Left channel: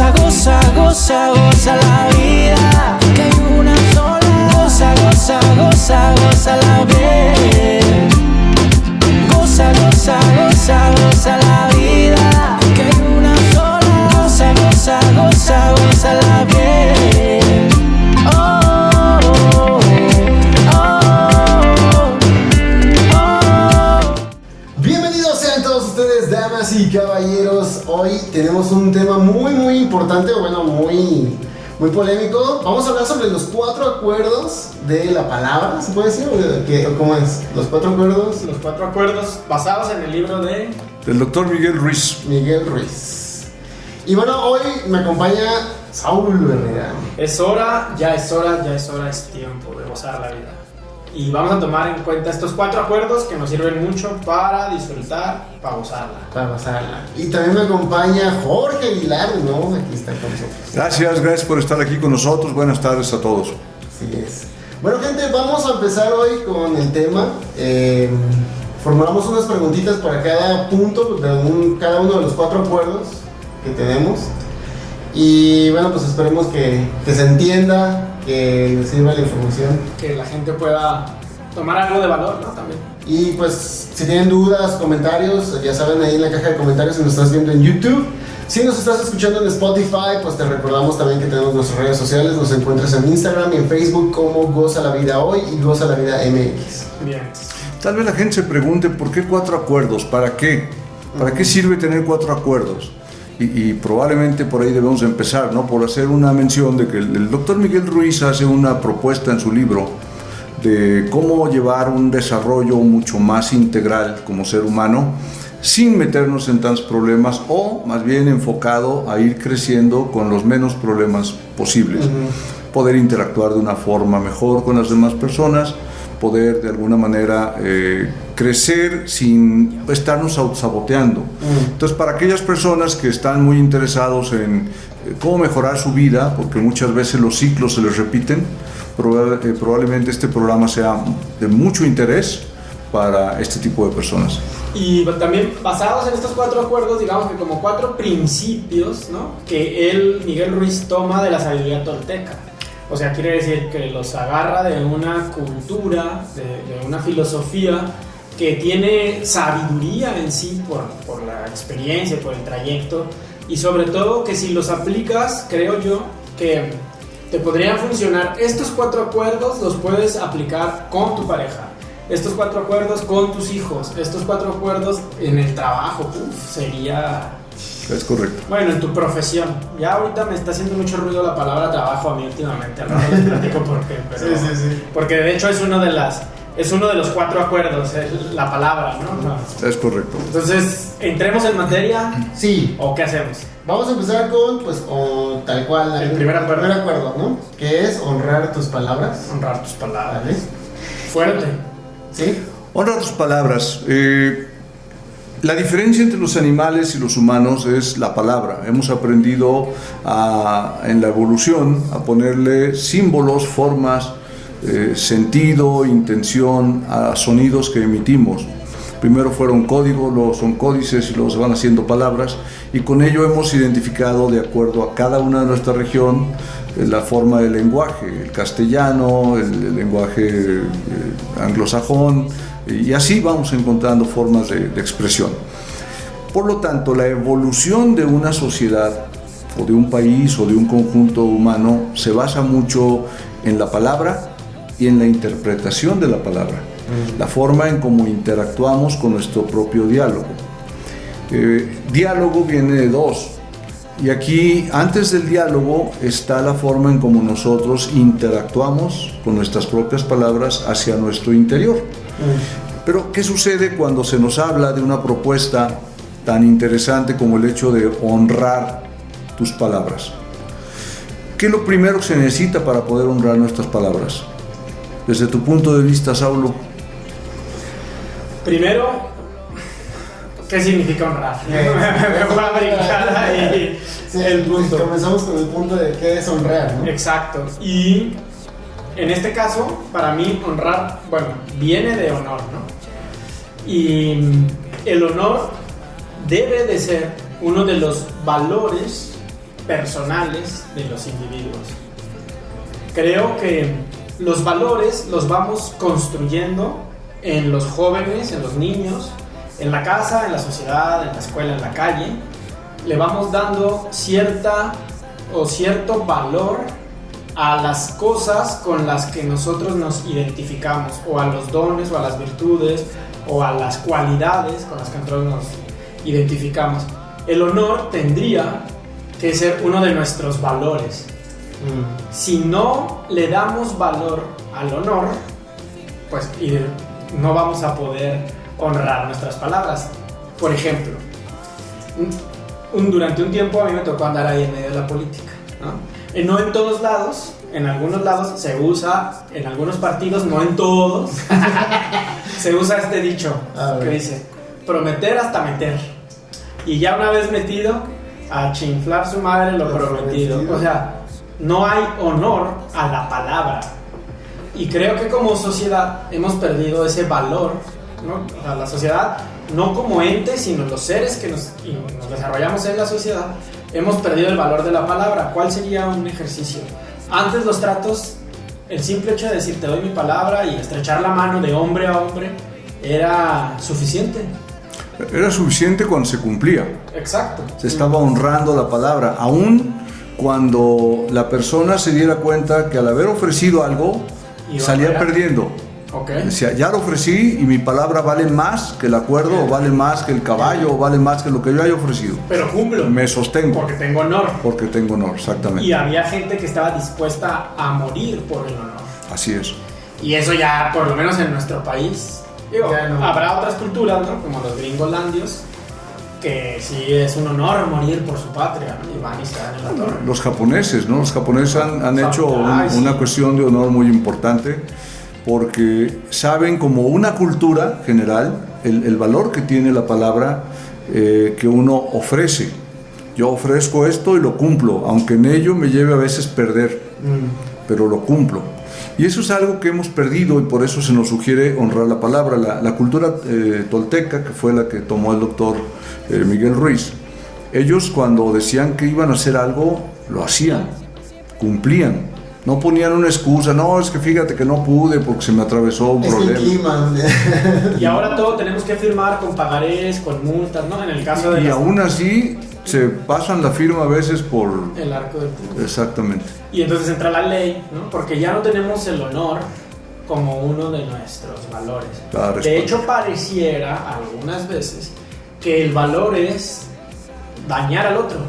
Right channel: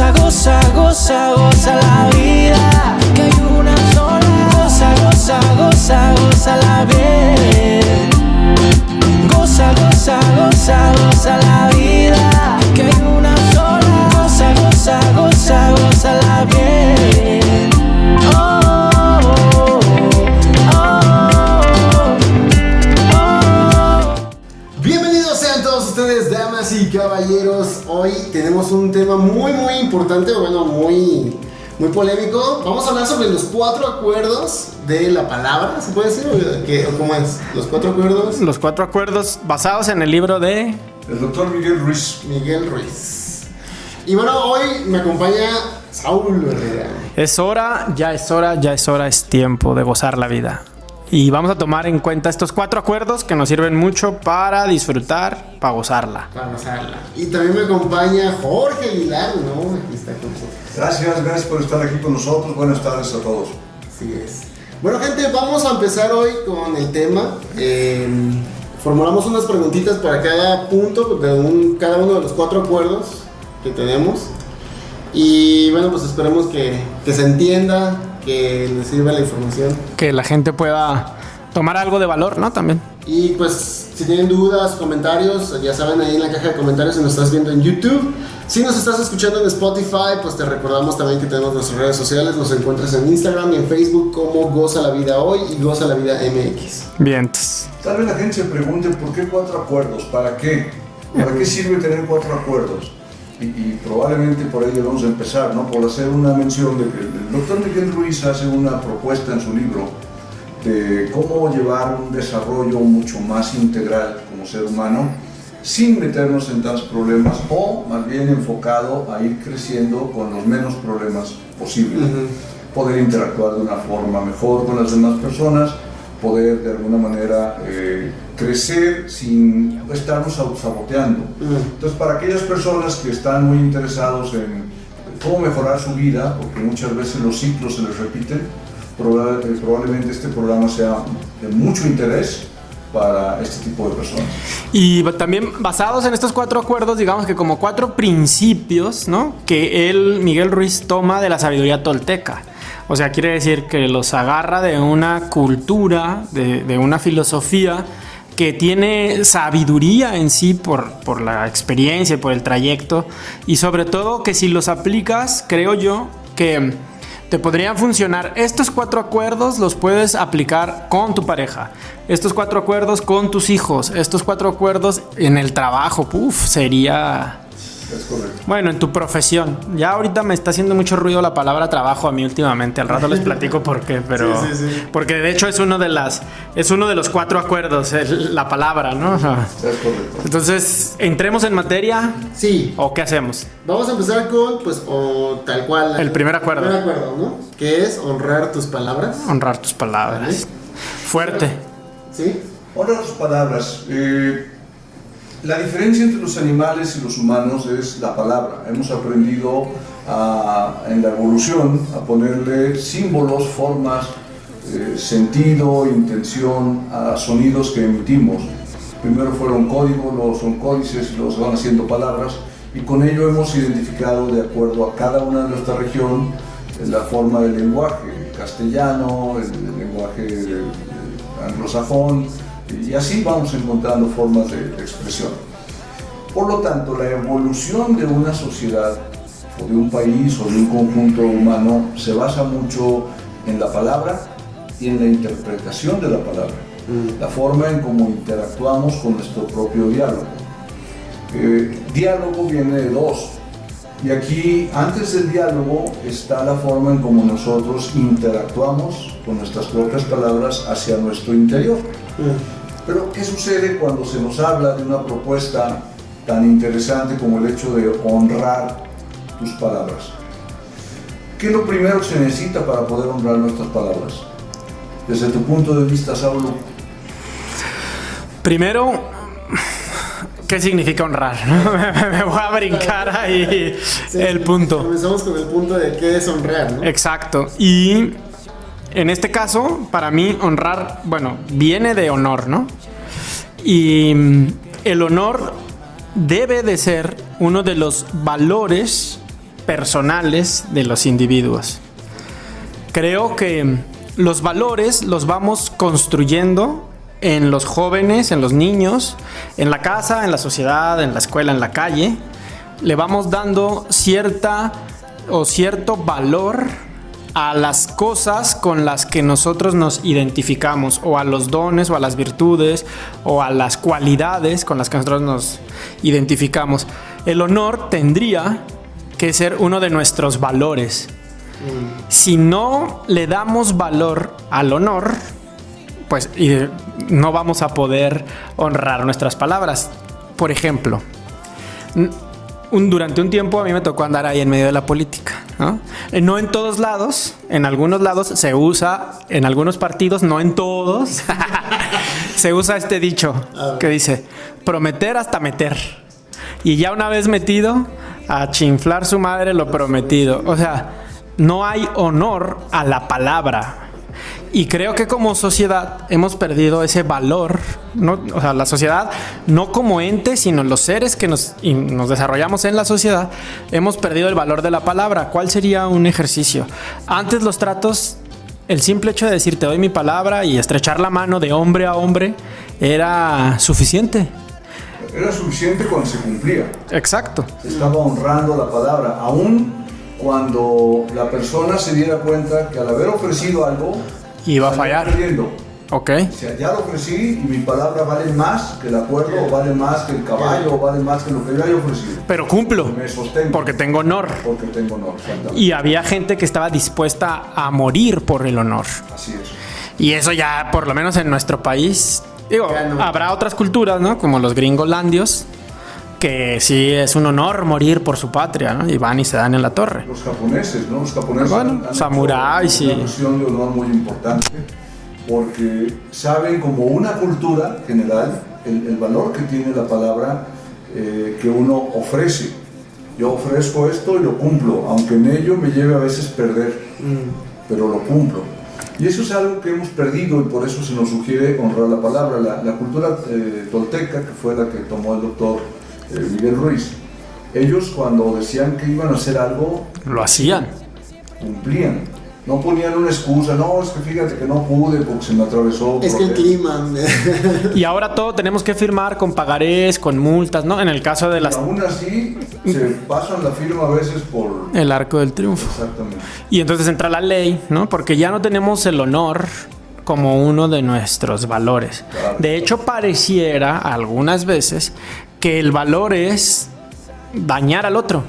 Goza, goza, goza, goza la vida, que hay una sola. Goza, goza, goza, goza la bien. Goza, goza, goza, goza la vida, que hay una sola. Goza, goza, goza, goza la bien. Oh, oh, oh, oh. Bienvenidos sean todos ustedes, damas y caballeros. Hoy tenemos un tema muy importante, bueno, muy polémico. Vamos a hablar sobre los 4 acuerdos de la palabra, ¿se puede decir? ¿O cómo es? Los 4 acuerdos. Los 4 acuerdos basados en el libro del doctor Miguel Ruiz. Miguel Ruiz. Y bueno, hoy me acompaña Saúl Herrera. Ya es hora, es tiempo de gozar la vida. Y vamos a tomar en cuenta estos 4 acuerdos que nos sirven mucho para disfrutar, para gozarla. Y también me acompaña Jorge Aguilar, ¿no? Aquí está con nosotros. Gracias por estar aquí con nosotros. Buenas tardes a todos. Así es. Bueno, gente, vamos a empezar hoy con el tema. Formulamos unas preguntitas para cada punto de cada uno de los 4 acuerdos que tenemos. Y bueno, pues esperemos que se entienda, que les sirva la información. Que la gente pueda tomar algo de valor, ¿no? También. Y pues, si tienen dudas, comentarios, ya saben, ahí en la caja de comentarios si nos estás viendo en YouTube. Si nos estás escuchando en Spotify, pues te recordamos también que tenemos nuestras redes sociales. Nos encuentras en Instagram y en Facebook como Goza la Vida Hoy y Goza la Vida MX. Bien. Tal vez la gente se pregunte, ¿por qué 4 acuerdos? ¿Para qué? ¿Para qué sirve tener 4 acuerdos? Y probablemente por ahí debemos empezar, ¿no? Por hacer una mención de que el doctor Miguel Ruiz hace una propuesta en su libro de cómo llevar un desarrollo mucho más integral como ser humano sin meternos en tantos problemas, o más bien enfocado a ir creciendo con los menos problemas posibles. Poder interactuar de una forma mejor con las demás personas, poder de alguna manera crecer sin estarnos autosaboteando. Entonces, para aquellas personas que están muy interesados en cómo mejorar su vida, porque muchas veces los ciclos se les repiten, probablemente este programa sea de mucho interés para este tipo de personas. Y también basados en estos 4 acuerdos, digamos que como 4 principios, ¿no? Que Miguel Ruiz toma de la sabiduría tolteca. O sea, quiere decir que los agarra de una cultura, de una filosofía que tiene sabiduría en sí por la experiencia, por el trayecto, y sobre todo que si los aplicas, creo yo, que te podrían funcionar. Estos 4 acuerdos los puedes aplicar con tu pareja, estos 4 acuerdos con tus hijos, estos 4 acuerdos en el trabajo. Sería... Es correcto. Bueno, en tu profesión. Ya ahorita me está haciendo mucho ruido la palabra trabajo a mí últimamente. Al rato les platico por qué, pero... Sí. Porque de hecho es uno de los 4 acuerdos, la palabra, ¿no? Es correcto. Entonces, ¿entremos en materia? Sí. ¿O qué hacemos? Vamos a empezar con, pues, tal cual. El primer acuerdo. El primer acuerdo, ¿no? Que es honrar tus palabras. Honrar tus palabras. ¿Vale? Fuerte. ¿Sí? Honra tus palabras. La diferencia entre los animales y los humanos es la palabra. Hemos aprendido en la evolución a ponerle símbolos, formas, sentido, intención a sonidos que emitimos. Primero fueron códigos, luego son códices y luego se van haciendo palabras, y con ello hemos identificado, de acuerdo a cada una de nuestra región, la forma del lenguaje, el castellano, el lenguaje anglosajón, y así vamos encontrando formas de expresión. Por lo tanto, la evolución de una sociedad o de un país o de un conjunto humano se basa mucho en la palabra y en la interpretación de la palabra, la forma en cómo interactuamos con nuestro propio diálogo. Diálogo viene de 2, y aquí antes del diálogo está la forma en cómo nosotros interactuamos con nuestras propias palabras hacia nuestro interior. Pero ¿qué sucede cuando se nos habla de una propuesta tan interesante como el hecho de honrar tus palabras? ¿Qué es lo primero que se necesita para poder honrar nuestras palabras? Desde tu punto de vista, Saulo. Primero, ¿qué significa honrar? Me voy a brincar ahí el punto. Comenzamos con el punto de qué es honrar, ¿no? Exacto. Y en este caso, para mí, honrar, bueno, viene de honor, ¿no? Y el honor debe de ser uno de los valores personales de los individuos. Creo que los valores los vamos construyendo en los jóvenes, en los niños, en la casa, en la sociedad, en la escuela, en la calle. Le vamos dando cierto valor a las cosas con las que nosotros nos identificamos, o a los dones, o a las virtudes, o a las cualidades con las que nosotros nos identificamos. El honor tendría que ser uno de nuestros valores. Si no le damos valor al honor, pues no vamos a poder honrar nuestras palabras. Por ejemplo, durante un tiempo a mí me tocó andar ahí en medio de la política, ¿no? No en todos lados, en algunos lados se usa, en algunos partidos, no en todos, se usa este dicho que dice: prometer hasta meter. Y ya una vez metido, a chinflar su madre lo prometido. O sea, no hay honor a la palabra. Y creo que como sociedad hemos perdido ese valor, ¿no? O sea, la sociedad, no como ente, sino los seres que nos desarrollamos en la sociedad, hemos perdido el valor de la palabra. ¿Cuál sería un ejercicio? Antes los tratos, el simple hecho de decir te doy mi palabra y estrechar la mano de hombre a hombre era suficiente. Era suficiente cuando se cumplía. Exacto. Se estaba honrando la palabra, aún cuando la persona se diera cuenta que al haber ofrecido algo salía perdiendo. Okay. Decía, ya lo ofrecí y mi palabra vale más que el acuerdo, o vale más que el caballo, o vale más que lo que yo haya ofrecido. Pero cumplo. Me sostengo. Porque tengo honor. Porque tengo honor, exactamente. Y había gente que estaba dispuesta a morir por el honor. Así es. Y eso ya, por lo menos en nuestro país, digo, no. Habrá otras culturas, ¿no? Como los gringolandios, que sí es un honor morir por su patria, ¿no? Y van y se dan en la torre. Los japoneses, ¿no? Los japoneses han hecho una cuestión de honor muy importante, porque saben como una cultura general el valor que tiene la palabra que uno ofrece. Yo ofrezco esto y lo cumplo, aunque en ello me lleve a veces perder, pero lo cumplo. Y eso es algo que hemos perdido, y por eso se nos sugiere honrar la palabra. La cultura tolteca, que fue la que tomó el doctor Miguel Ruiz, ellos cuando decían que iban a hacer algo, lo hacían, cumplían. No ponían una excusa, no, es que fíjate que no pude porque se me atravesó un problema. Es que el clima. Y ahora todo tenemos que firmar con pagarés, con multas, ¿no? En el caso de las... Y aún así se pasan la firma a veces por... el arco del triunfo. Exactamente. Y entonces entra la ley, ¿no? Porque ya no tenemos el honor como uno de nuestros valores. De hecho, pareciera algunas veces que el valor es dañar al otro.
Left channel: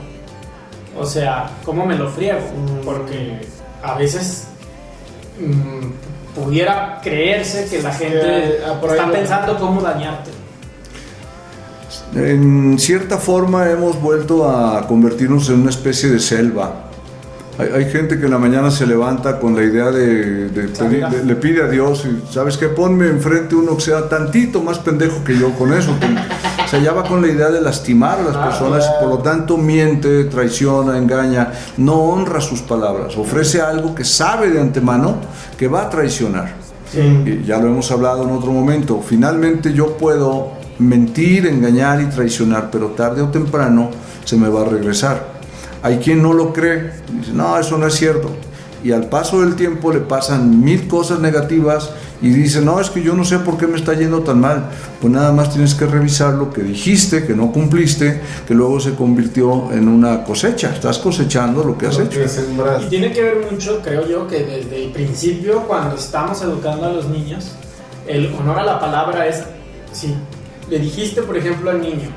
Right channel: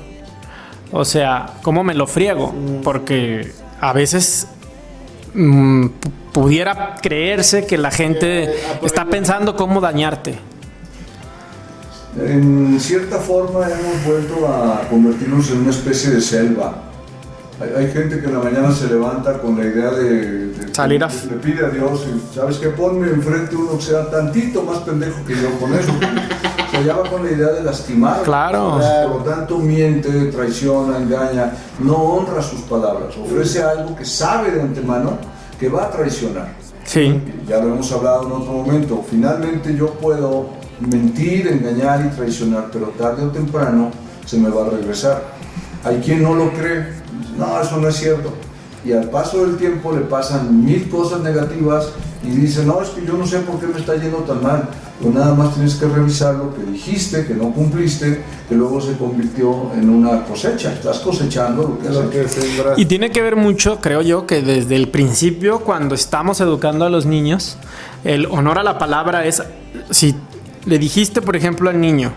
O sea, ¿cómo me lo friego? Porque a veces pudiera creerse que la gente está pensando cómo dañarte. En cierta forma hemos vuelto a convertirnos en una especie de selva. Hay gente que en la mañana se levanta con la idea le pide a Dios, y, ¿sabes qué? Ponme enfrente uno que sea tantito más pendejo que yo, con eso. Se llama con la idea de lastimar a las personas, por lo tanto miente, traiciona, engaña, no honra sus palabras, ofrece algo que sabe de antemano que va a traicionar. Sí. Y ya lo hemos hablado en otro momento, finalmente yo puedo mentir, engañar y traicionar, pero tarde o temprano se me va a regresar. Hay quien no lo cree, dice, no, eso no es cierto. Y al paso del tiempo le pasan 1000 cosas negativas y dice, no, es que yo no sé por qué me está yendo tan mal. Pues nada más tienes que revisar lo que dijiste, que no cumpliste, que luego se convirtió en una cosecha. Estás cosechando lo que has hecho. Y tiene que ver mucho, creo yo, que desde el principio, cuando estamos educando a los niños, el honor a la palabra es, si le dijiste, por ejemplo, al niño,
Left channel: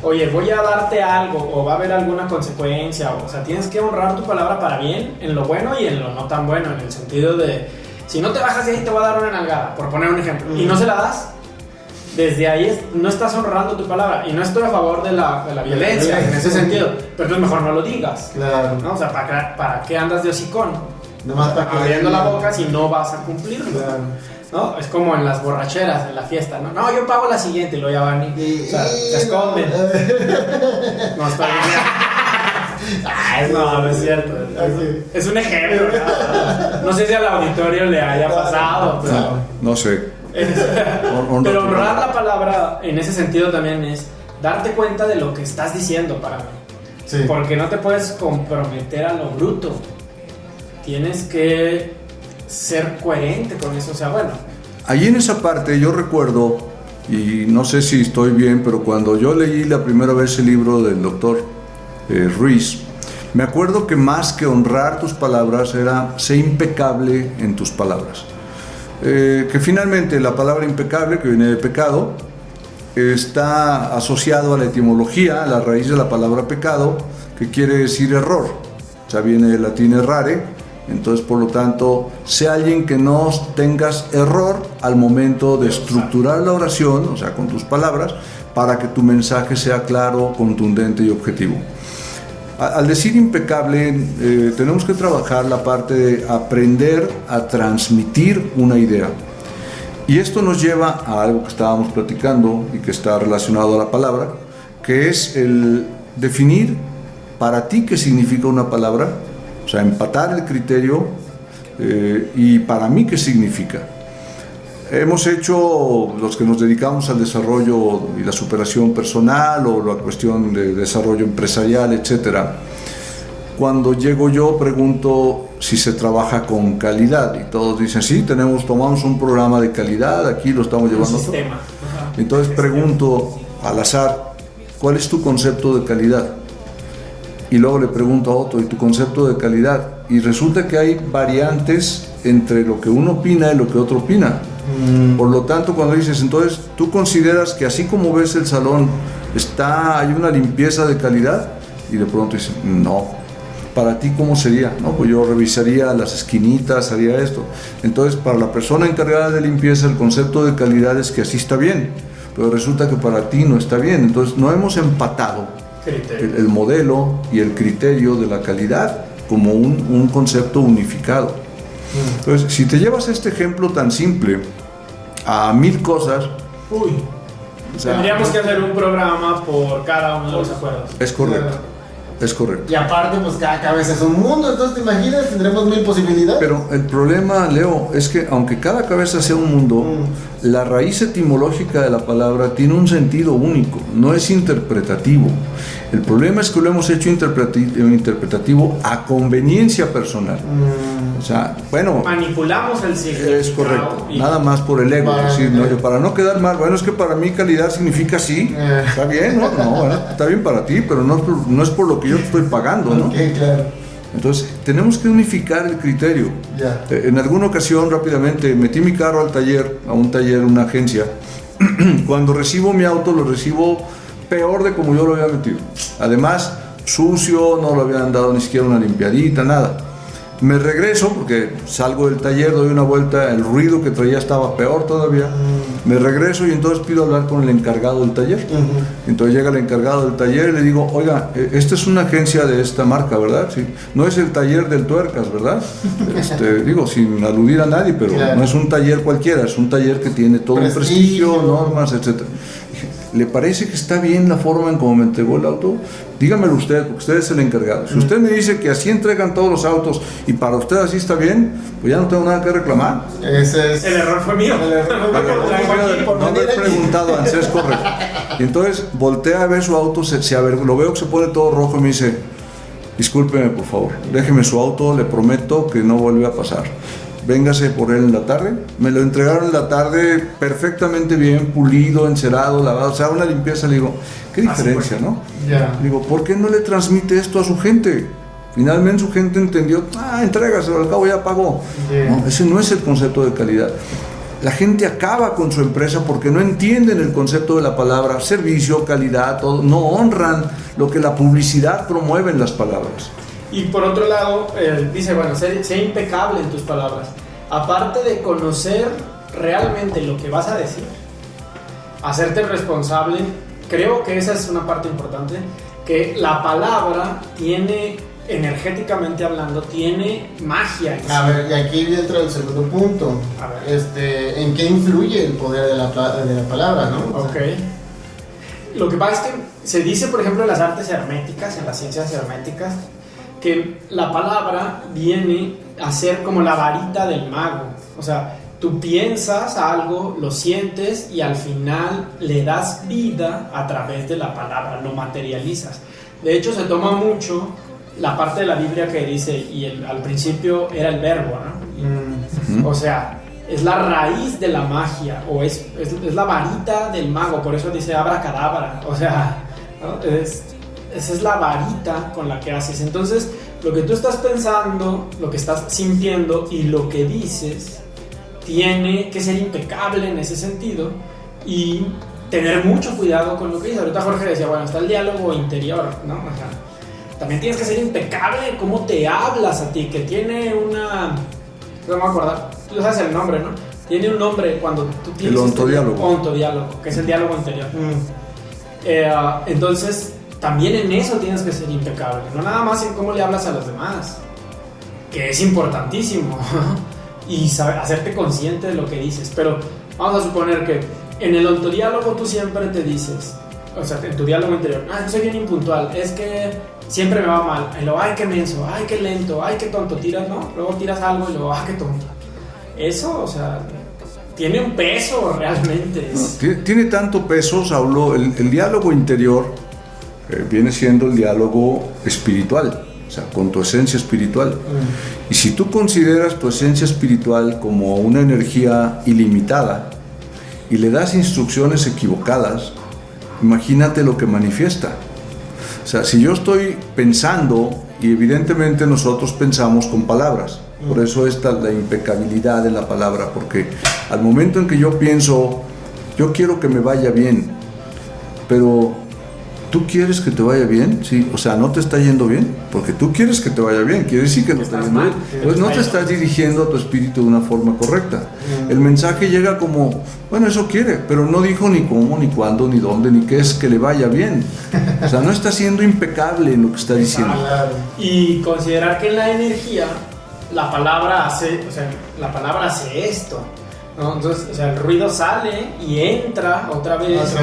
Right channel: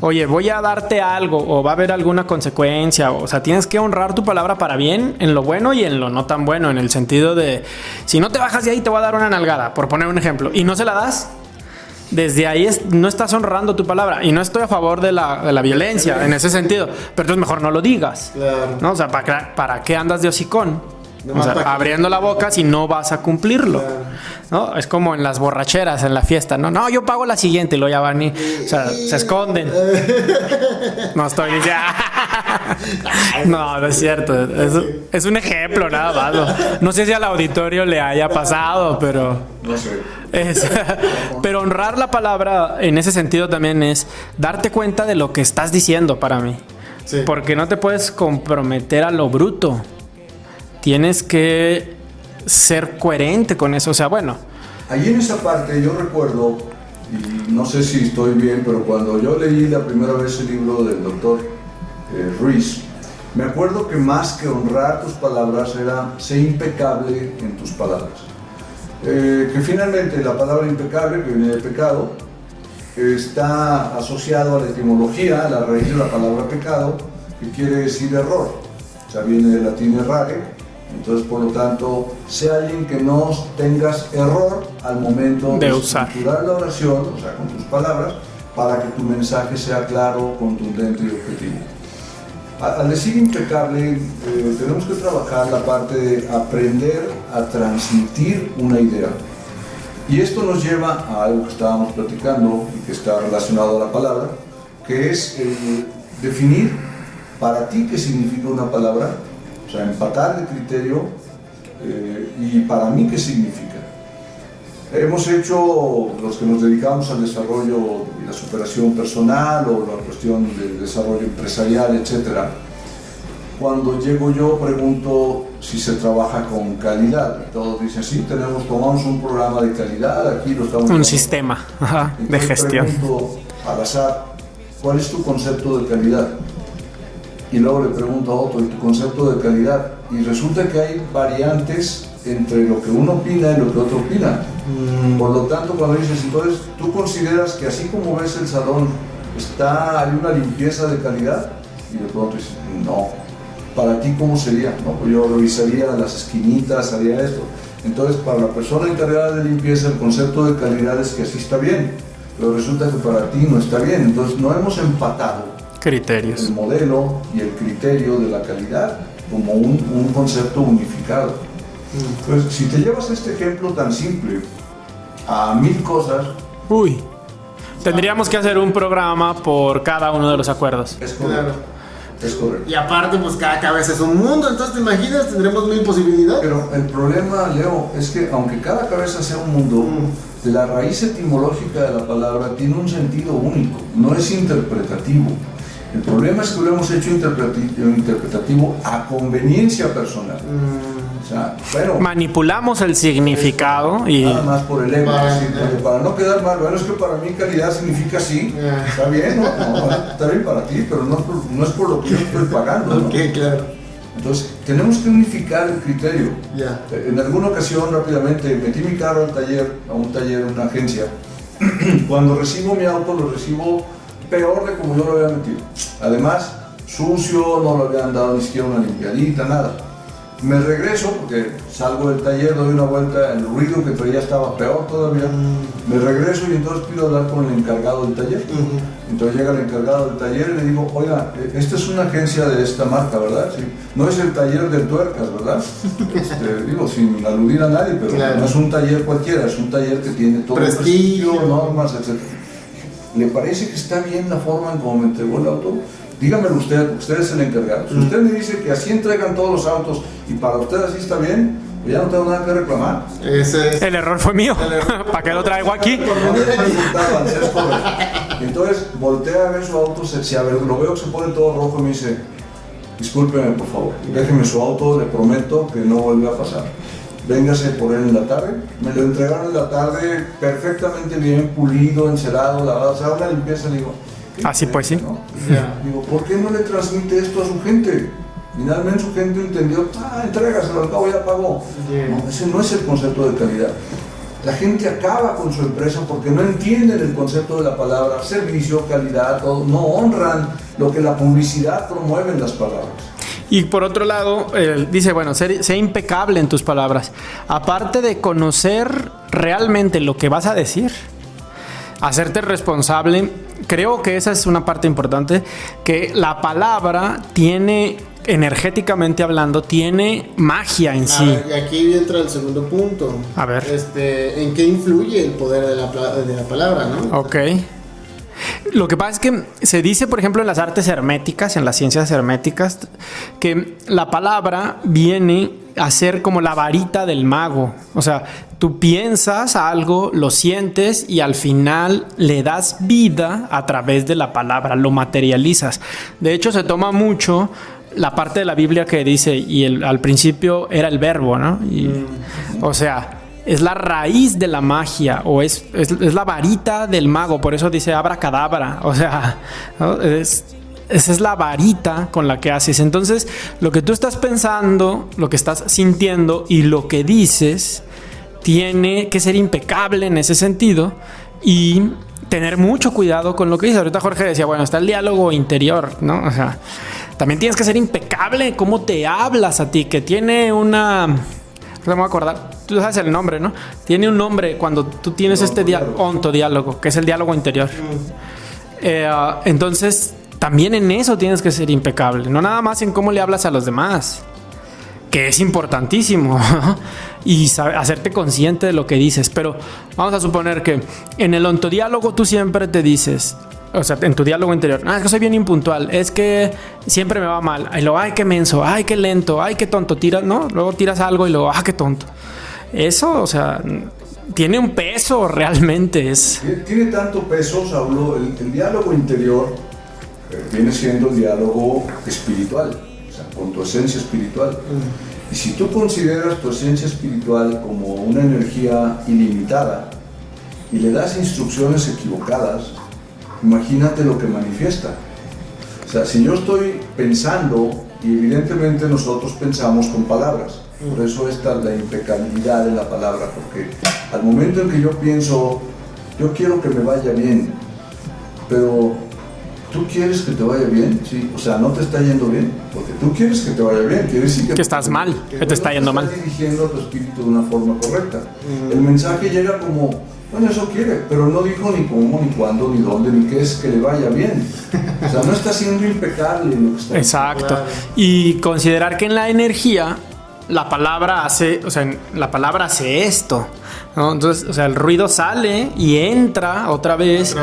oye, voy a darte algo, o va a haber alguna consecuencia, o sea, tienes que honrar tu palabra para bien, en lo bueno y en lo no tan bueno, en el sentido de, si no te bajas de ahí te voy a dar una nalgada, por poner un ejemplo, y no se la das, desde ahí no estás honrando tu palabra. Y no estoy a favor de la violencia en ese sentido, pero entonces mejor no lo digas, ¿no? O sea, ¿para qué andas de hocicón? O sea, abriendo la boca si no vas a cumplirlo, ¿no? Es como en las borracheras, en la fiesta, ¿no? No, yo pago la siguiente y lo ya van o sea, se esconden. No estoy... No es cierto. Es un ejemplo, nada más. No sé si al auditorio le haya pasado, pero... No sé. Pero honrar la palabra en ese sentido también es darte cuenta de lo que estás diciendo para mí. O Sí. Porque no te puedes comprometer a lo bruto. Tienes que ser coherente con eso. O sea, bueno. Ahí en esa parte yo recuerdo, y no sé si estoy bien, pero cuando yo leí la primera vez el libro del doctor Ruiz, me acuerdo que más que honrar tus palabras era ser impecable en tus palabras. Que finalmente la palabra impecable, que viene de pecado, está asociado a la etimología, a la raíz de la palabra pecado, que quiere decir error. O sea, viene del latín errare. Entonces, por lo tanto, sé alguien que no tengas error al momento de estructurar la oración, o sea, con tus palabras, para que tu mensaje sea claro, contundente y objetivo. Al decir impecable, tenemos que trabajar la parte de aprender a transmitir una idea. Y esto nos lleva a algo que estábamos platicando y que está relacionado a la palabra, que es el definir para ti qué significa una palabra, o sea, empatar el criterio y para mí qué significa. Hemos hecho, los que nos dedicamos al desarrollo y la superación personal o la cuestión de desarrollo empresarial, etcétera. Cuando llego yo pregunto si se trabaja con calidad y todos dicen sí, tomamos un programa de calidad, aquí lo estamos llevando. Un sistema. Ajá, entonces de gestión. pregunto al azar, ¿cuál es tu concepto de calidad? Y luego le pregunto a otro, ¿y tu concepto de calidad? Y resulta que hay variantes entre lo que uno opina y lo que otro opina. Por lo tanto, cuando dices, entonces, ¿tú consideras que así como ves el salón, hay una limpieza de calidad? Y de pronto dicen, no. ¿Para ti cómo sería? No, pues yo revisaría las esquinitas, haría esto. Entonces, para la persona encargada de limpieza, el concepto de calidad es que así está bien. Pero resulta que para ti no está bien. Entonces, no hemos empatado el modelo y el criterio de la calidad como un concepto unificado. Entonces, si te llevas este ejemplo tan simple a 1000 cosas, tendríamos que hacer un programa por cada uno de los acuerdos. Es correcto. Claro. Es correcto. Y aparte, pues cada cabeza es un mundo, entonces te imaginas, tendremos 1000 posibilidades. Pero el problema, Leo, es que aunque cada cabeza sea un mundo, la raíz etimológica de la palabra tiene un sentido único, no es interpretativo. El problema es que lo hemos hecho interpretativo a conveniencia personal. O sea, bueno, manipulamos el significado y nada más por el ego. Para no quedar mal, bueno, es que para mí calidad significa sí. Está bien, no, está bien para ti, pero no es por lo que yo estoy pagando, ¿no? Ok, claro. Entonces, tenemos que unificar el criterio. En alguna ocasión, rápidamente, metí mi carro al taller, una agencia. Cuando recibo mi auto, lo recibo peor de como yo lo había metido. Además, sucio, no lo habían dado ni siquiera una limpiadita, nada. Me regreso, porque salgo del taller, doy una vuelta, el ruido que traía estaba peor todavía. Me regreso y entonces pido hablar con el encargado del taller. Entonces llega el encargado del taller y le digo, oiga, esta es una agencia de esta marca, ¿verdad? Sí. No es el taller del Tuercas, ¿verdad? Digo, sin aludir a nadie, pero claro, no es un taller cualquiera, es un taller que tiene todo prestigio, normas, etc. ¿Le parece que está bien la forma en cómo me entregó el auto? Dígamelo usted es el encargado. Si usted me dice que así entregan todos los autos y para usted así está bien, pues ya no tengo nada que reclamar. El error fue mío. ¿Para qué lo traigo aquí? Por no haber preguntado antes, es correcto. Y entonces voltea a ver su auto, lo veo que se pone todo rojo y me dice, discúlpeme por favor, déjeme su auto, le prometo que no vuelve a pasar. Véngase por él en la tarde. Me lo entregaron en la tarde perfectamente bien, pulido, encerado, lavado, o sea, una limpieza. Le digo, qué diferencia, ¿no? Digo, ¿por qué no le transmite esto a su gente? Finalmente su gente entendió, entrégaselo, al cabo ya pagó. No, ese no es el concepto de calidad. La gente acaba con su empresa porque no entienden el concepto de la palabra servicio, calidad, todo, no honran lo que la publicidad promueve en las palabras. Y por otro lado, dice, bueno, sé impecable en tus palabras. Aparte de conocer realmente lo que vas a decir, hacerte responsable, creo que esa es una parte importante, que la palabra tiene, energéticamente hablando, tiene magia en sí. A ver, y aquí entra el segundo punto. A ver. ¿En qué influye el poder de la palabra, no? Ok. Lo que pasa es que se dice, por ejemplo, en las artes herméticas, en las ciencias herméticas, que la palabra viene a ser como la varita del mago. O sea, Tú piensas algo, lo sientes y al final le das vida a través de la palabra, lo materializas. De hecho, se toma mucho la parte de la Biblia que dice, al principio era el verbo, ¿no? O sea, es la raíz de la magia, o es la varita del mago, por eso dice abracadabra, o sea, ¿no? Esa es la varita con la que haces. Entonces, lo que tú estás pensando, lo que estás sintiendo y lo que dices tiene que ser impecable en ese sentido y tener mucho cuidado con lo que dices. Ahorita Jorge decía, bueno, está el diálogo interior, ¿no? O sea, también tienes que ser impecable cómo te hablas a ti, que tiene una... No me voy a acordar, tú sabes el nombre, ¿no? Tiene un nombre cuando tú tienes este ontodiálogo, que es el diálogo interior. Entonces, también en eso tienes que ser impecable, no nada más en cómo le hablas a los demás, que es importantísimo, y hacerte consciente de lo que dices. Pero vamos a suponer que en el ontodiálogo tú siempre te dices, o sea, en tu diálogo interior, es que soy bien impuntual, es que siempre me va mal, y luego, ay, qué menso, ay, qué lento, ay, qué tonto, tiras, ¿no? Luego tiras algo y luego, qué tonto. Eso, o sea, tiene un peso realmente. Tiene tanto peso, Saulo, el diálogo interior viene siendo el diálogo espiritual, o sea, con tu esencia espiritual. Y si tú consideras tu esencia espiritual como una energía ilimitada y le das instrucciones equivocadas, imagínate lo que manifiesta. O sea, si yo estoy pensando, y evidentemente nosotros pensamos con palabras, por eso está la impecabilidad de la palabra, porque al momento en que yo pienso, yo quiero que me vaya bien, pero ¿tú quieres que te vaya bien? Sí, o sea, no te está yendo bien, porque tú quieres que te vaya bien, quiere decir que estás mal, que no te estás dirigiendo a tu espíritu de una forma correcta. El mensaje llega como, bueno, eso quiere, pero no dijo ni cómo, ni cuándo, ni dónde, ni qué es que le vaya bien. O sea, no está siendo impecable en lo que está diciendo. Exacto. Y considerar que en la energía la palabra hace esto, ¿no? Entonces, o sea, el ruido sale y entra otra vez.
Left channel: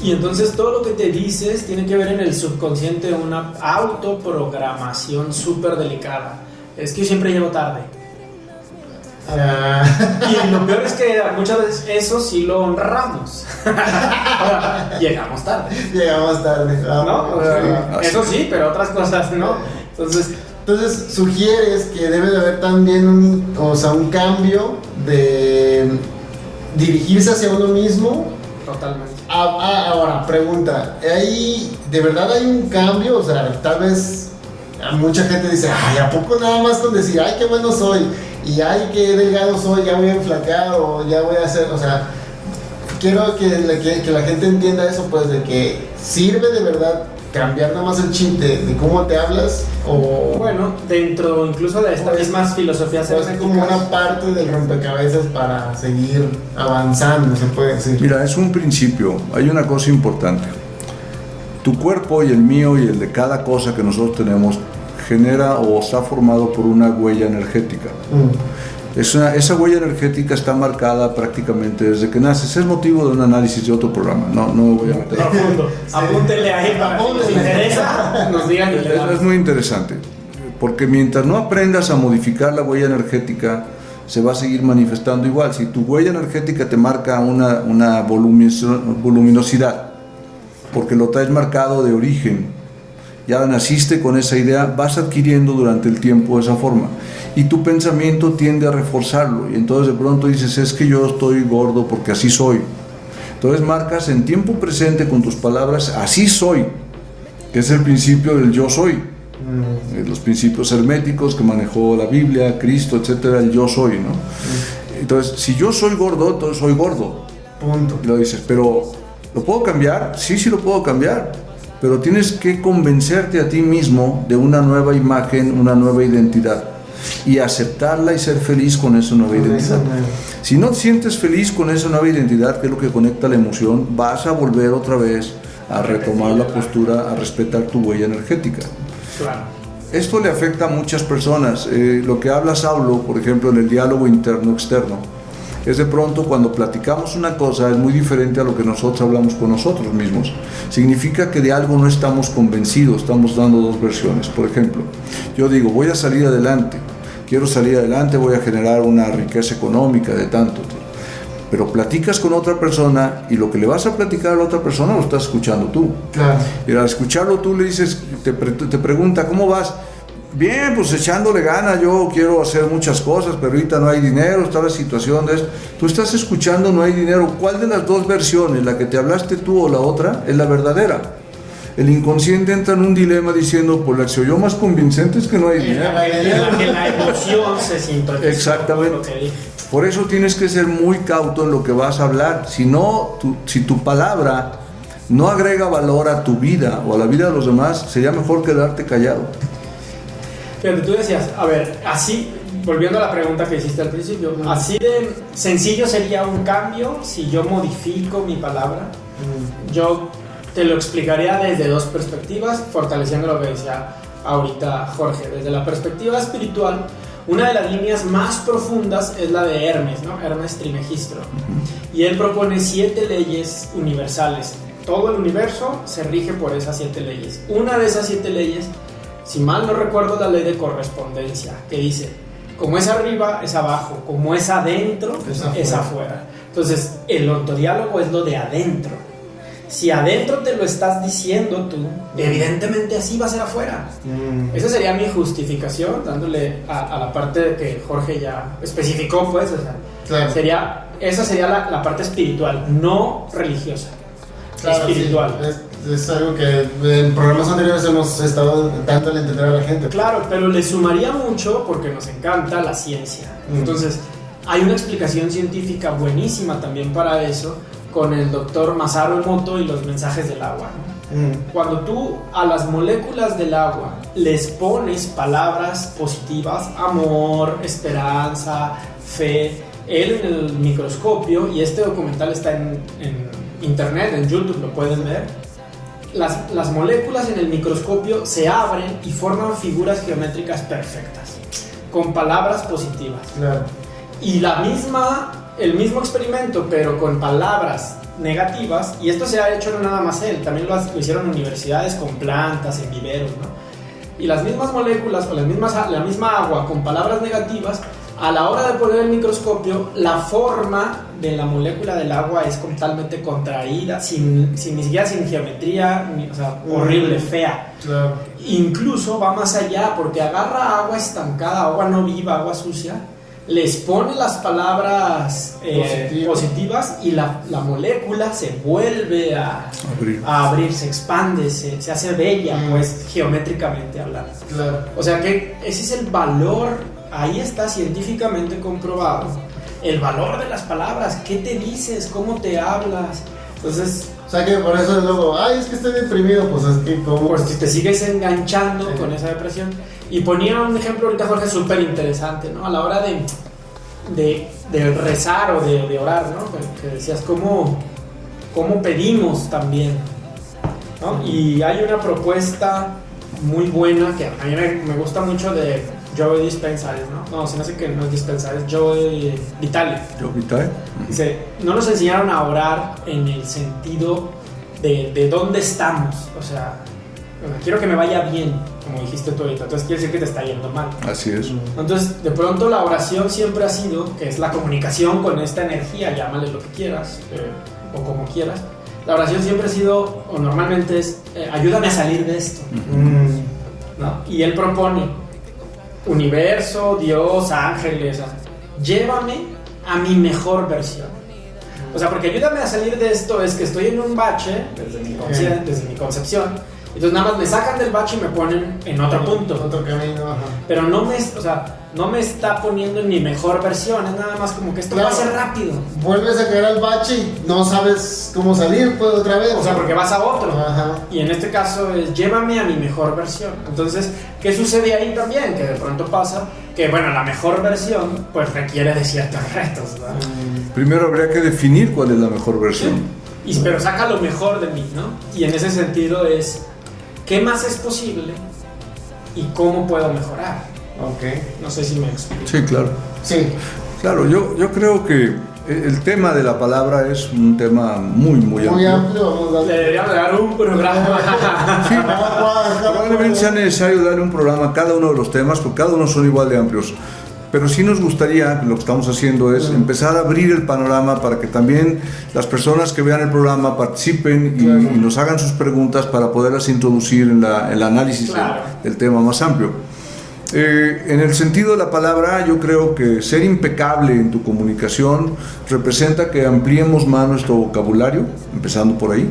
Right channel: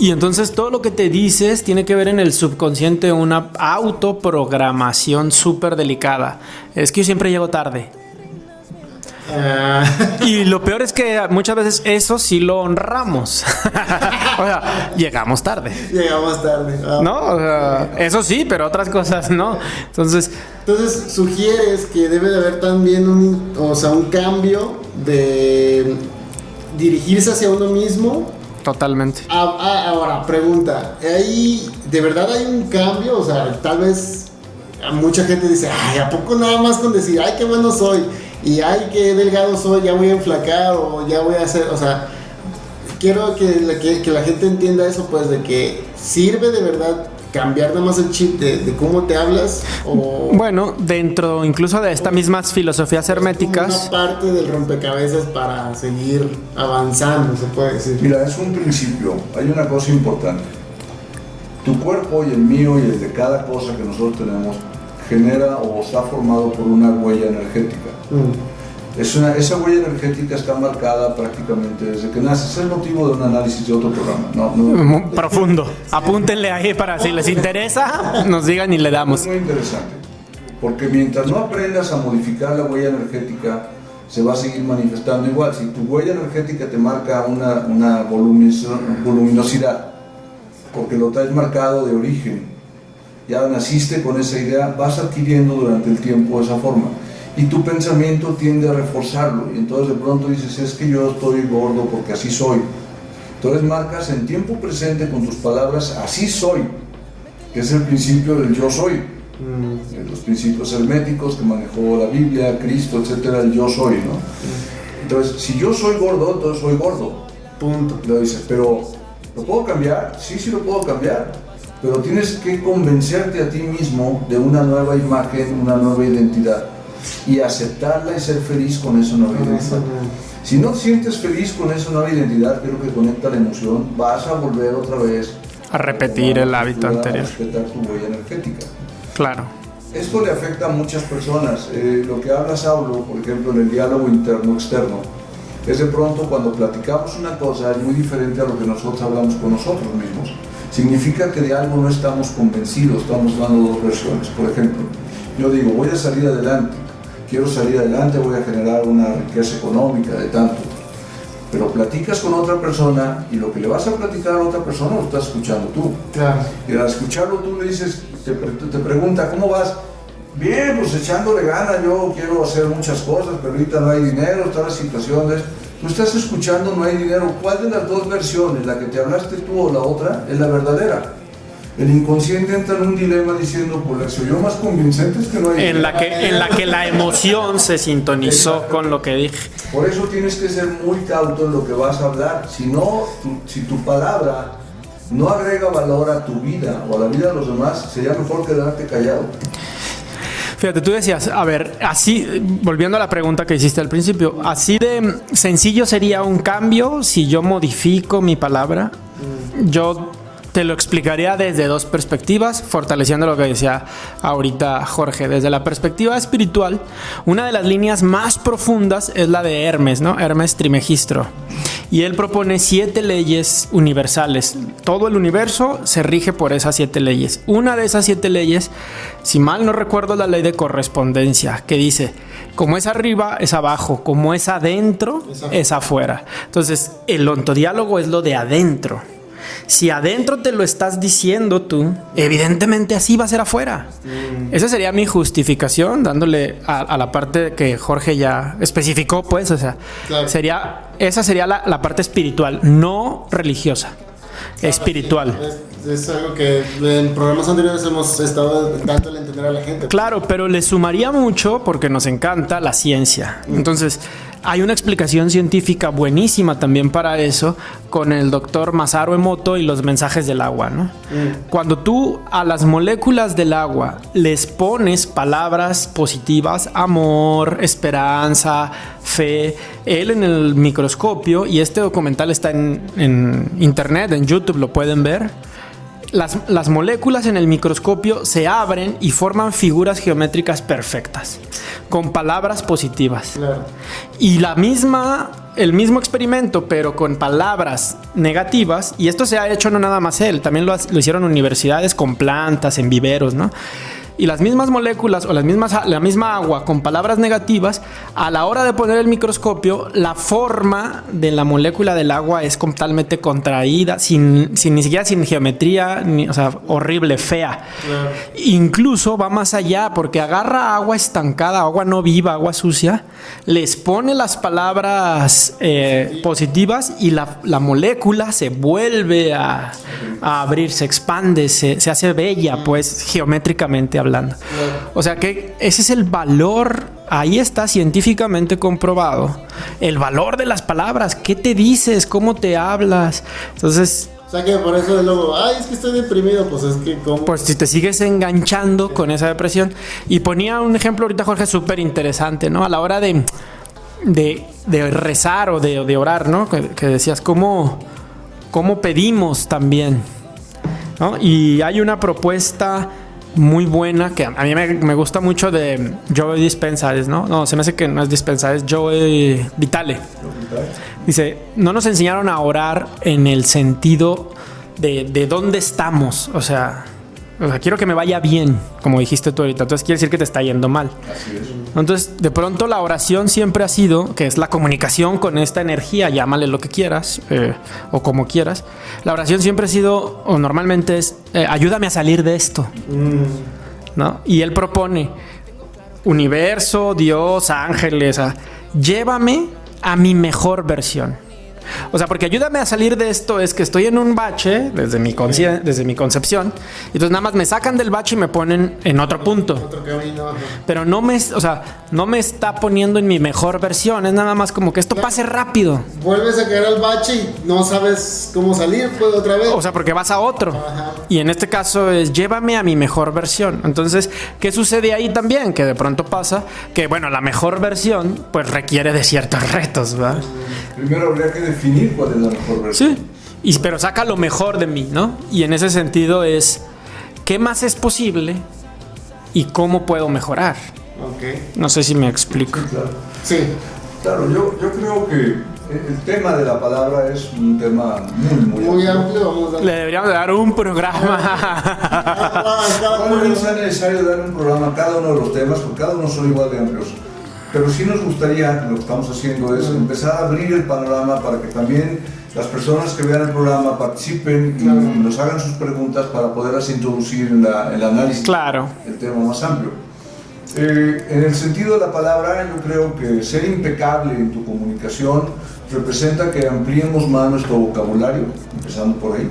Y entonces todo lo que te dices tiene que ver en el subconsciente, una autoprogramación súper delicada. Es que yo siempre llego tarde. Y lo peor es que muchas veces eso sí lo honramos. O sea, llegamos tarde. ¿No? Eso sí, pero otras cosas no. Entonces sugieres que debe de haber también un cambio de dirigirse hacia uno mismo. Totalmente. Ahora, pregunta, ¿de verdad hay un cambio? O sea, tal vez mucha gente dice, ¿a poco nada más con decir, ay, qué bueno soy, y ay, qué delgado soy, ya voy a enflacar, o ya voy a hacer, o sea, quiero que la gente entienda eso, pues, de que sirve de verdad cambiar nada más el chip de cómo te hablas, o... Bueno, dentro incluso de estas mismas filosofías herméticas... Es como una parte del rompecabezas para seguir avanzando, se puede decir. Mira, es un principio, hay una cosa importante. Tu cuerpo y el mío y el de cada cosa que nosotros tenemos genera o está formado por una huella energética. Esa huella energética está marcada prácticamente desde que naces. Es motivo de un análisis de otro programa. Profundo. Sí. Apúntenle ahí para si les interesa, nos digan y le damos. Es muy interesante, porque mientras no aprendas a modificar la huella energética, se va a seguir manifestando igual. Si tu huella energética te marca una voluminosidad, porque lo traes marcado de origen, ya naciste con esa idea, vas adquiriendo durante el tiempo esa forma. Y tu pensamiento tiende a reforzarlo, y entonces de pronto dices, es que yo estoy gordo porque así soy. Entonces marcas en tiempo presente con tus palabras, así soy, que es el principio del yo soy. Los principios herméticos que manejó la Biblia, Cristo, etcétera, el yo soy, ¿no? Entonces, si yo soy gordo, entonces soy gordo. Punto. Lo dices, pero ¿lo puedo cambiar? Sí, lo puedo cambiar. Pero tienes que convencerte a ti mismo de una nueva imagen, una nueva identidad, y aceptarla y ser feliz con esa nueva identidad. Si no te sientes feliz con esa nueva identidad, que es lo que conecta la emoción, vas a volver otra vez a repetir el hábito anterior, a respetar tu huella energética. Claro. Esto le afecta a muchas personas. Lo que habla Saulo, por ejemplo, en el diálogo interno-externo, es de pronto cuando platicamos una cosa es muy diferente a lo que nosotros hablamos con nosotros mismos. Significa que de algo no estamos convencidos, estamos dando dos versiones. Por ejemplo, yo digo, voy a salir adelante, quiero salir adelante, voy a generar una riqueza económica de tanto. Pero platicas con otra persona y lo que le vas a platicar a la otra persona lo estás escuchando tú. Claro. Y al escucharlo tú le dices, te pregunta, ¿cómo vas? Bien, pues echándole ganas, yo quiero hacer muchas cosas, pero ahorita no hay dinero, está la situación de esto. Tú estás escuchando, no hay dinero. ¿Cuál de las dos versiones, la que te hablaste tú o la otra, es la verdadera? El inconsciente entra en un dilema diciendo, pues la que se oyó más convincente es que no hay dinero. En la que la emoción se sintonizó con lo que dije. Por eso tienes que ser muy cauto en lo que vas a hablar. Si no, si tu palabra no agrega valor a tu vida o a la vida de los demás, sería mejor quedarte callado. Fíjate, tú decías, a ver, así, volviendo a la pregunta que hiciste al principio, así de sencillo sería un cambio si yo modifico mi palabra. Yo te lo explicaría desde dos perspectivas, fortaleciendo lo que decía ahorita Jorge. Desde la perspectiva espiritual, una de las líneas más profundas es la de Hermes, ¿no? Hermes Trismegisto. Y él propone 7 leyes universales. Todo el universo se rige por esas 7 leyes. Una de esas 7 leyes, si mal no recuerdo, la ley de correspondencia, que dice, como es arriba, es abajo, como es adentro, es afuera. Entonces, el ontodiálogo es lo de adentro. Si adentro te lo estás diciendo tú, evidentemente así va a ser afuera. Esa sería mi justificación, dándole a la parte que Jorge ya especificó, pues, o sea, claro. Esa sería la parte espiritual, no religiosa. Claro, espiritual. Sí. Es algo que en programas anteriores hemos estado dándole a entender a la gente. Claro, pero le sumaría mucho porque nos encanta la ciencia. Entonces, hay una explicación científica buenísima también para eso con el doctor Masaru Emoto y los mensajes del agua, ¿no? Cuando tú a las moléculas del agua les pones palabras positivas, amor, esperanza, fe, él en el microscopio, y este documental está en internet, en YouTube, lo pueden ver. Las moléculas en el microscopio se abren y forman figuras geométricas perfectas con palabras positivas. Claro. Y el mismo experimento, pero con palabras negativas, y esto se ha hecho no nada más él, también lo hicieron universidades con plantas, en viveros, ¿no? Y las mismas moléculas o la misma agua con palabras negativas, a la hora de poner el microscopio, la forma de la molécula del agua es totalmente contraída, ni siquiera sin geometría, o sea, horrible, fea. Claro. Incluso va más allá, porque agarra agua estancada, agua no viva, agua sucia, les pone las palabras positivas y la molécula se vuelve a abrir, se expande, se hace bella, pues geométricamente hablando. Claro. O sea que ese es el valor, ahí está científicamente comprobado, el valor de las palabras, qué te dices, cómo te hablas. Entonces, o sea que por eso luego, es que estoy deprimido, pues es que ¿cómo? Pues si te sigues enganchando con esa depresión. Y ponía un ejemplo ahorita, Jorge, súper interesante, ¿no? A la hora de rezar o de orar, ¿no? Que decías, ¿cómo pedimos también? ¿No? Y hay una propuesta muy buena que a mí me gusta mucho de Joe Dispenza, ¿no? No, se me hace que no es Dispenza, es Joe Vitale. Joe Vitale. Dice, no nos enseñaron a orar en el sentido de dónde estamos, o sea, quiero que me vaya bien, como dijiste tú ahorita, entonces quiere decir que te está yendo mal. Así es. Entonces, de pronto la oración siempre ha sido, que es la comunicación con esta energía, llámale lo que quieras, o como quieras. La oración siempre ha sido, o normalmente es, ayúdame a salir de esto. ¿No? Y él propone, universo, Dios, ángeles, llévame a mi mejor versión. O sea, porque ayúdame a salir de esto es que estoy en un bache desde mi concepción, y entonces nada más me sacan del bache y me ponen en otro punto. Otro camino. Ajá. Pero no me está poniendo en mi mejor versión, es nada más como que esto pase rápido. Vuelves a caer al bache y no sabes cómo salir, pues otra vez. O sea, porque vas a otro. Ajá. Y en este caso es llévame a mi mejor versión. Entonces, ¿qué sucede ahí también? Que de pronto pasa que, bueno, la mejor versión pues requiere de ciertos retos, ¿verdad? Primero habría que definir cuál es la mejor versión. Sí, pero saca lo mejor de mí, ¿no? Y en ese sentido es, ¿qué más es posible y cómo puedo mejorar? Okay. No sé si me explico. Sí, claro. Sí. Claro, yo creo que el tema de la palabra es un tema muy amplio. Vamos a darle. Le deberíamos dar un programa. Probablemente sea necesario darle un programa a cada uno de los temas, porque cada uno son igual de amplios. pero sí nos gustaría, lo que estamos haciendo es empezar a abrir el panorama para que también las personas que vean el programa participen y nos hagan sus preguntas para poderlas introducir en el análisis del tema más amplio. En el sentido de la palabra, yo creo que ser impecable en tu comunicación representa que ampliemos más nuestro vocabulario, empezando por ahí.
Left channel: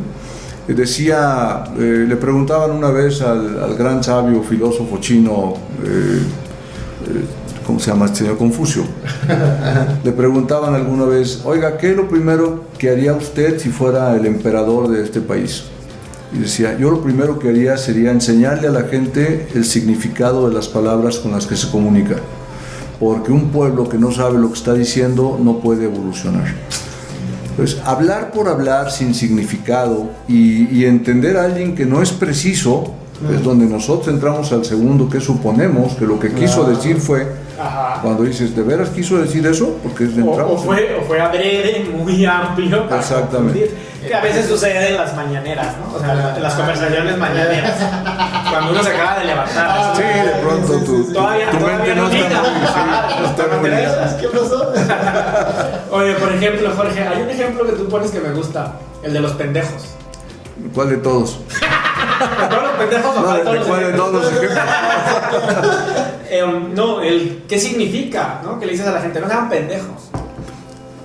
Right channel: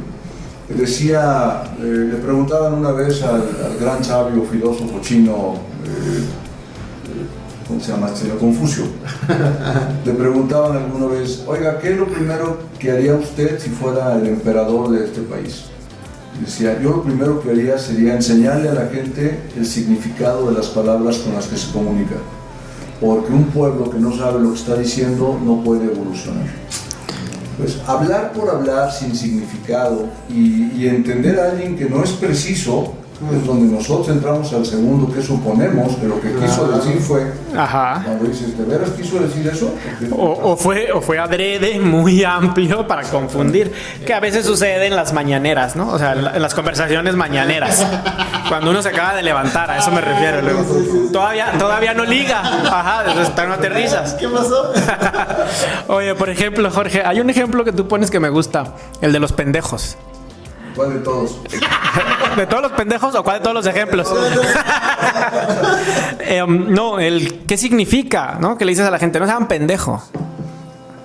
Decía, le preguntaban una vez al gran sabio filósofo chino, ¿cómo se llama este señor? Confucio. Le preguntaban alguna vez, oiga, ¿qué es lo primero que haría usted si fuera el emperador de este país? Y decía, yo lo primero que haría sería enseñarle a la gente el significado de las palabras con las que se comunica, porque un pueblo que no sabe lo que está diciendo no puede evolucionar. Pues hablar por hablar sin significado y entender a alguien que no es preciso, es donde nosotros entramos al segundo, que suponemos que lo que quiso decir fue, cuando dices, ¿de veras quiso decir eso? O fue adrede, muy amplio para confundir, que a veces sucede en las mañaneras, ¿no? O sea, en las conversaciones mañaneras, cuando uno se acaba de levantar, a eso me refiero, ¿no? Todavía no liga, entonces te materializas. ¿Qué pasó? Oye, por ejemplo, Jorge, hay un ejemplo que tú pones que me gusta, el de los pendejos. ¿Cuál de todos? ¿De todos los pendejos o de todos los ejemplos? ¿Qué significa? ¿No? Que le dices a la gente, no sean pendejos.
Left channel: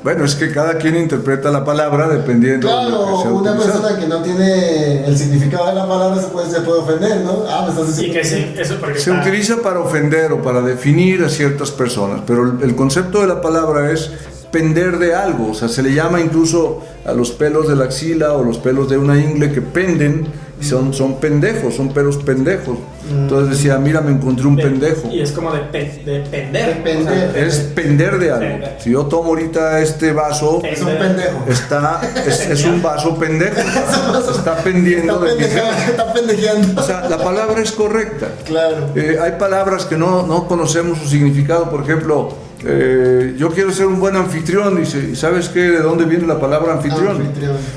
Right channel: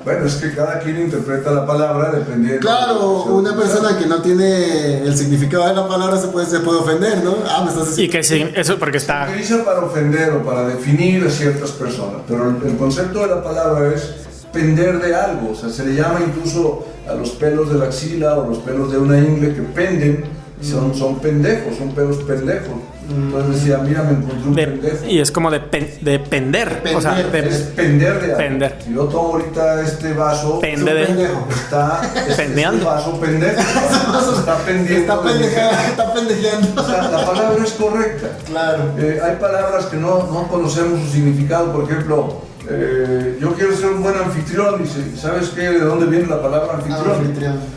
Bueno, es que cada quien interpreta la palabra dependiendo. Claro, una persona que no tiene el significado de la palabra se puede ofender, ¿no? Me estás diciendo. Y que sí, eso porque se utiliza para ofender o para definir a ciertas personas, pero el concepto de la palabra es pender de algo, o sea, se le llama incluso a los pelos de la axila o los pelos de una ingle que penden, y son pendejos, son pelos pendejos. Entonces decía, mira, me encontré un pendejo. Y es como de pender. O sea, es pender de algo. Si yo tomo ahorita este vaso, es un pendejo. Es un vaso pendejo. Está pendiendo. Está pendejeando. O sea, la palabra es correcta. Claro. Hay palabras que no conocemos su significado. Por ejemplo, yo quiero ser un buen anfitrión. Y ¿sabes qué? ¿De dónde viene la palabra anfitrión?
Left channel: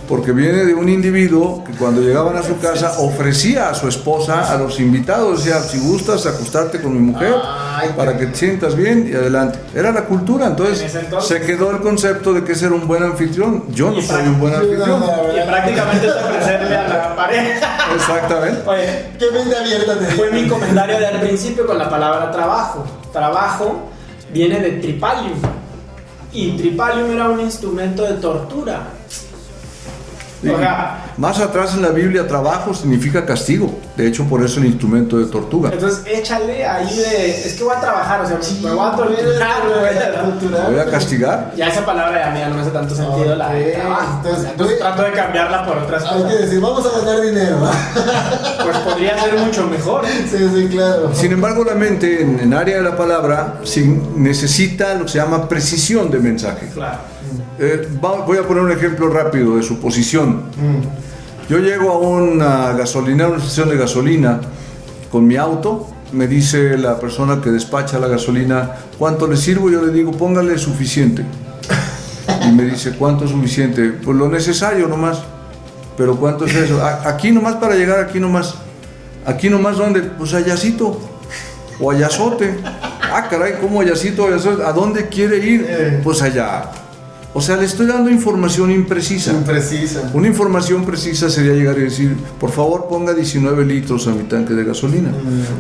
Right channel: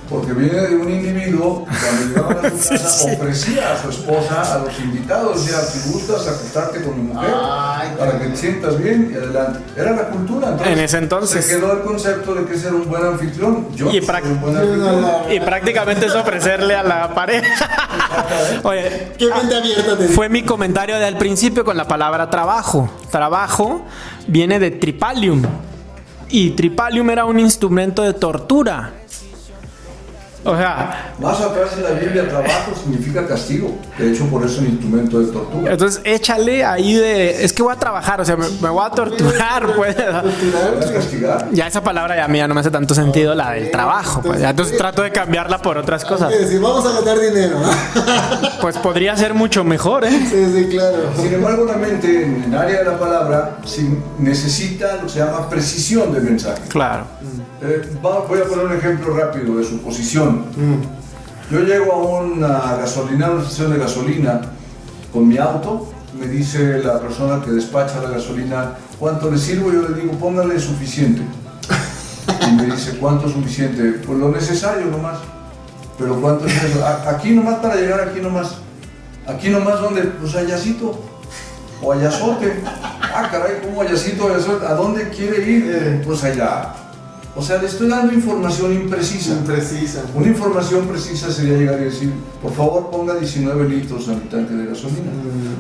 Porque viene de un individuo que cuando llegaban a su casa ofrecía a su esposa a los invitados. Decía, si gustas acostarte con mi mujer para que te sientas bien y adelante. Era la cultura. Entonces, en ese entonces se quedó el concepto de que ser un buen anfitrión. Yo soy un buen anfitrión. Y prácticamente es ofrecerle a la pareja. Exactamente. Oye, qué mente abierta. Fue mi comentario del principio con la palabra trabajo. Trabajo viene de tripalium. Y tripalium era un instrumento de tortura. O sea, más atrás en la Biblia, trabajo significa castigo. De hecho, por eso es un instrumento de tortura. Entonces, échale ahí es que voy a trabajar, o sea, me voy a torturar, voy a castigar. Ya esa palabra a mí ya no me hace tanto sentido, la de trabajo. Entonces trato de cambiarla por otras cosas. Hay que decir, vamos a ganar dinero. Pues podría ser mucho mejor, ¿eh? Sí, claro. Sin embargo, la mente, en el área de la palabra, necesita lo que se llama precisión de mensaje. Claro. Voy a poner un ejemplo rápido de suposición. Yo llego a una gasolinera, una estación de gasolina con mi auto, me dice la persona que despacha la gasolina, ¿cuánto le sirvo? Yo le digo, póngale suficiente. Y me dice, ¿cuánto es suficiente? Pues lo necesario nomás. ¿Pero cuánto es eso? Aquí nomás para llegar, aquí nomás. ¿Aquí nomás dónde? Pues allácito o allazote. Caray, ¿cómo allácito, allazote? ¿A dónde quiere ir? Pues allá. O sea, le estoy dando información imprecisa. Una información precisa sería llegar y decir, por favor ponga 19 litros a mi tanque de gasolina.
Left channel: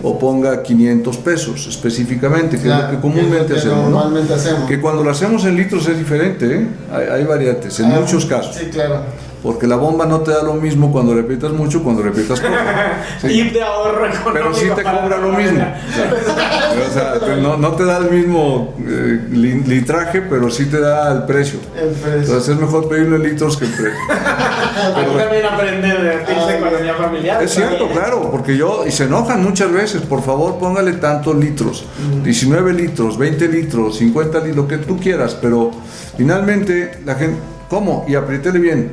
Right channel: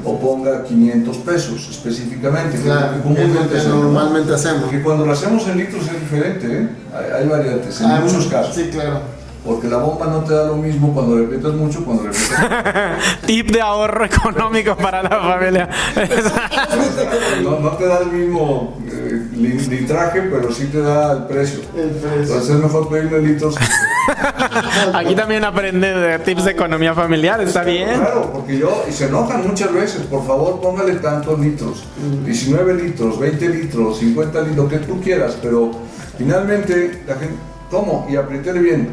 O ponga 500 pesos específicamente, claro, que es lo que comúnmente normalmente hacemos. Que cuando lo hacemos en litros es diferente, ¿eh? Hay variantes, en muchos casos. Sí, claro. Porque la bomba no te da lo mismo cuando repitas mucho, cuando repitas poco. Sí. Tip de ahorro económico sí para la familia. O sea, no te da el mismo litraje, pero sí te da el precio. Entonces es mejor pedirle litros que precio. Aquí también aprende de tips de economía familiar. Es cierto, claro, porque y se enojan muchas veces. Por favor, póngale tantos litros. 19 litros, 20 litros, 50 litros, lo que tú quieras. Pero finalmente la gente... ¿Cómo? Y apriétele bien,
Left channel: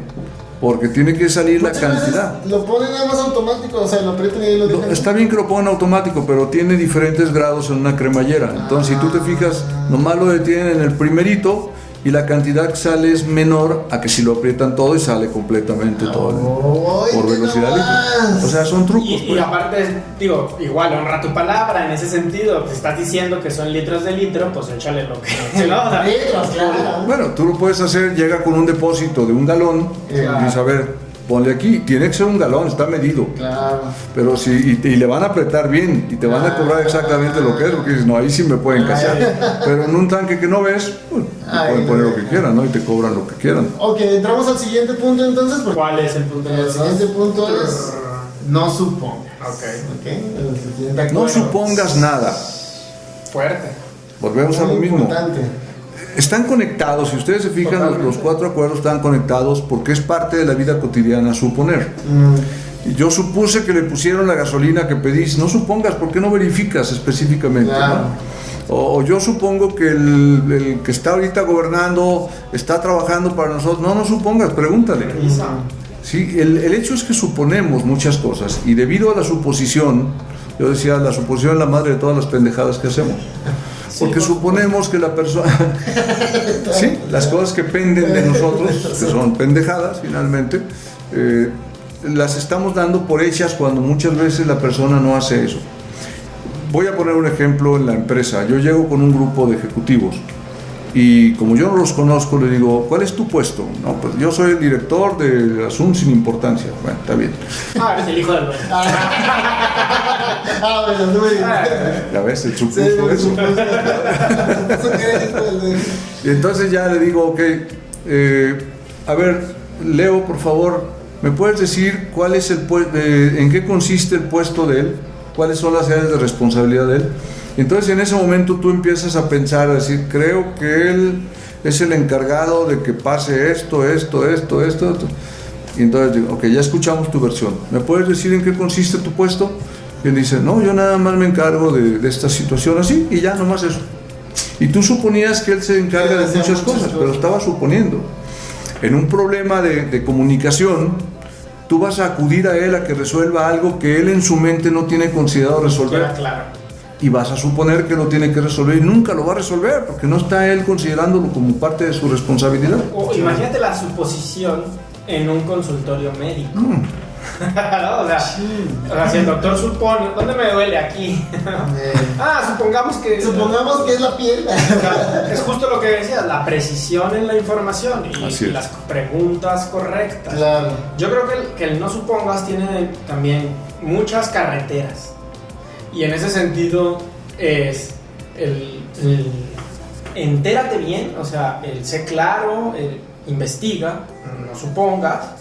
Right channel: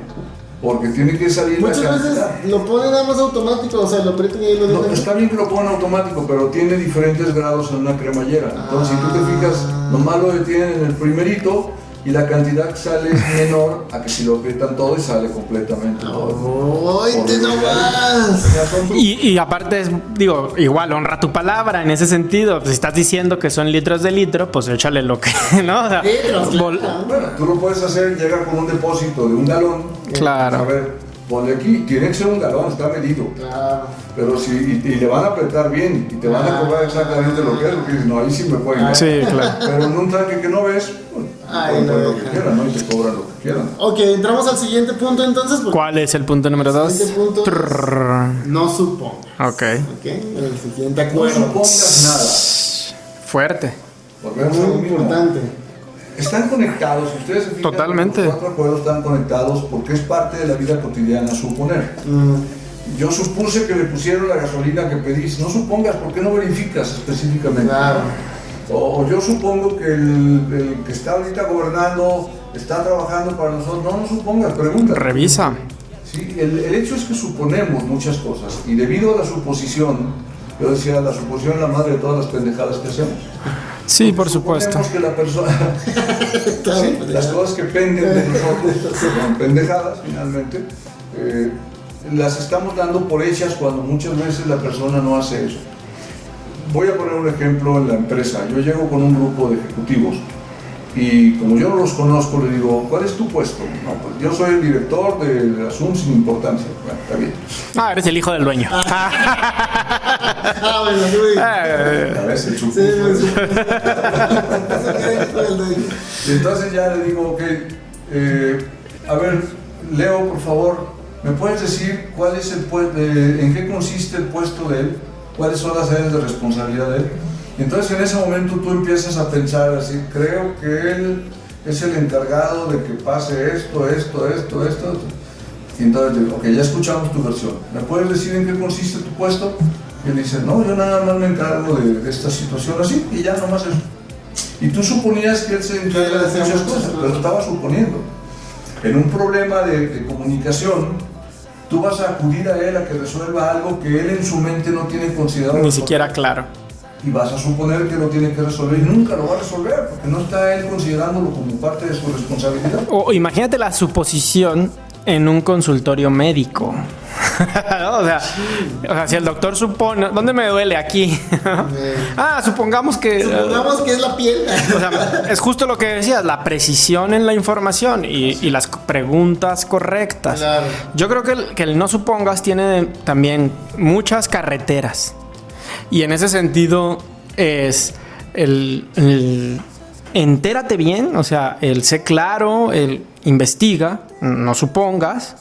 porque tiene que salir muchas la cantidad. Veces lo ponen nada más automático, o sea, lo aprietan y ahí lo dejan. Está bien que lo pongan automático, pero tiene diferentes grados en una cremallera. Entonces, si tú te fijas, lo malo de tienen en el primerito y la cantidad que sale es menor a que si lo aprietan todo y sale completamente todo. ¡Ay, Por te velocidad. nomás! O sea, son trucos. Y aparte, digo, igual honra tu palabra en ese sentido. Pues si estás diciendo que son litros de litro, pues échale lo que. ¿No? O sea, Litros, claro. Bueno, tú lo puedes hacer, llega con un depósito de 1 galón Claro. y dices, a ver, ponle aquí, tiene que ser 1 galón, está medido. Claro. Pero si, y le van a apretar bien y te van a cobrar exactamente lo que es, porque dices, no, ahí sí me pueden caer. Sí, claro. Pero en un tanque que no ves, pues, Ahí pueden lo poner lo que dejan. quieran, ¿no? Y te cobran lo que quieran. Ok, entramos al siguiente punto entonces. Porque ¿Cuál es el punto número 2? el siguiente punto es no supongas. Ok. Ok, el siguiente No acuerdo. supongas nada. Fuerte. Volvemos a lo Muy mismo. importante. Están conectados, si ustedes se fijan, Totalmente. los 4 acuerdos están conectados porque es parte de la vida cotidiana suponer. Yo supuse que le pusieron la gasolina que pedís. No supongas, ¿por qué no verificas específicamente? Claro. ¿No? O yo supongo que el que está ahorita gobernando está trabajando para nosotros. No supongas, pregúntale. Revisa. Sí, el hecho es que suponemos muchas cosas y debido a la suposición, yo decía, la suposición es la madre de todas las pendejadas que hacemos. Sí, Porque por suponemos supuesto. que la persona... sí, las cosas que penden de nosotros, que son pendejadas finalmente, las estamos dando por hechas cuando muchas veces la persona no hace eso. Voy a poner un ejemplo en la empresa. Yo llego con un grupo de ejecutivos y como yo no los conozco, le digo, ¿cuál es tu puesto? No, pues yo soy el director del asunto sin importancia. Bueno, está bien. Ah, eres el hijo del dueño. Bueno, sí, muy bien. A veces el Sí, supuso muy eso. bien. Eso quiere decir el de- Y entonces ya le digo, ok, a ver, Leo, por favor, ¿me puedes decir cuál es en qué consiste el puesto de él? ¿Cuáles son las áreas de responsabilidad de él? Entonces en ese momento tú empiezas a pensar, a decir, creo que él es el encargado de que pase esto. Y entonces digo, ok, ya escuchamos tu versión. ¿Me puedes decir en qué consiste tu puesto? Y él dice, no, yo nada más me encargo de esta situación así y ya nomás eso. Y tú suponías que él se encarga de muchas cosas, pero estaba suponiendo. En un problema de comunicación, tú vas a acudir a él a que resuelva algo que él en su mente no tiene considerado Ni resolver. siquiera claro. Y vas a suponer que lo tiene que resolver y nunca lo va a resolver porque no está él considerándolo como parte de su responsabilidad. O imagínate la suposición en un consultorio médico. O sea, si el doctor supone, ¿dónde me duele? Aquí. Supongamos que es la piel. o sea, es justo lo que decías, la precisión en la información Así y es. las preguntas correctas. Claro. Yo creo que el no supongas tiene también muchas carreteras. Y en ese sentido es el entérate bien, o sea, el sé claro, el investiga, no supongas.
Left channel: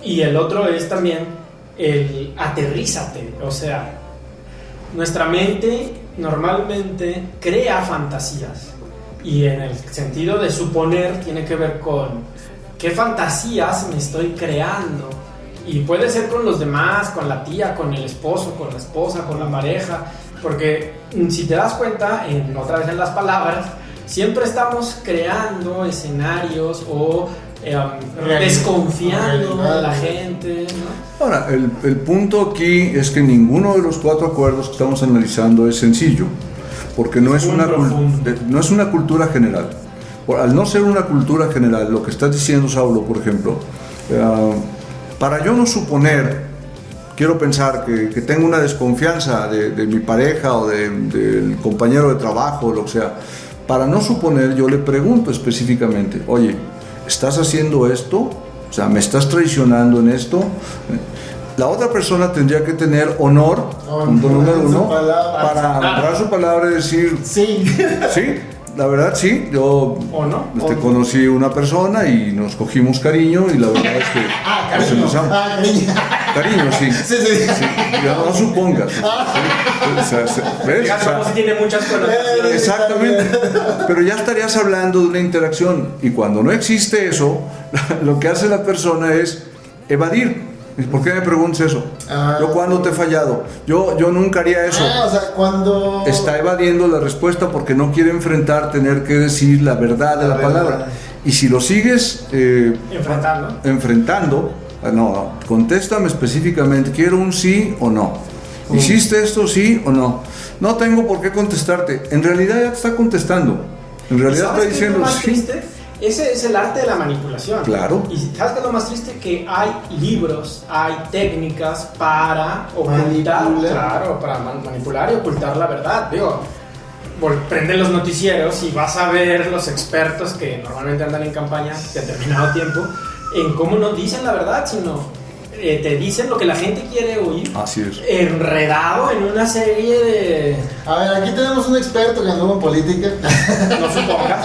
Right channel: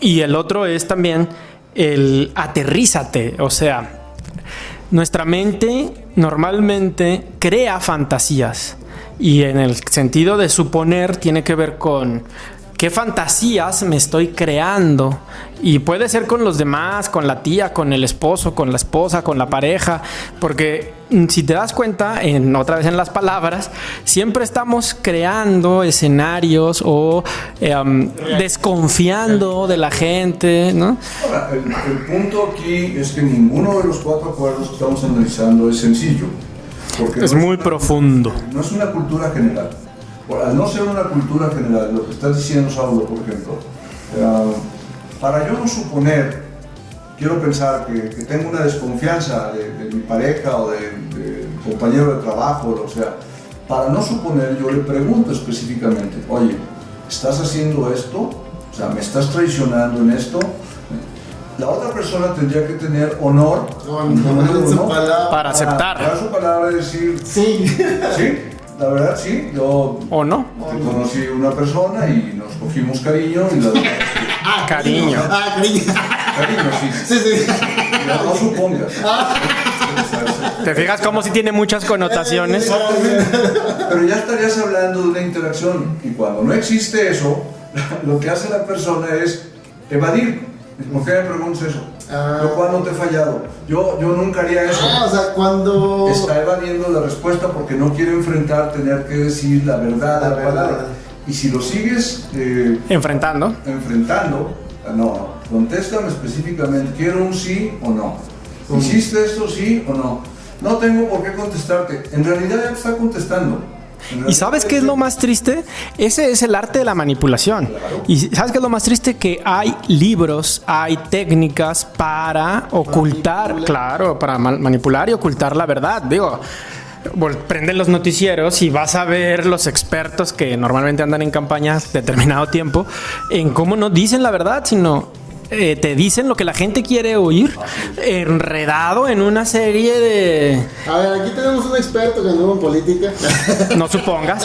Y el otro es también el aterrízate, o sea, nuestra mente normalmente crea fantasías. Y en el sentido de suponer tiene que ver con qué fantasías me estoy creando. Y puede ser con los demás, con la tía, con el esposo, con la esposa, con la pareja. Porque si te das cuenta, otra vez en las palabras, siempre estamos creando escenarios o desconfiando de la gente, ¿no? Ahora, el punto aquí es que ninguno de los 4 acuerdos que estamos analizando es sencillo. Porque Es muy profundo. No es una cultura general. Al no ser una cultura general, lo que está diciendo Saulo, por ejemplo, para yo no suponer, quiero pensar que tengo una desconfianza de mi pareja o del compañero de trabajo, o lo que sea. Para no suponer, yo le pregunto específicamente, oye, ¿estás haciendo esto? O sea, ¿me estás traicionando en esto? La otra persona tendría que tener honor, En su palabra. Para aceptar. dar su palabra y decir, Sí. sí, la verdad sí, yo ¿O no? conocí una persona y nos cogimos cariño y la verdad es que... Cariño. Cariño. Cariño, sí. Sí. Yo no supongas. ¿Te fijas cómo si tiene muchas connotaciones? Exactamente. Pero ya estarías hablando de una interacción y cuando no existe eso, lo que hace la persona es evadir. ¿Por qué me preguntas eso? ¿Yo cuándo te he fallado? Yo nunca haría eso. O sea, cuando... Está evadiendo la respuesta porque no quiere enfrentar tener que decir la verdad a la palabra. Y si lo sigues Enfrentando. enfrentando, no, contéstame específicamente, quiero un sí o no. ¿Hiciste esto sí o no? No tengo por qué contestarte. En realidad ya te está contestando. En ¿Y realidad sabes está qué es lo diciendo, más sí. triste? Ese es el arte de la manipulación. Claro. ¿Y sabes qué es lo más triste? Que hay libros, hay técnicas para ocultar, Manipular. claro, para manipular y ocultar la verdad. Digo, prende los noticieros y vas a ver los expertos que normalmente andan en campañas determinado tiempo en cómo no dicen la verdad, sino te dicen lo que la gente quiere oír, Así es. enredado en una serie de... A ver, aquí tenemos un experto que anduvo en política. No supongas.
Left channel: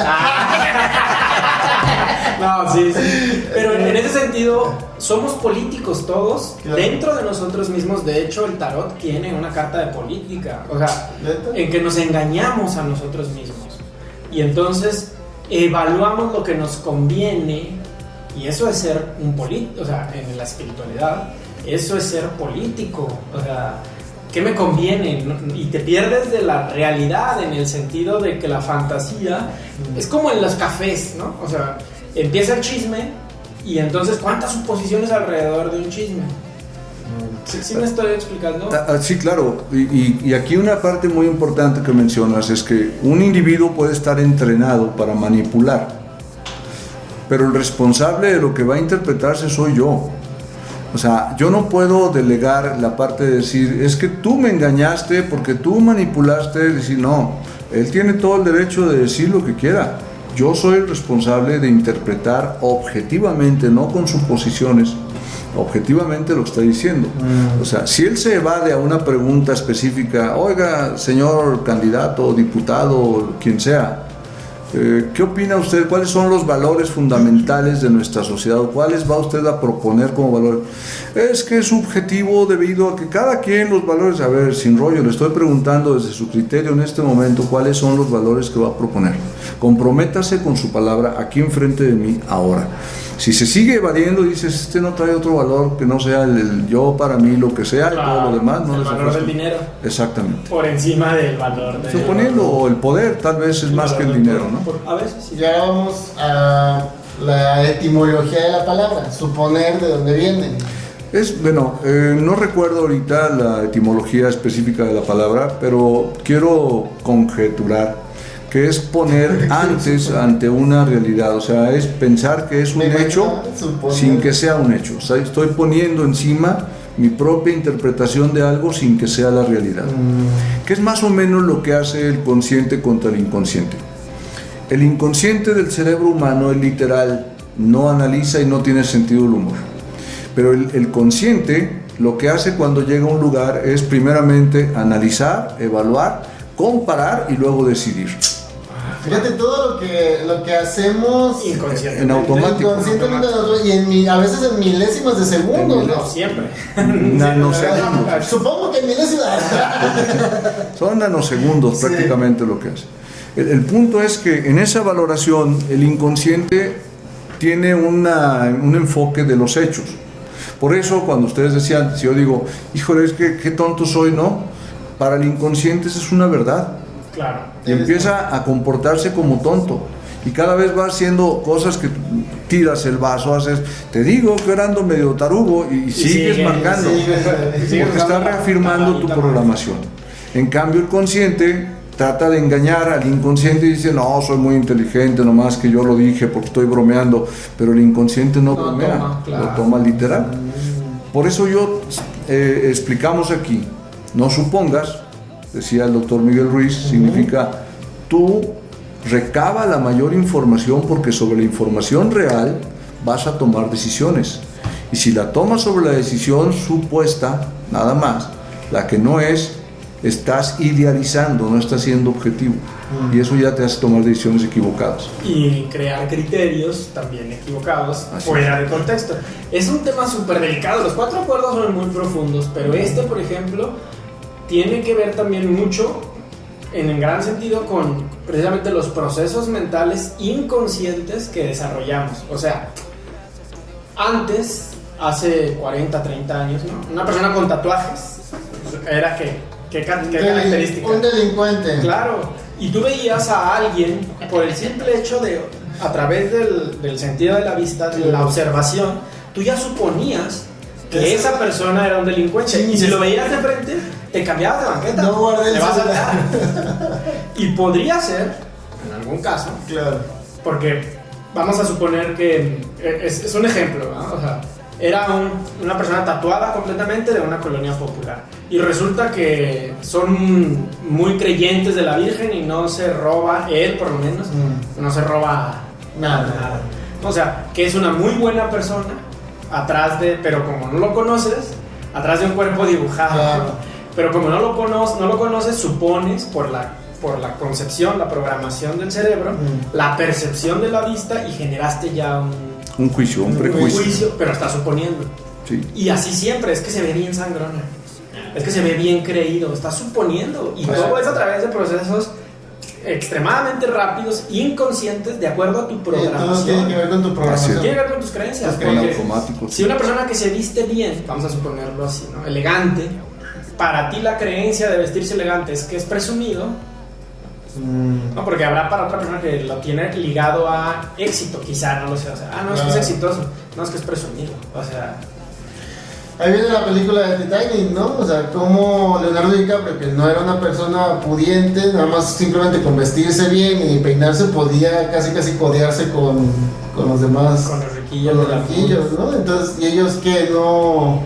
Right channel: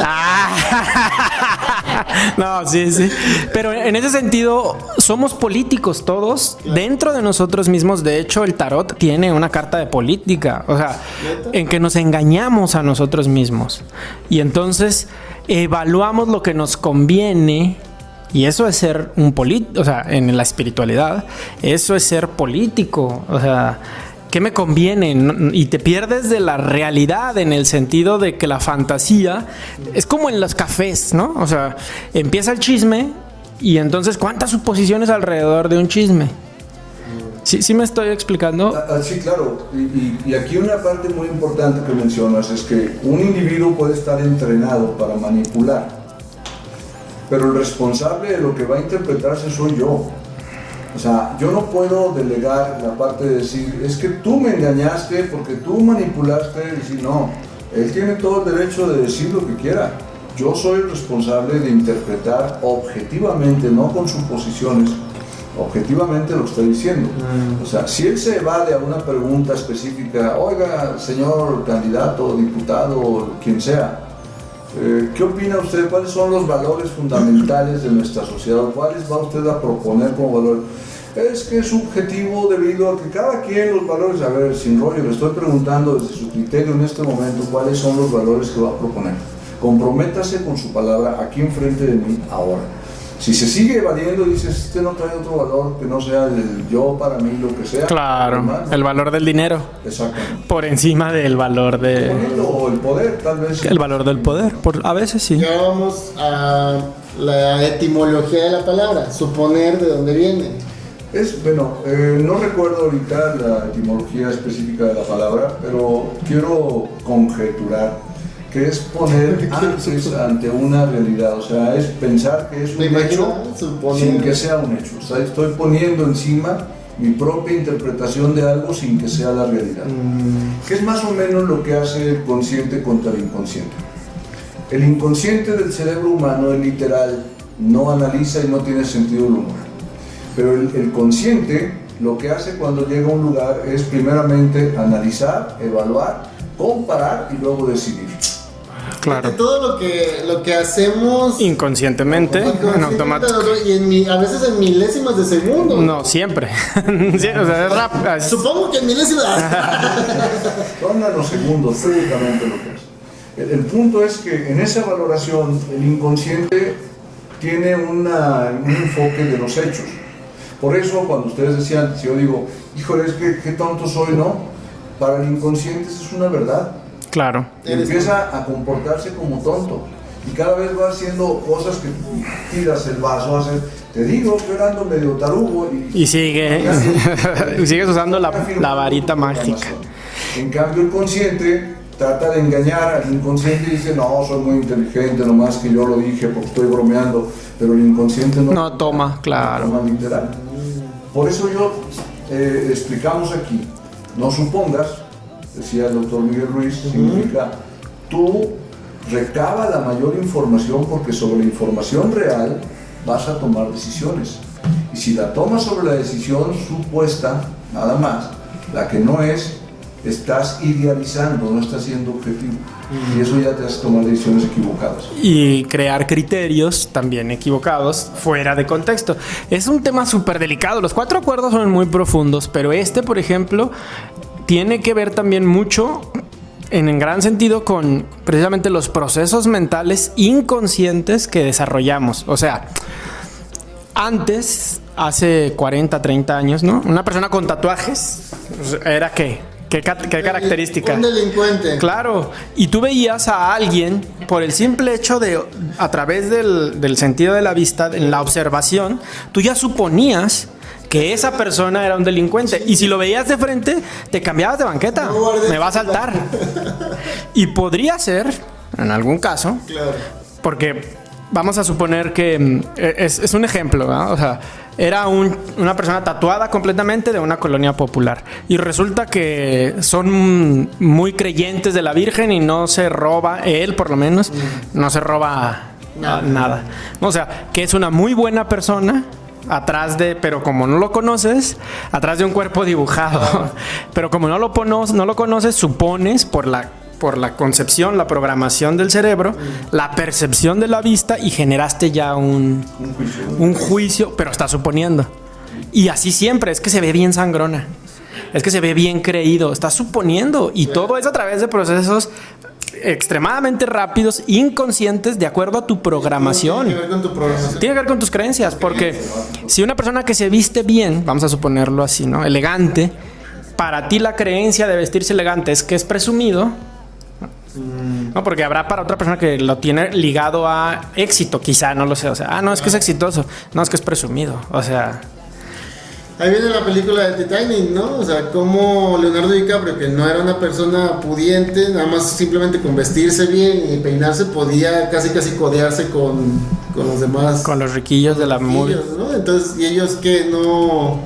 No, sí. Pero en ese sentido, somos políticos todos, Claro. dentro de nosotros mismos. De hecho, el tarot tiene una carta de política. O sea, ¿Neta? en que nos engañamos a nosotros mismos. Y entonces evaluamos lo que nos conviene. Y eso es ser un político. O sea, en la espiritualidad, eso es ser político. O sea, ¿qué me conviene? Y te pierdes de la realidad en el sentido de que la fantasía es como en los cafés, ¿no? O sea, empieza el chisme y entonces ¿cuántas suposiciones alrededor de un chisme? ¿Sí me estoy explicando? Sí, claro. Y aquí una parte muy importante que mencionas es que un individuo puede estar entrenado para manipular, pero el responsable de lo que va a interpretarse soy yo. O sea, yo no puedo delegar la parte de decir, es que tú me engañaste porque tú manipulaste, decir, no, él tiene todo el derecho de decir lo que quiera. Yo soy el responsable de interpretar objetivamente, no con suposiciones, objetivamente lo está diciendo. O sea, si él se evade a una pregunta específica, oiga, señor candidato, diputado, quien sea, ¿qué opina usted? ¿Cuáles son los valores fundamentales de nuestra sociedad? ¿Cuáles va usted a proponer como valor? Es que es subjetivo debido a que cada quien los valores... A ver, sin rollo, le estoy preguntando desde su criterio en este momento cuáles son los valores que va a proponer. Comprométase con su palabra aquí enfrente de mí ahora. Si se sigue evadiendo, dices, este no trae otro valor que no sea el yo para mí, lo que sea. Claro, lo demás, ¿no? el valor del dinero Exactamente. por encima del valor de... Suponiendo, o el poder, tal vez. el más valor que el del dinero, poder. ¿no? A veces sí. Y ahora vamos a la etimología de la palabra, suponer de dónde viene. No recuerdo ahorita la etimología específica de la palabra, pero quiero conjeturar que es poner antes ante una realidad, o sea, es pensar que es un Me hecho imagino, suponer. sin que sea un hecho. O sea, estoy poniendo encima mi propia interpretación de algo sin que sea la realidad. Que es más o menos lo que hace el consciente contra el inconsciente. El inconsciente del cerebro humano, el literal, no analiza y no tiene sentido del humor. Pero el consciente lo que hace cuando llega a un lugar es primeramente analizar, evaluar, comparar y luego decidir. Claro. Fíjate, todo lo que hacemos Inconscientemente. inconscientemente y a veces en milésimas de segundo. No, siempre. No sé. Supongo que en milésimas. Son nanosegundos prácticamente lo que hace. El punto es que en esa valoración el inconsciente tiene un enfoque de los hechos. Por eso cuando ustedes decían, si yo digo, híjole, es que qué tonto soy, ¿no? Para el inconsciente eso es una verdad. Claro. Y empieza a comportarse como tonto. Y cada vez va haciendo cosas que tiras el vaso, haces, te digo que ahora ando medio tarugo y sigues marcando. Y sigues Porque usando está la reafirmando tu varita mágica. programación. En cambio el consciente trata de engañar al inconsciente y dice, no, soy muy inteligente, nomás que yo lo dije porque estoy bromeando, pero el inconsciente no bromea, toma, claro. lo toma literal. Por eso explicamos aquí, no supongas, decía el doctor Miguel Ruiz, significa tú recaba la mayor información porque sobre la información real vas a tomar decisiones. Y si la tomas sobre la decisión supuesta, nada más, la que no es, estás idealizando, no estás siendo objetivo. Y eso ya te hace tomar decisiones equivocadas. Y crear criterios también equivocados fuera de contexto. Es un tema súper delicado. Los 4 acuerdos son muy profundos, pero por ejemplo, tiene que ver también mucho, en gran sentido, con precisamente los procesos mentales inconscientes que desarrollamos. O sea, antes, hace 40, 30 años, ¿no? Una persona con tatuajes era ¿Qué característica? Un delincuente. Claro, y tú veías a alguien por el simple hecho de, a través del sentido de la vista, de la observación, tú ya suponías que esa persona era un delincuente. Sí. Y si lo veías de frente, te cambiabas de banqueta. No guardes me va a celular. saltar. Y podría ser en algún caso. Claro. Porque vamos a suponer que es un ejemplo, ¿verdad? O sea, era una persona tatuada completamente de una colonia popular. Y resulta que son muy creyentes de la Virgen y no se roba, él por lo menos, no se roba nada. O sea, que es una muy buena persona pero como no lo conoces, atrás de un cuerpo dibujado. Pero como no lo conoces, supones por la concepción, la programación del cerebro, la percepción de la vista, y generaste ya un juicio, pero estás suponiendo. Sí. Y así siempre, es que se ve bien sangrona, es que se ve bien creído, estás suponiendo, y todo es a través de procesos extremadamente rápidos, inconscientes, de acuerdo a tu programación. Tiene que ver con tu programación. Tiene que ver con tus creencias, porque si una persona que se viste bien, vamos a suponerlo así, ¿no? Elegante, para ti la creencia de vestirse elegante es que es presumido. No, porque habrá para otra persona que lo tiene ligado a éxito, quizá, no lo sé. O sea, no, es que es exitoso. No, es que es presumido. O sea, ahí viene la película de Titanic, ¿no? O sea, como Leonardo DiCaprio, que no era una persona pudiente, nada más simplemente con vestirse bien y peinarse podía casi codearse con los demás. Con los riquillos de la mula, ¿no? Entonces, y ellos que no...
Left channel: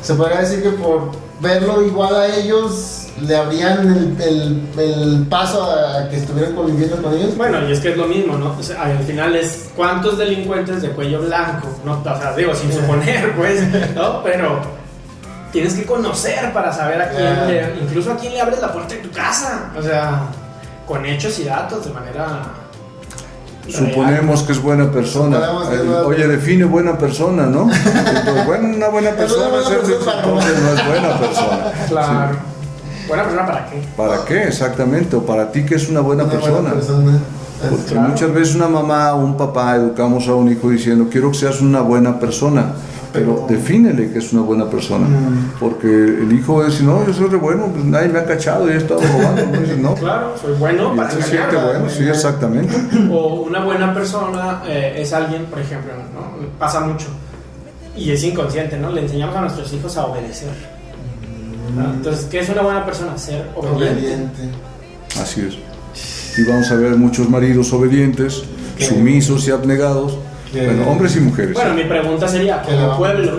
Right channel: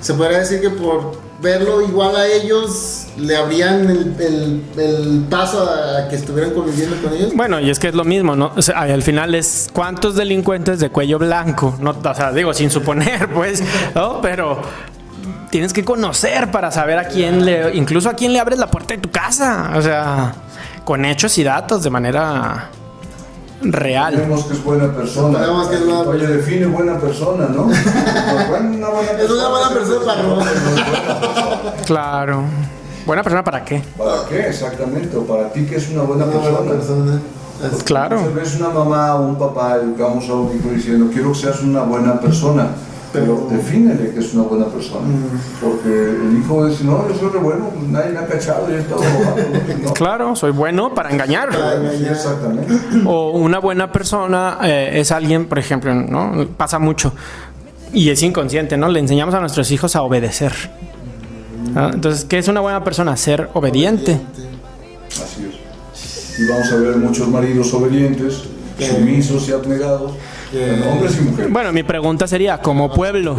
Se podría decir que por verlo igual a ellos le abrían el paso a que estuvieran conviviendo con ellos. Bueno, y es que es lo mismo, ¿no? O sea, al final es ¿cuántos delincuentes de cuello blanco? No, o sea, digo, sin suponer, pues, ¿no? Pero tienes que conocer para saber a quién incluso a quién le abres la puerta de tu casa. O sea, con hechos y datos de manera real. Suponemos que es buena persona. Oye, define buena persona, ¿no? Una buena persona. Es una buena persona para no es buena persona. Claro. Sí. ¿Buena persona para qué? ¿Para qué? Exactamente. O para ti, ¿qué es una buena persona? Porque claro. Muchas veces una mamá o un papá educamos a un hijo diciendo, quiero que seas una buena persona. Pero defínele que es una buena persona. Porque el hijo va a decir, no, yo soy re bueno, pues nadie me ha cachado y he estado robando. ¿No? Claro, soy bueno para engañar. Sí, exactamente. O una buena persona es alguien, por ejemplo, ¿no? Pasa mucho y es inconsciente, ¿no? Le enseñamos a nuestros hijos a obedecer. Entonces, ¿qué es una buena persona? Ser obediente. Así es. Y vamos a ver muchos maridos obedientes, sumisos y abnegados. Bueno, hombres y mujeres. Bueno, mi pregunta sería, como pueblo,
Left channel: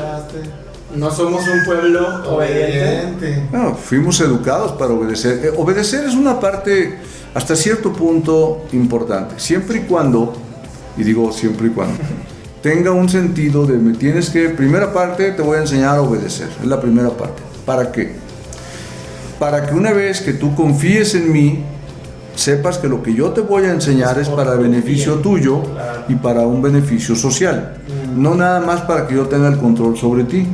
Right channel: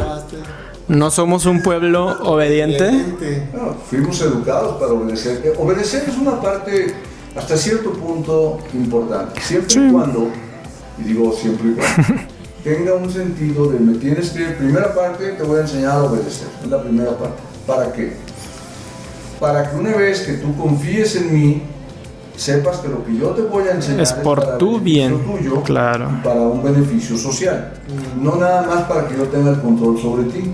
¿no somos un pueblo obediente? No, fuimos educados para obedecer. Obedecer es una parte hasta cierto punto importante, siempre y cuando, y digo siempre y cuando, tenga un sentido de me tienes que, primera parte te voy a enseñar a obedecer, es la primera parte. ¿Para qué? Para que una vez que tú confíes en mí, sepas que lo que yo te voy a enseñar es para beneficio tuyo, claro, y para un beneficio social, no nada más para que yo tenga el control sobre ti.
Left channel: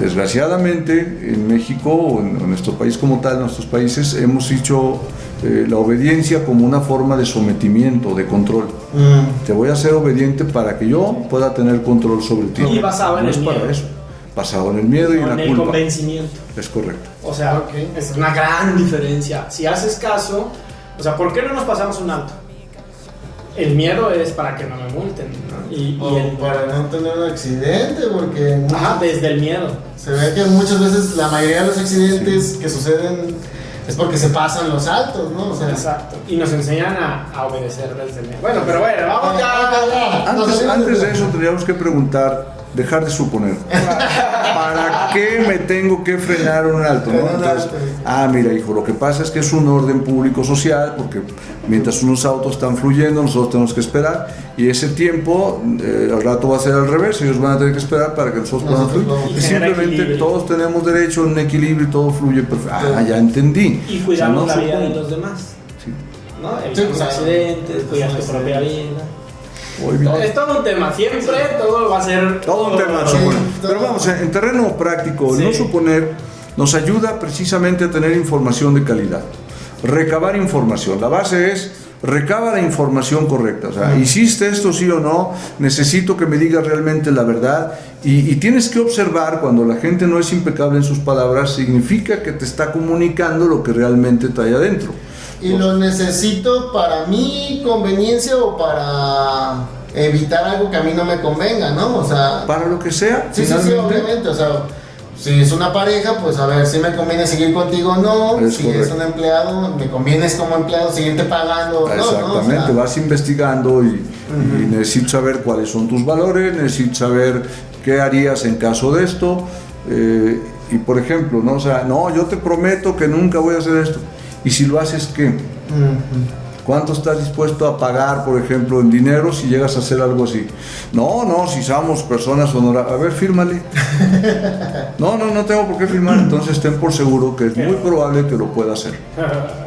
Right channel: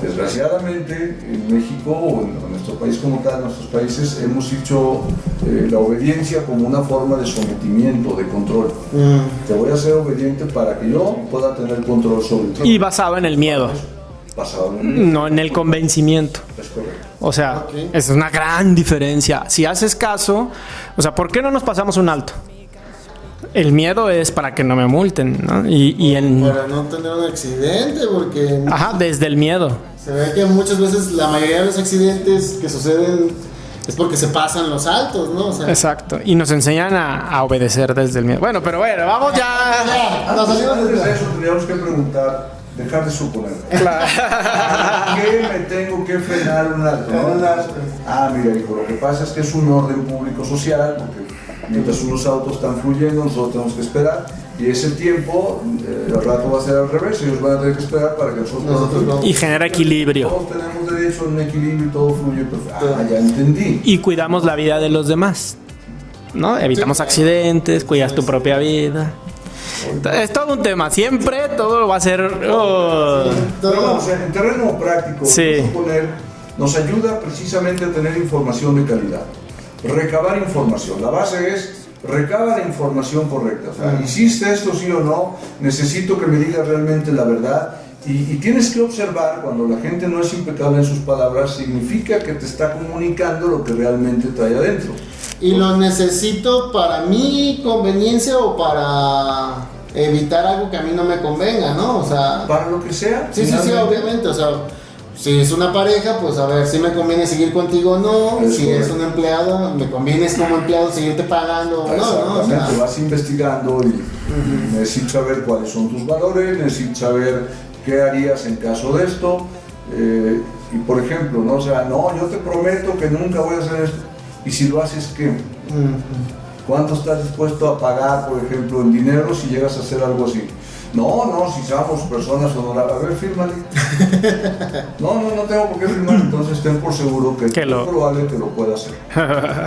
Desgraciadamente en México o en nuestro país como tal, en nuestros países hemos hecho la obediencia como una forma de sometimiento, de control. Te voy a ser obediente para que yo pueda tener control sobre ti. Y basado en el miedo. Basado en el miedo. No en el convencimiento. Es correcto. O sea, esa es una gran diferencia. Si haces caso, o sea, ¿por qué no nos pasamos un alto? El miedo es para que no me multen, ¿no? Para no tener un accidente, porque... Ajá, desde el miedo. Se ve que muchas veces la mayoría de los accidentes que suceden es porque se pasan los altos, ¿no? O sea, exacto. Y nos enseñan a obedecer desde el miedo. Bueno, pero bueno, vamos ya. Antes de eso tendríamos que preguntar, dejar de suponer. ¿Para qué me tengo que frenar un alto? ¿No? Entonces, mira, hijo, lo que pasa es que es un orden público social, porque mientras unos autos están fluyendo, nosotros tenemos que esperar, y ese tiempo, al rato va a ser al revés, ellos van a tener que esperar para que nosotros y genera equilibrio. Todos tenemos derecho a un equilibrio y todo fluye perfecto. Ya entendí. Y cuidamos la vida de los demás, ¿no? Evitamos accidentes, cuidas tu propia vida. Es todo un tema, siempre todo va a ser un tema. Pero vamos, en terreno práctico, no suponer, nos ayuda precisamente a tener información de calidad, recabar información. La base es recaba la información correcta, o sea, hiciste esto sí o no, necesito que me digas realmente la verdad, y tienes que observar cuando la gente no es impecable en sus palabras, significa que te está comunicando lo que realmente trae adentro. ¿Y lo necesito para mi conveniencia o para evitar algo que a mí no me convenga, no? O sea... Para lo que sea. Sí, obviamente, o sea... si es una pareja, pues a ver si me conviene seguir contigo o no. Es si correcto. es un empleado, me conviene como empleado seguirte pagando o no, ¿no? O Exactamente, sea, vas investigando y necesito saber cuáles son tus valores, necesito saber qué harías en caso de esto. Y por ejemplo, ¿no? O sea, no, yo te prometo que nunca voy a hacer esto. Y si lo haces, ¿qué? ¿Cuánto estás dispuesto a pagar, por ejemplo, en dinero si llegas a hacer algo así? No, si somos personas honorables. A ver, fírmale. No tengo por qué firmar. Entonces ten por seguro que es muy probable que lo pueda hacer.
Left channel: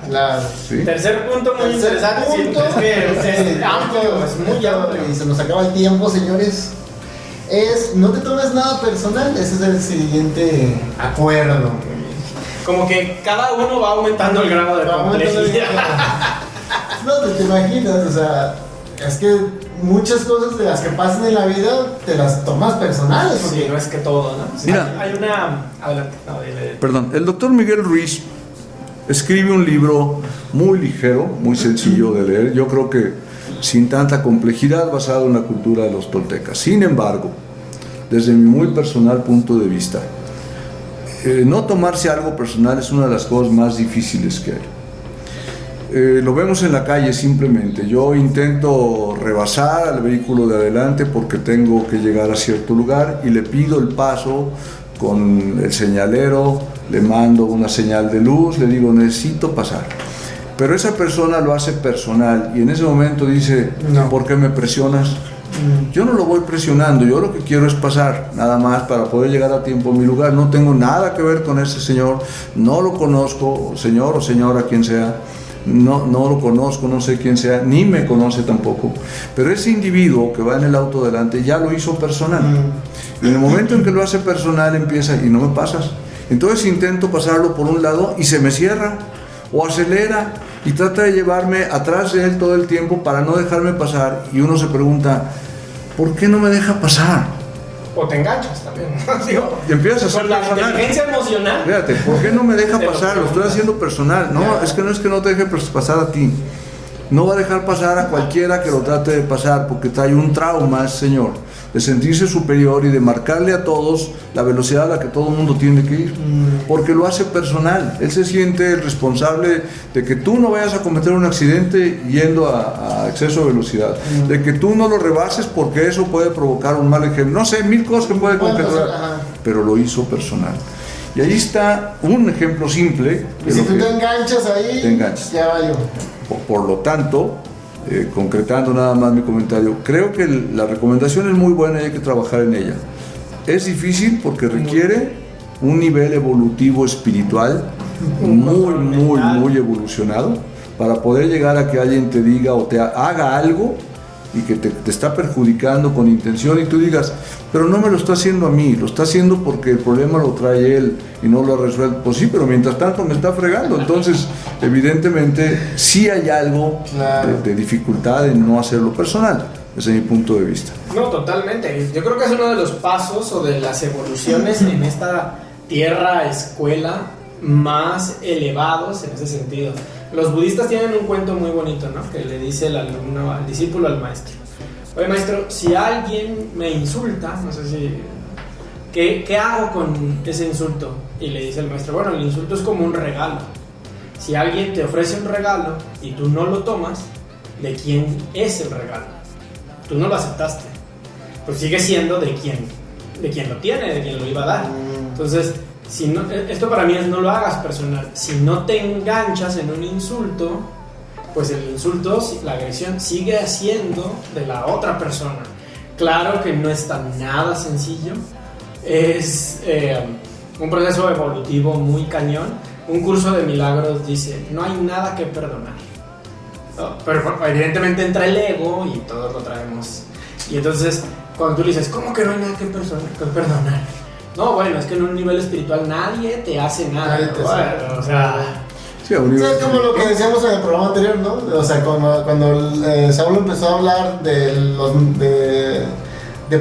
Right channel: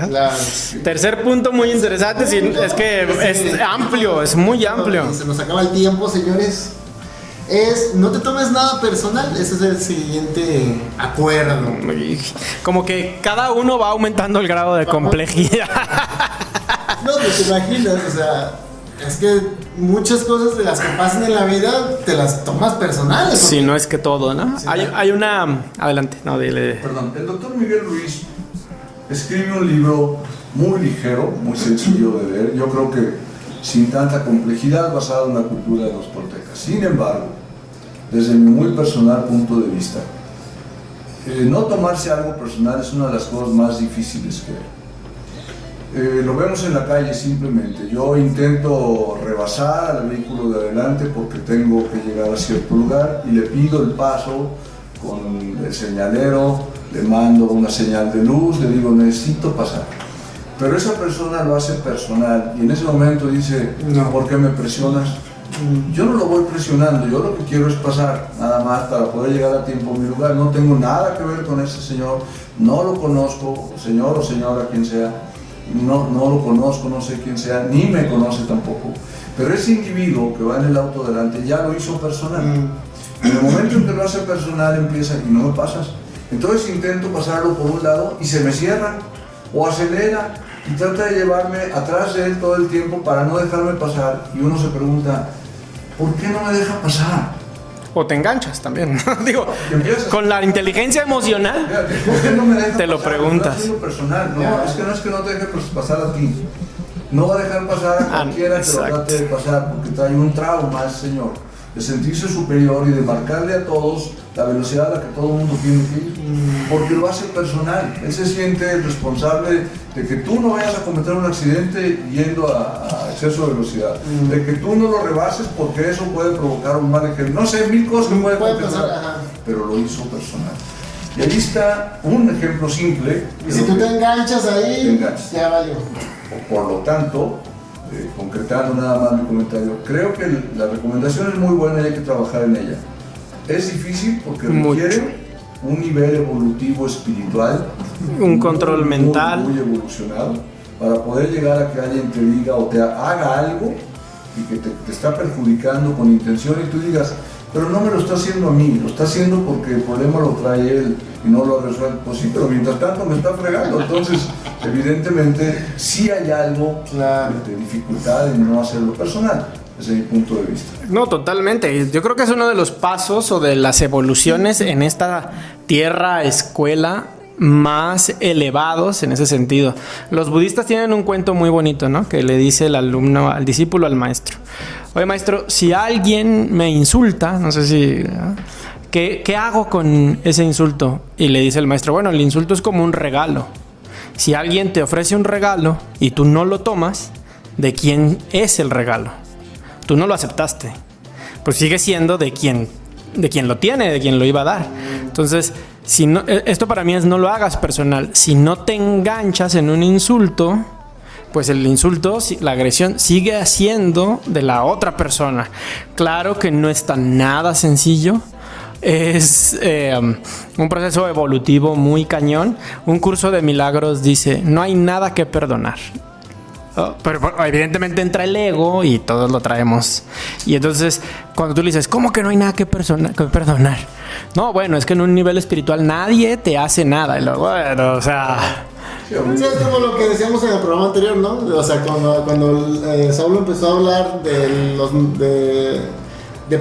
claro. Sí. Tercer punto muy interesante, sí, punto. es que Sí. es amplio, es muy amplio. Y se nos acaba el tiempo, señores. No te tomes nada personal, ese es el siguiente acuerdo. Como que cada uno va aumentando el grado de complejidad. No, pues te imaginas, o sea, es que muchas cosas de las que pasan en la vida te las tomas personales. Si porque- no es que todo, ¿no? Sí. Hay una... Adelante, no, dile. Perdón, el doctor Miguel Ruiz escribe un libro muy ligero, muy sencillo de leer, yo creo que sin tanta complejidad, basado en la cultura de los toltecas. Sin embargo, desde mi muy personal punto de vista, no tomarse algo personal es una de las cosas más difíciles que hay. Lo vemos en la calle simplemente. Yo intento rebasar al vehículo de adelante porque tengo que llegar a cierto lugar y le pido el paso con el señalero, le mando una señal de luz, le digo necesito pasar. Pero esa persona lo hace personal y en ese momento dice, No. ¿por qué me presionas? Yo no lo voy presionando, yo lo que quiero es pasar, nada más para poder llegar a tiempo a mi lugar. No tengo nada que ver con ese señor, no lo conozco, señor o señora, quien sea, no lo conozco, no sé quién sea, ni me conoce tampoco. Pero ese individuo que va en el auto delante ya lo hizo personal. En el momento en que lo hace personal empieza y no me pasas. Entonces intento pasarlo por un lado y se me cierra o acelera y trata de llevarme atrás de él todo el tiempo para no dejarme pasar y uno se pregunta, ¿por qué no me deja pasar? O te enganchas también, ¿no? Digo, Y empiezas a con la hacer inteligencia emocional. Fíjate, ¿por qué no me deja Te lo pasar? Lo preguntas. estoy haciendo personal. No, Ya. es que no te deje pasar a ti. No va a dejar pasar a cualquiera que lo Exacto. trate de pasar porque trae un trauma, señor, de sentirse superior y de marcarle a todos la velocidad a la que todo el mundo tiene que ir. Porque lo hace personal. Él se siente responsable de que tú no vayas a cometer un accidente yendo a exceso de velocidad. De que tú no lo rebases porque eso puede provocar un mal ejemplo. No sé, mil cosas que puede Puede configurar. pasar, ajá. Pero lo hizo personal. Y ahí está un ejemplo simple. Y si tú te enganchas ahí, Te enganchas. ya valió. Por lo tanto, concretando nada más mi comentario, creo que la recomendación es muy buena y hay que trabajar en ella. Es difícil porque requiere un nivel evolutivo espiritual, Un control mental. muy evolucionado, para poder llegar a que alguien te diga o te haga algo y que te está perjudicando con intención y tú digas, pero no me lo está haciendo a mí, lo está haciendo porque el problema lo trae él y no lo resuelve. Pues sí, pero mientras tanto me está fregando. Entonces, evidentemente, sí hay algo Claro. de dificultad en no hacerlo personal, desde mi punto de vista. No, totalmente. Yo creo que es uno de los pasos o de las evoluciones en esta tierra escuela más elevados en ese sentido. Los budistas tienen un cuento muy bonito, ¿no? Que le dice el alumno al discípulo al maestro. Oye, maestro, si alguien me insulta, no sé si... ¿Qué hago con ese insulto? Y le dice el maestro, bueno, el insulto es como un regalo. Si alguien te ofrece un regalo y tú no lo tomas, ¿de quién es el regalo? Tú no lo aceptaste. Pues sigue siendo de quien lo tiene, de quien lo iba a dar. Entonces, si no, esto para mí es no lo hagas personal. Si no te enganchas en un insulto, pues el insulto, la agresión sigue siendo de la otra persona. Claro que no está nada sencillo. Es un proceso evolutivo muy cañón. Un curso de milagros dice, no hay nada que perdonar. Pero evidentemente entra el ego y todos lo traemos. Y entonces, cuando tú le dices, ¿cómo que no hay nada que perdonar? No, bueno, es que en un nivel espiritual nadie te hace nada. Bueno, o sea... Sí, ahorita- Es como lo que decíamos en el programa anterior, ¿no? O sea, cuando Saulo empezó a hablar de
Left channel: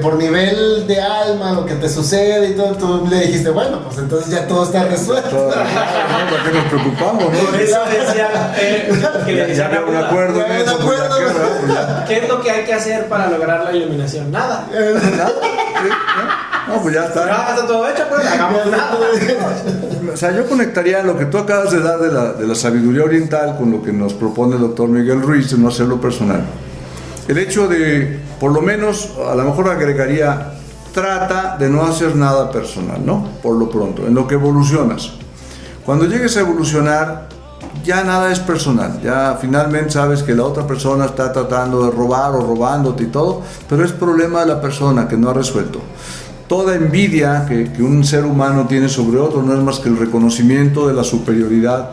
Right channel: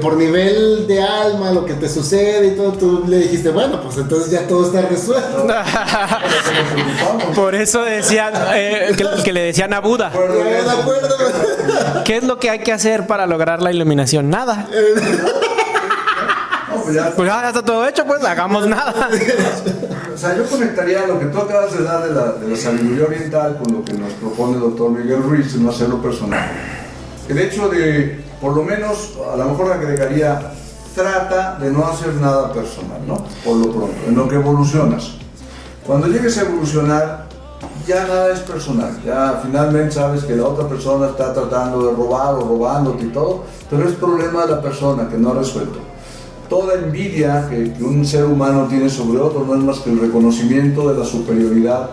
por nivel de alma, lo que te sucede y todo, tú le dijiste, bueno, pues entonces ya todo está resuelto. nos preocupamos, ¿no? Por eso decían que le decían a De Buda. acuerdo en De eso, acuerdo, de acuerdo. ¿Qué es lo que hay que hacer para lograr la iluminación? Nada. No, pues ya está. Pues ya está todo hecho, pues no hagamos nada. O sea, yo conectaría lo que tú acabas de dar de la sabiduría oriental con lo que nos propone el doctor Miguel Ruiz de no hacerlo personal. El hecho de, por lo menos, a lo mejor agregaría, trata de no hacer nada personal, ¿no? Por lo pronto, en lo que evolucionas. Cuando llegues a evolucionar, ya nada es personal, ya finalmente sabes que la otra persona está tratando de robar o robándote y todo, pero es problema de la persona que no ha resuelto. Toda envidia que un ser humano tiene sobre otro no es más que el reconocimiento de la superioridad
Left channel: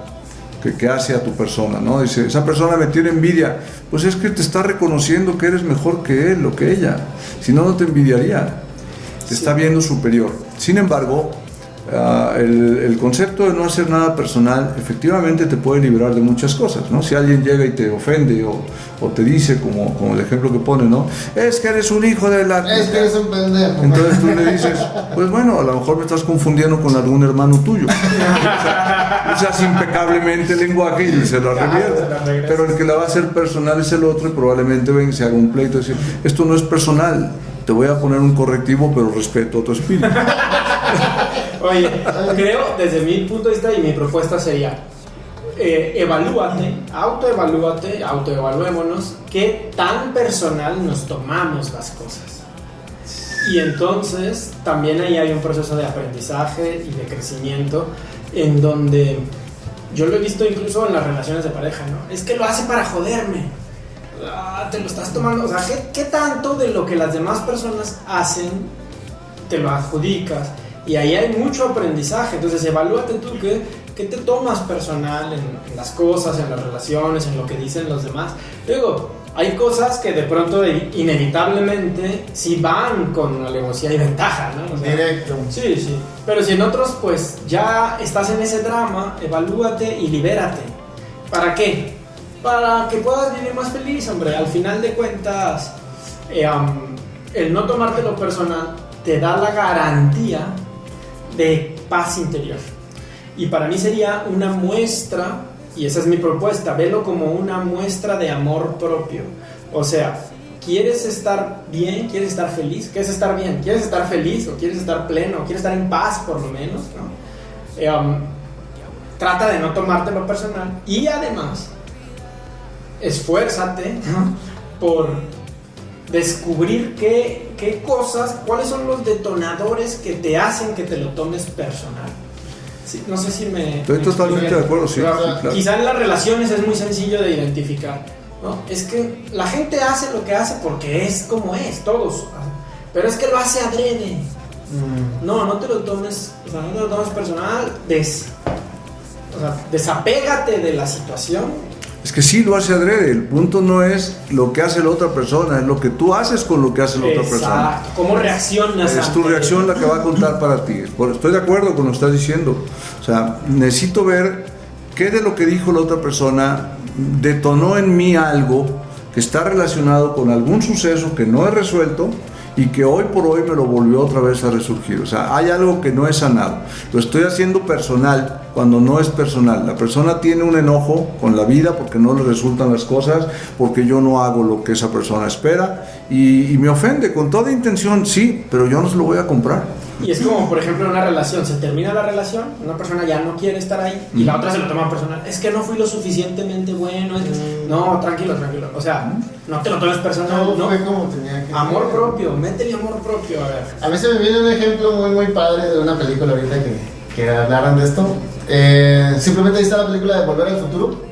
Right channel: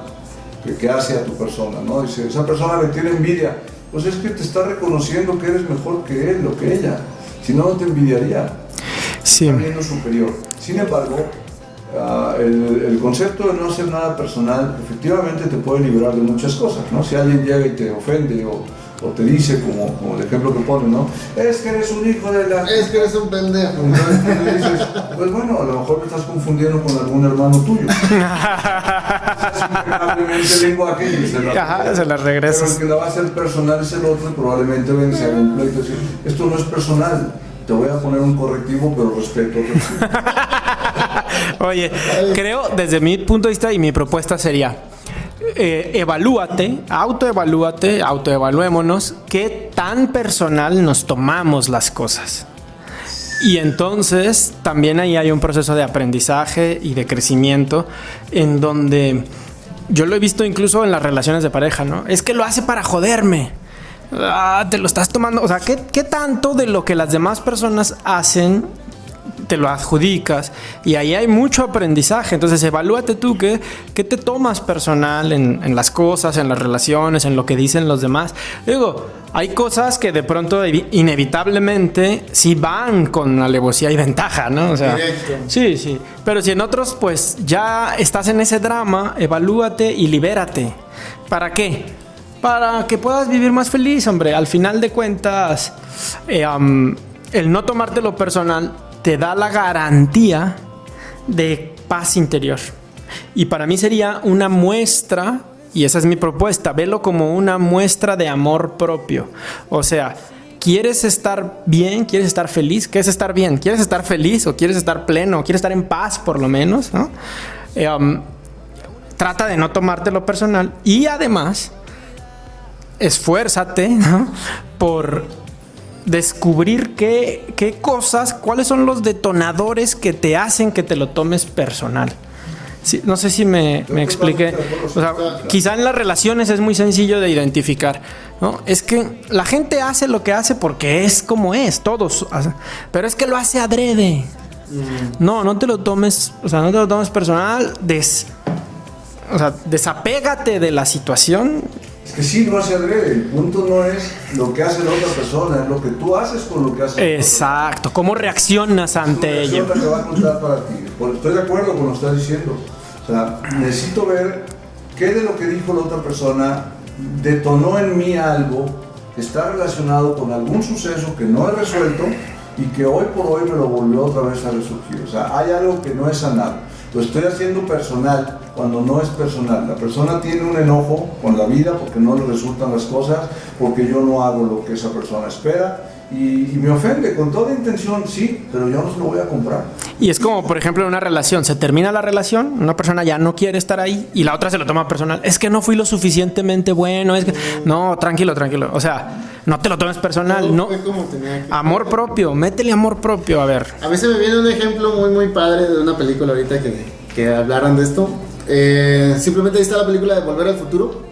que hace a tu persona, ¿no? Dice, esa persona me tiene envidia, pues es que te está reconociendo que eres mejor que él o que ella, si no, no te envidiaría, te está viendo superior. Sin embargo, el concepto de no hacer nada personal efectivamente te puede liberar de muchas cosas, ¿no? Si alguien llega y te ofende o te dice, como el ejemplo que pone, ¿no? Es que eres un hijo de la... Es que eres un pendejo. Entonces tú le dices, pues bueno, a lo mejor me estás confundiendo con algún hermano tuyo. Usas impecablemente el lenguaje y se lo regresas. Pero el que la va a hacer personal es el otro y probablemente venga y se haga un pleito y decir, esto no es personal. Te voy a poner un correctivo, pero respeto a tu espíritu. Oye, creo, desde mi punto de vista y mi propuesta sería, evalúate, autoevaluémonos qué tan personal nos tomamos las cosas. Y entonces también ahí hay un proceso de aprendizaje y de crecimiento en donde yo lo he visto incluso en las relaciones de pareja, ¿no? Es que lo hace para joderme. Te lo estás tomando, o sea, ¿qué tanto de lo que las demás personas hacen te lo adjudicas? Y ahí hay mucho aprendizaje. Entonces evalúate tú qué te tomas personal en las cosas, en las relaciones, en lo que dicen los demás. Digo, hay cosas que de pronto inevitablemente sí van con alevosía y ventaja, ¿no? O sea, directo. Sí. Pero si en otros pues ya estás en ese drama, evalúate y libérate. ¿Para qué? Para que puedas vivir más feliz, hombre. Al final de cuentas, el no tomártelo personal te da la garantía de paz interior. Y para mí sería una muestra, y esa es mi propuesta, velo como una muestra de amor propio. O sea, ¿quieres estar bien? ¿Quieres estar feliz? ¿Qué es estar bien? ¿Quieres estar feliz? ¿O quieres estar pleno? ¿Quieres estar en paz por lo menos? ¿No? Trata de no tomártelo personal y además esfuérzate, ¿no? Por descubrir qué cosas, cuáles son los detonadores que te hacen que te lo tomes personal. Sí, no sé si me expliqué. Acuerdo, sí, claro. Quizá en las relaciones es muy sencillo de identificar, ¿no? Es que la gente hace lo que hace porque es como es, todos hacen, pero es que lo hace adrede. No te lo tomes, o sea, no te lo tomes personal, desapégate de la situación. Es que sí lo hace adrede, el punto no es lo que hace la otra persona, es lo que tú haces con lo que hace la otra persona. Exacto, cómo reaccionas ante ello. Es tu reacción la que va a contar para ti. Estoy de acuerdo con lo que estás diciendo. O sea, necesito ver qué de lo que dijo la otra persona detonó en mí algo que está relacionado con algún suceso que no he resuelto y que hoy por hoy me lo volvió otra vez a resurgir. O sea, hay algo que no es sanado. Lo estoy haciendo personal cuando no es personal. La persona tiene un enojo con la vida porque no le resultan las cosas, porque yo no hago lo que esa persona espera y me ofende con toda intención, sí, pero yo no se lo voy a comprar. Y es como, por ejemplo, en una relación. Se termina la relación, una persona ya no quiere estar ahí y la otra se lo toma personal. Es que no fui lo suficientemente bueno. Es que... No, tranquilo. O sea, no te lo tomes personal, ¿no? Amor propio, métele amor propio, a ver. A mí se me viene un ejemplo muy padre de una película ahorita que hablaran de esto. Simplemente ahí está la película de Volver al Futuro.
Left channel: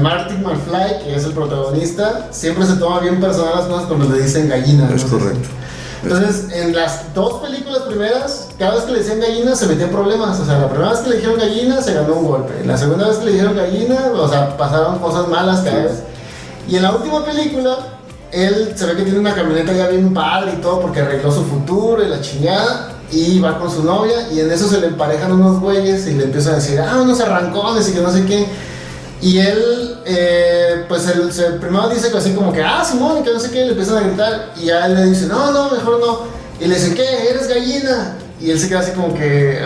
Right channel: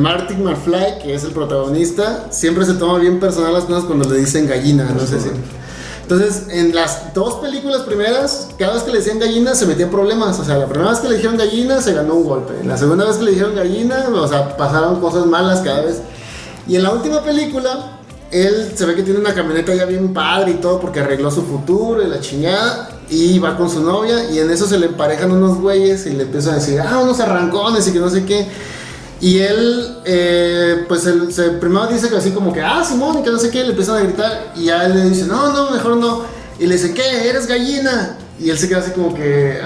Martin McFly, que es el protagonista, siempre se toma bien personal las cosas cuando le dicen gallina. Es correcto. Entonces, en las dos películas primeras, cada vez que le decían gallina se metía en problemas. O sea, la primera vez que le dijeron gallina se ganó un golpe. La segunda vez que le dijeron gallina, o sea, pasaron cosas malas cada vez. Y en la última película, él se ve que tiene una camioneta ya bien padre y todo porque arregló su futuro y la chingada. Y va con su novia y en eso se le emparejan unos güeyes y le empiezan a decir, unos arrancones y que no sé qué. Y él, primero dice que así como que, Simón, y que no sé qué, le empiezan a gritar. Y a él le dice, no, mejor no. Y le dice, ¿qué? ¿Eres gallina? Y él se queda así como que,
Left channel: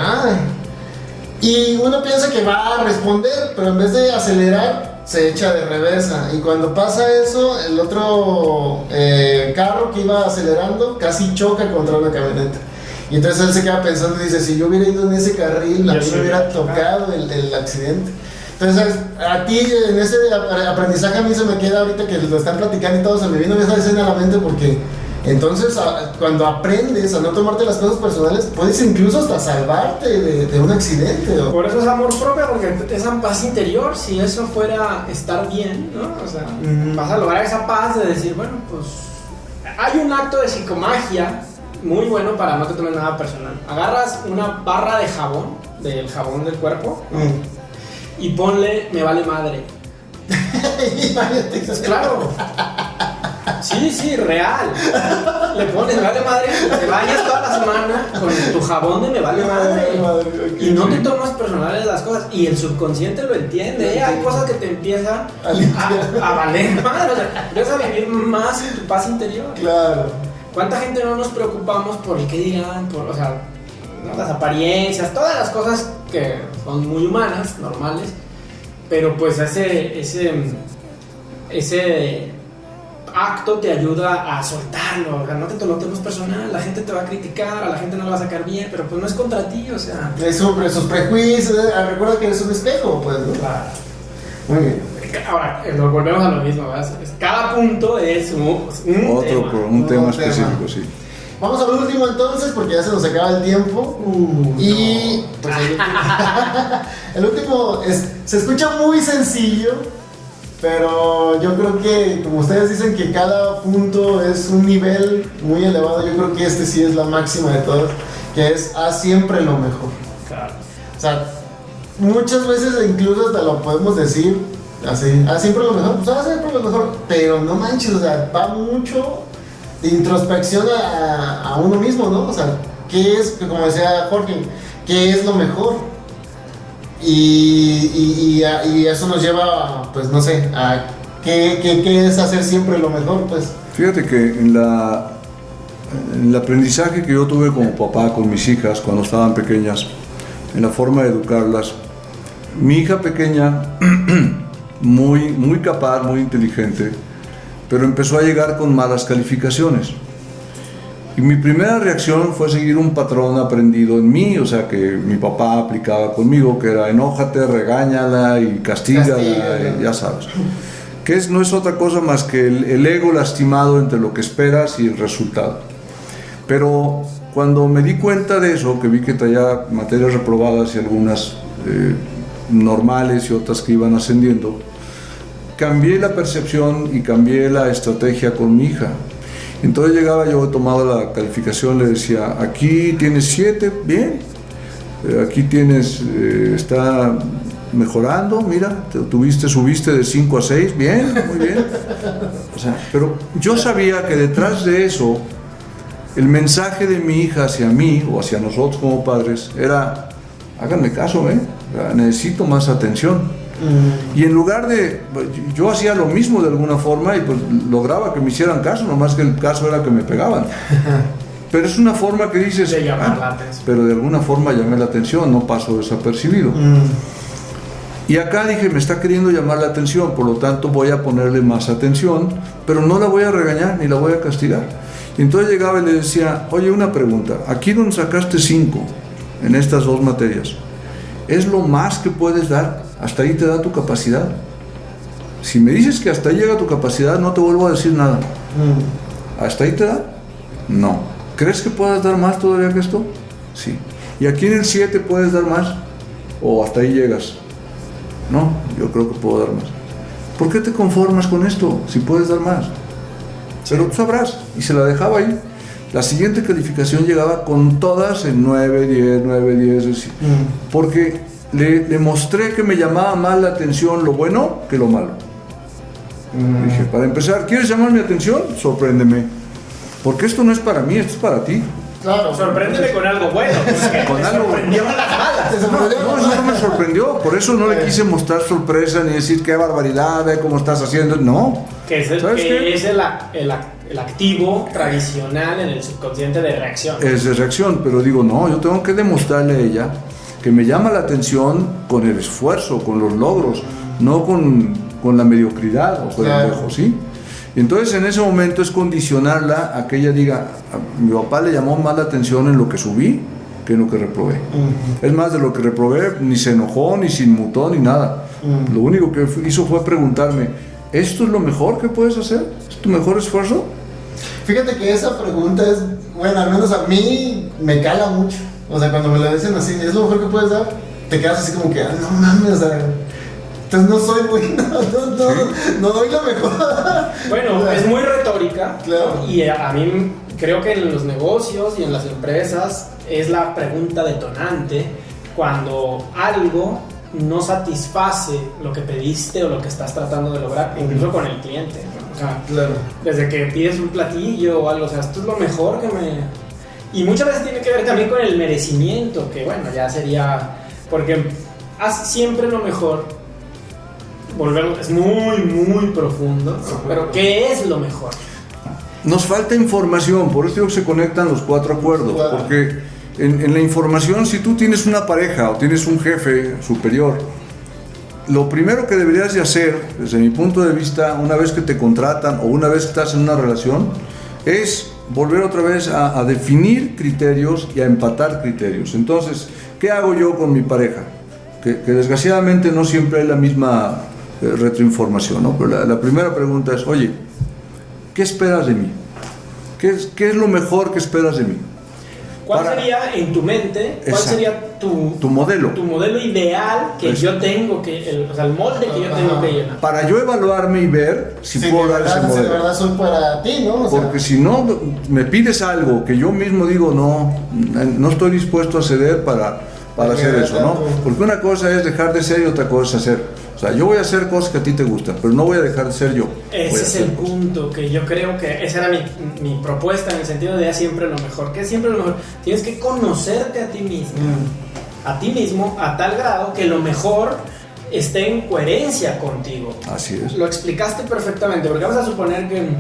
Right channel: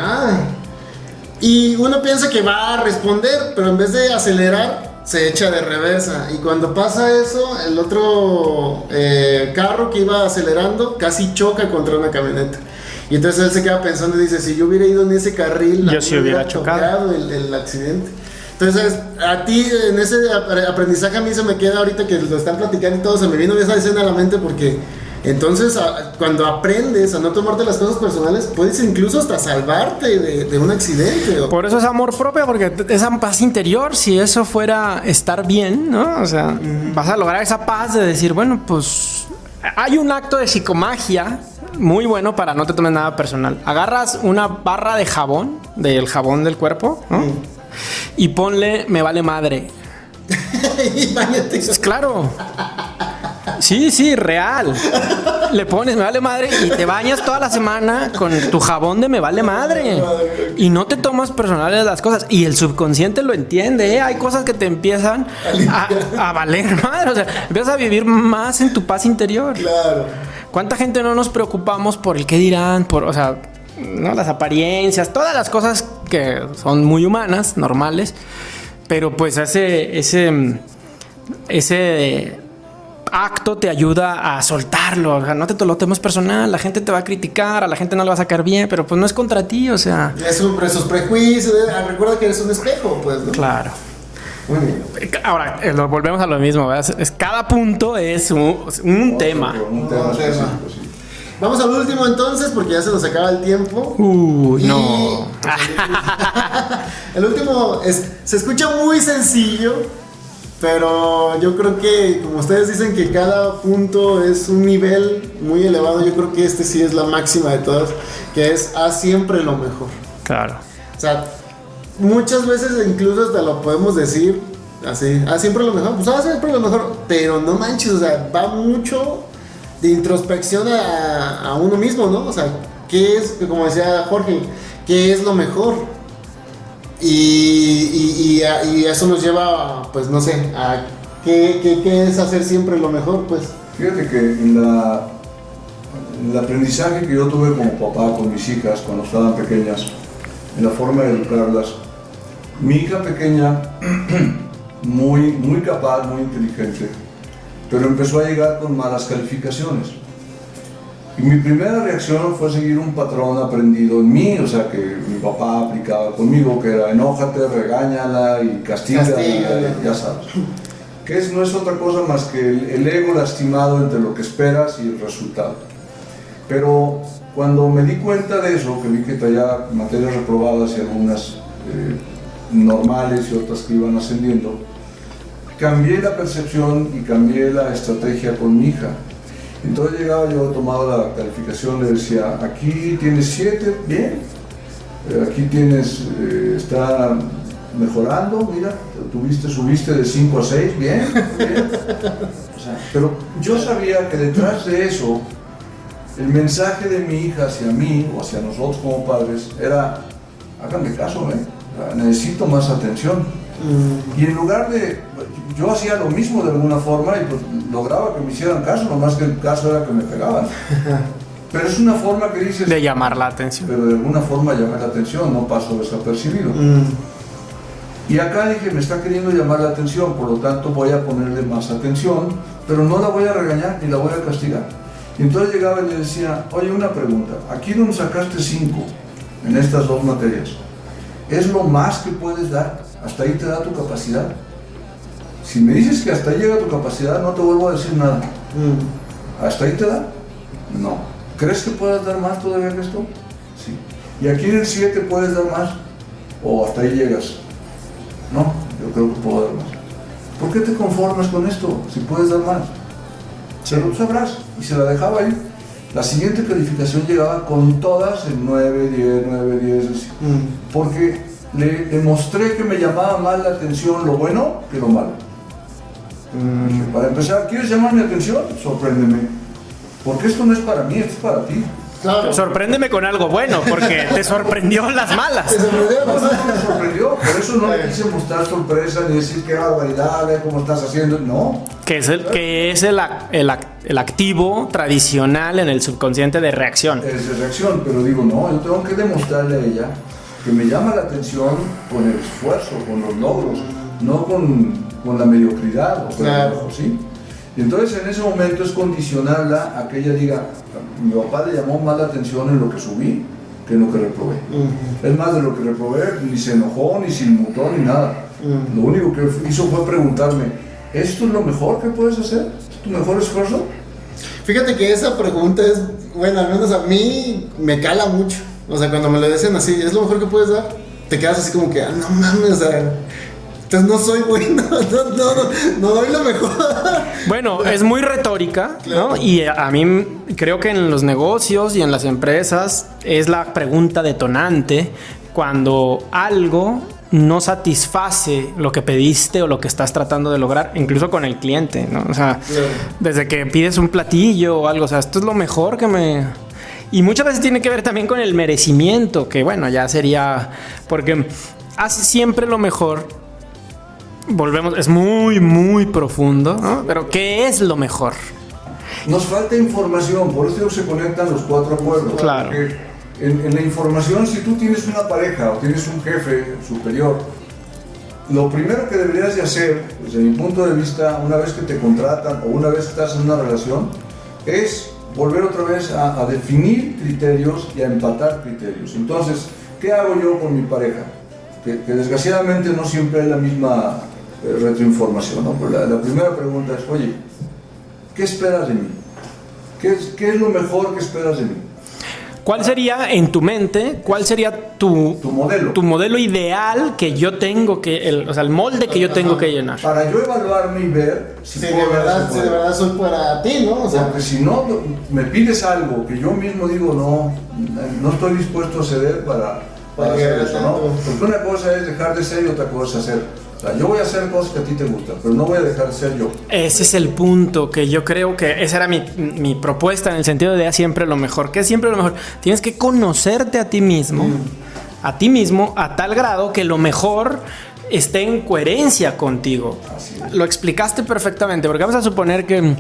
Y uno piensa que va a responder, pero en vez de acelerar, se echa de reversa. Y cuando pasa eso, el otro carro que iba acelerando casi choca contra una camioneta. Y entonces él se queda pensando y dice, si yo hubiera ido en ese carril, a mí me hubiera tocado el accidente. Entonces, a ti, en ese aprendizaje, a mí se me queda ahorita que lo están platicando y todo, se me vino esa escena a la mente porque entonces cuando aprendes a no tomarte las cosas personales, puedes incluso hasta salvarte de un accidente. Por eso es amor propio, porque esa paz interior, si eso fuera estar bien, ¿no? O sea, vas a lograr esa paz de decir, bueno, pues hay un acto de psicomagia muy bueno para no te tomes nada personal. Agarras una barra de jabón, del jabón del cuerpo, ¿no? Y ponle me vale madre. Pues claro. Sí, real. Le pones me vale madre y te bañas toda la semana con tu jabón de me vale madre. Y no te tomas personales las cosas. Y el subconsciente lo entiende, ¿eh? Hay cosas que te empiezan a valer madre. O sea, empiezas a vivir más en tu paz interior. Claro. ¿Cuánta gente no nos preocupamos por el qué dirán? O sea, ¿no? Las apariencias, todas las cosas que son muy humanas, normales. Pero pues ese acto te ayuda a soltarlo. O sea, no te lo tomes personal. La gente te va a criticar, a la gente no le va a sacar bien, pero pues no es contra ti, o sea. Es sobre esos prejuicios. Recuerda que eres un espejo, pues, ¿no? Claro. Muy bien. Ahora, lo volvemos a lo mismo, ¿verdad? Cada punto es un tema. Un tema específico, sí. Vamos al último entonces, porque ya se nos acaba el tiempo. Y no. Pues, el último se escucha muy sencillo, pero yo creo que, como ustedes dicen que cada punto es un nivel muy elevado, yo creo que este sí es la máxima de todas, que es haz siempre lo mejor. Claro. O sea, muchas veces incluso hasta lo podemos decir así, haz siempre lo mejor, pues haz siempre lo mejor, pero no manches, o sea, va mucho de introspección a uno mismo, ¿no? O sea, ¿qué es, como decía Jorge, qué es lo mejor? Y eso nos lleva, pues no sé, a qué es hacer siempre lo mejor, pues. Fíjate que en el aprendizaje que yo tuve como papá con mis hijas cuando estaban pequeñas, en la forma de educarlas, mi hija pequeña, muy capaz, muy inteligente, pero empezó a llegar con malas calificaciones. Y mi primera reacción fue seguir un patrón aprendido en mí, o sea, que mi papá aplicaba conmigo, que era enójate, regáñala y castígala, y ya sabes. Que no es otra cosa más que el ego lastimado entre lo que esperas y el resultado. Pero cuando me di cuenta de eso, que vi que traía materias reprobadas y algunas normales y otras que iban ascendiendo, cambié la percepción y cambié la estrategia con mi hija. Entonces llegaba yo, tomado la calificación, le decía, aquí tienes 7, bien, aquí tienes, está mejorando, mira, subiste de 5 a 6, bien, muy bien. O sea, pero yo sabía que detrás de eso, el mensaje de mi hija hacia mí o hacia nosotros como padres era, háganme caso, necesito más atención. Y en lugar de, yo hacía lo mismo de alguna forma y pues lograba que me hicieran caso, nomás que el caso era que me pegaban. Pero es una forma que dices, de llamar la atención. Pero de alguna forma llamé la atención, no paso desapercibido. Y acá dije, me está queriendo llamar la atención, por lo tanto voy a ponerle más atención, pero no la voy a regañar ni la voy a castigar. Y entonces llegaba y le decía, oye, una pregunta, aquí donde sacaste 5 en estas 2 materias, ¿es lo más que puedes dar? ¿Hasta ahí te da tu capacidad? Si me dices que hasta ahí llega tu capacidad, no te vuelvo a decir nada. ¿Hasta ahí te da? No. ¿Crees que puedas dar más todavía que esto? Sí. ¿Y aquí en el 7 puedes dar más? ¿O hasta ahí llegas? No, yo creo que puedo dar más. ¿Por qué te conformas con esto si puedes dar más? Pero tú sabrás. Y se la dejaba ahí. La siguiente calificación llegaba con todas en 9, 10, 9, 10, así. Porque le mostré que me llamaba más la atención lo bueno que lo malo. Dije, para empezar, ¿quieres llamar mi atención? Sorpréndeme. Porque esto no es para mí, esto es para ti. Claro. Sorpréndeme con algo bueno, porque te sorprendió las malas. Te sorprendió. No me sorprendió, por eso no le quise mostrar sorpresa ni decir qué barbaridad, ve cómo estás haciendo. No. Que es el activo tradicional en el subconsciente de reacción. Es de reacción, pero digo, no, yo tengo que demostrarle a ella que me llama la atención con el esfuerzo, con los logros, no con la mediocridad o con el dejo, ¿sí? Y entonces en ese momento es condicionarla a que ella diga, mi papá le llamó más la atención en lo que subí que en lo que reprobé. Es más, de lo que reprobé ni se enojó, ni se inmutó, ni nada. Lo único que hizo fue preguntarme, ¿esto es lo mejor que puedes hacer? ¿Es tu mejor esfuerzo? Fíjate que esa pregunta es, bueno, al menos a mí me cala mucho. O sea, cuando me lo dicen así, ¿es lo mejor que puedes dar? Te quedas así como que, no mames, o sea, entonces no soy bueno, no doy lo mejor. Bueno, es muy retórica, claro. ¿no? Y a mí creo que en los negocios y en las empresas es la pregunta detonante cuando algo no satisface lo que pediste o lo que estás tratando de lograr, incluso con el cliente, ¿no? O sea, claro. Desde que pides un platillo o algo, o sea, esto es lo mejor que me... Y muchas veces tiene que ver también con el merecimiento, que bueno, ya sería... Porque haz siempre lo mejor. Volvemos, es muy, muy profundo, ¿no? Pero ¿qué es lo mejor? Nos falta información, por eso se conectan los 4 acuerdos. Claro. Porque en la información, si tú tienes una pareja o tienes un jefe superior, lo primero que deberías de hacer, desde mi punto de vista, una vez que te contratan o una vez que estás en una relación, es volver otra vez a definir criterios y a empatar criterios. Entonces, ¿qué hago yo con mi pareja? Que desgraciadamente no siempre hay la misma retroinformación, ¿no? Pero la primera pregunta es, oye, ¿qué esperas de mí? ¿Qué es lo mejor que esperas de mí? ¿Cuál sería en tu mente, cuál sería tu modelo? Tu modelo ideal que yo tengo que, o sea, el molde que yo tengo que llenar. Para yo evaluarme y ver si puedo dar ese modelo. Si de verdad soy para ti, ¿no? O sea, porque si no me pides algo que yo mismo digo, no estoy dispuesto a ceder para hacer eso, ¿no? Porque una cosa es dejar de ser y otra cosa es hacer. O sea, yo voy a hacer cosas que a ti te gustan, pero no voy a dejar de ser yo. Ese es el punto que yo creo que esa era mi propuesta, en el sentido de siempre lo mejor. ¿Qué es siempre lo mejor? Tienes que conocerte a ti mismo, a tal grado que lo mejor esté en coherencia contigo. Así es. Lo explicaste perfectamente, porque vamos a suponer que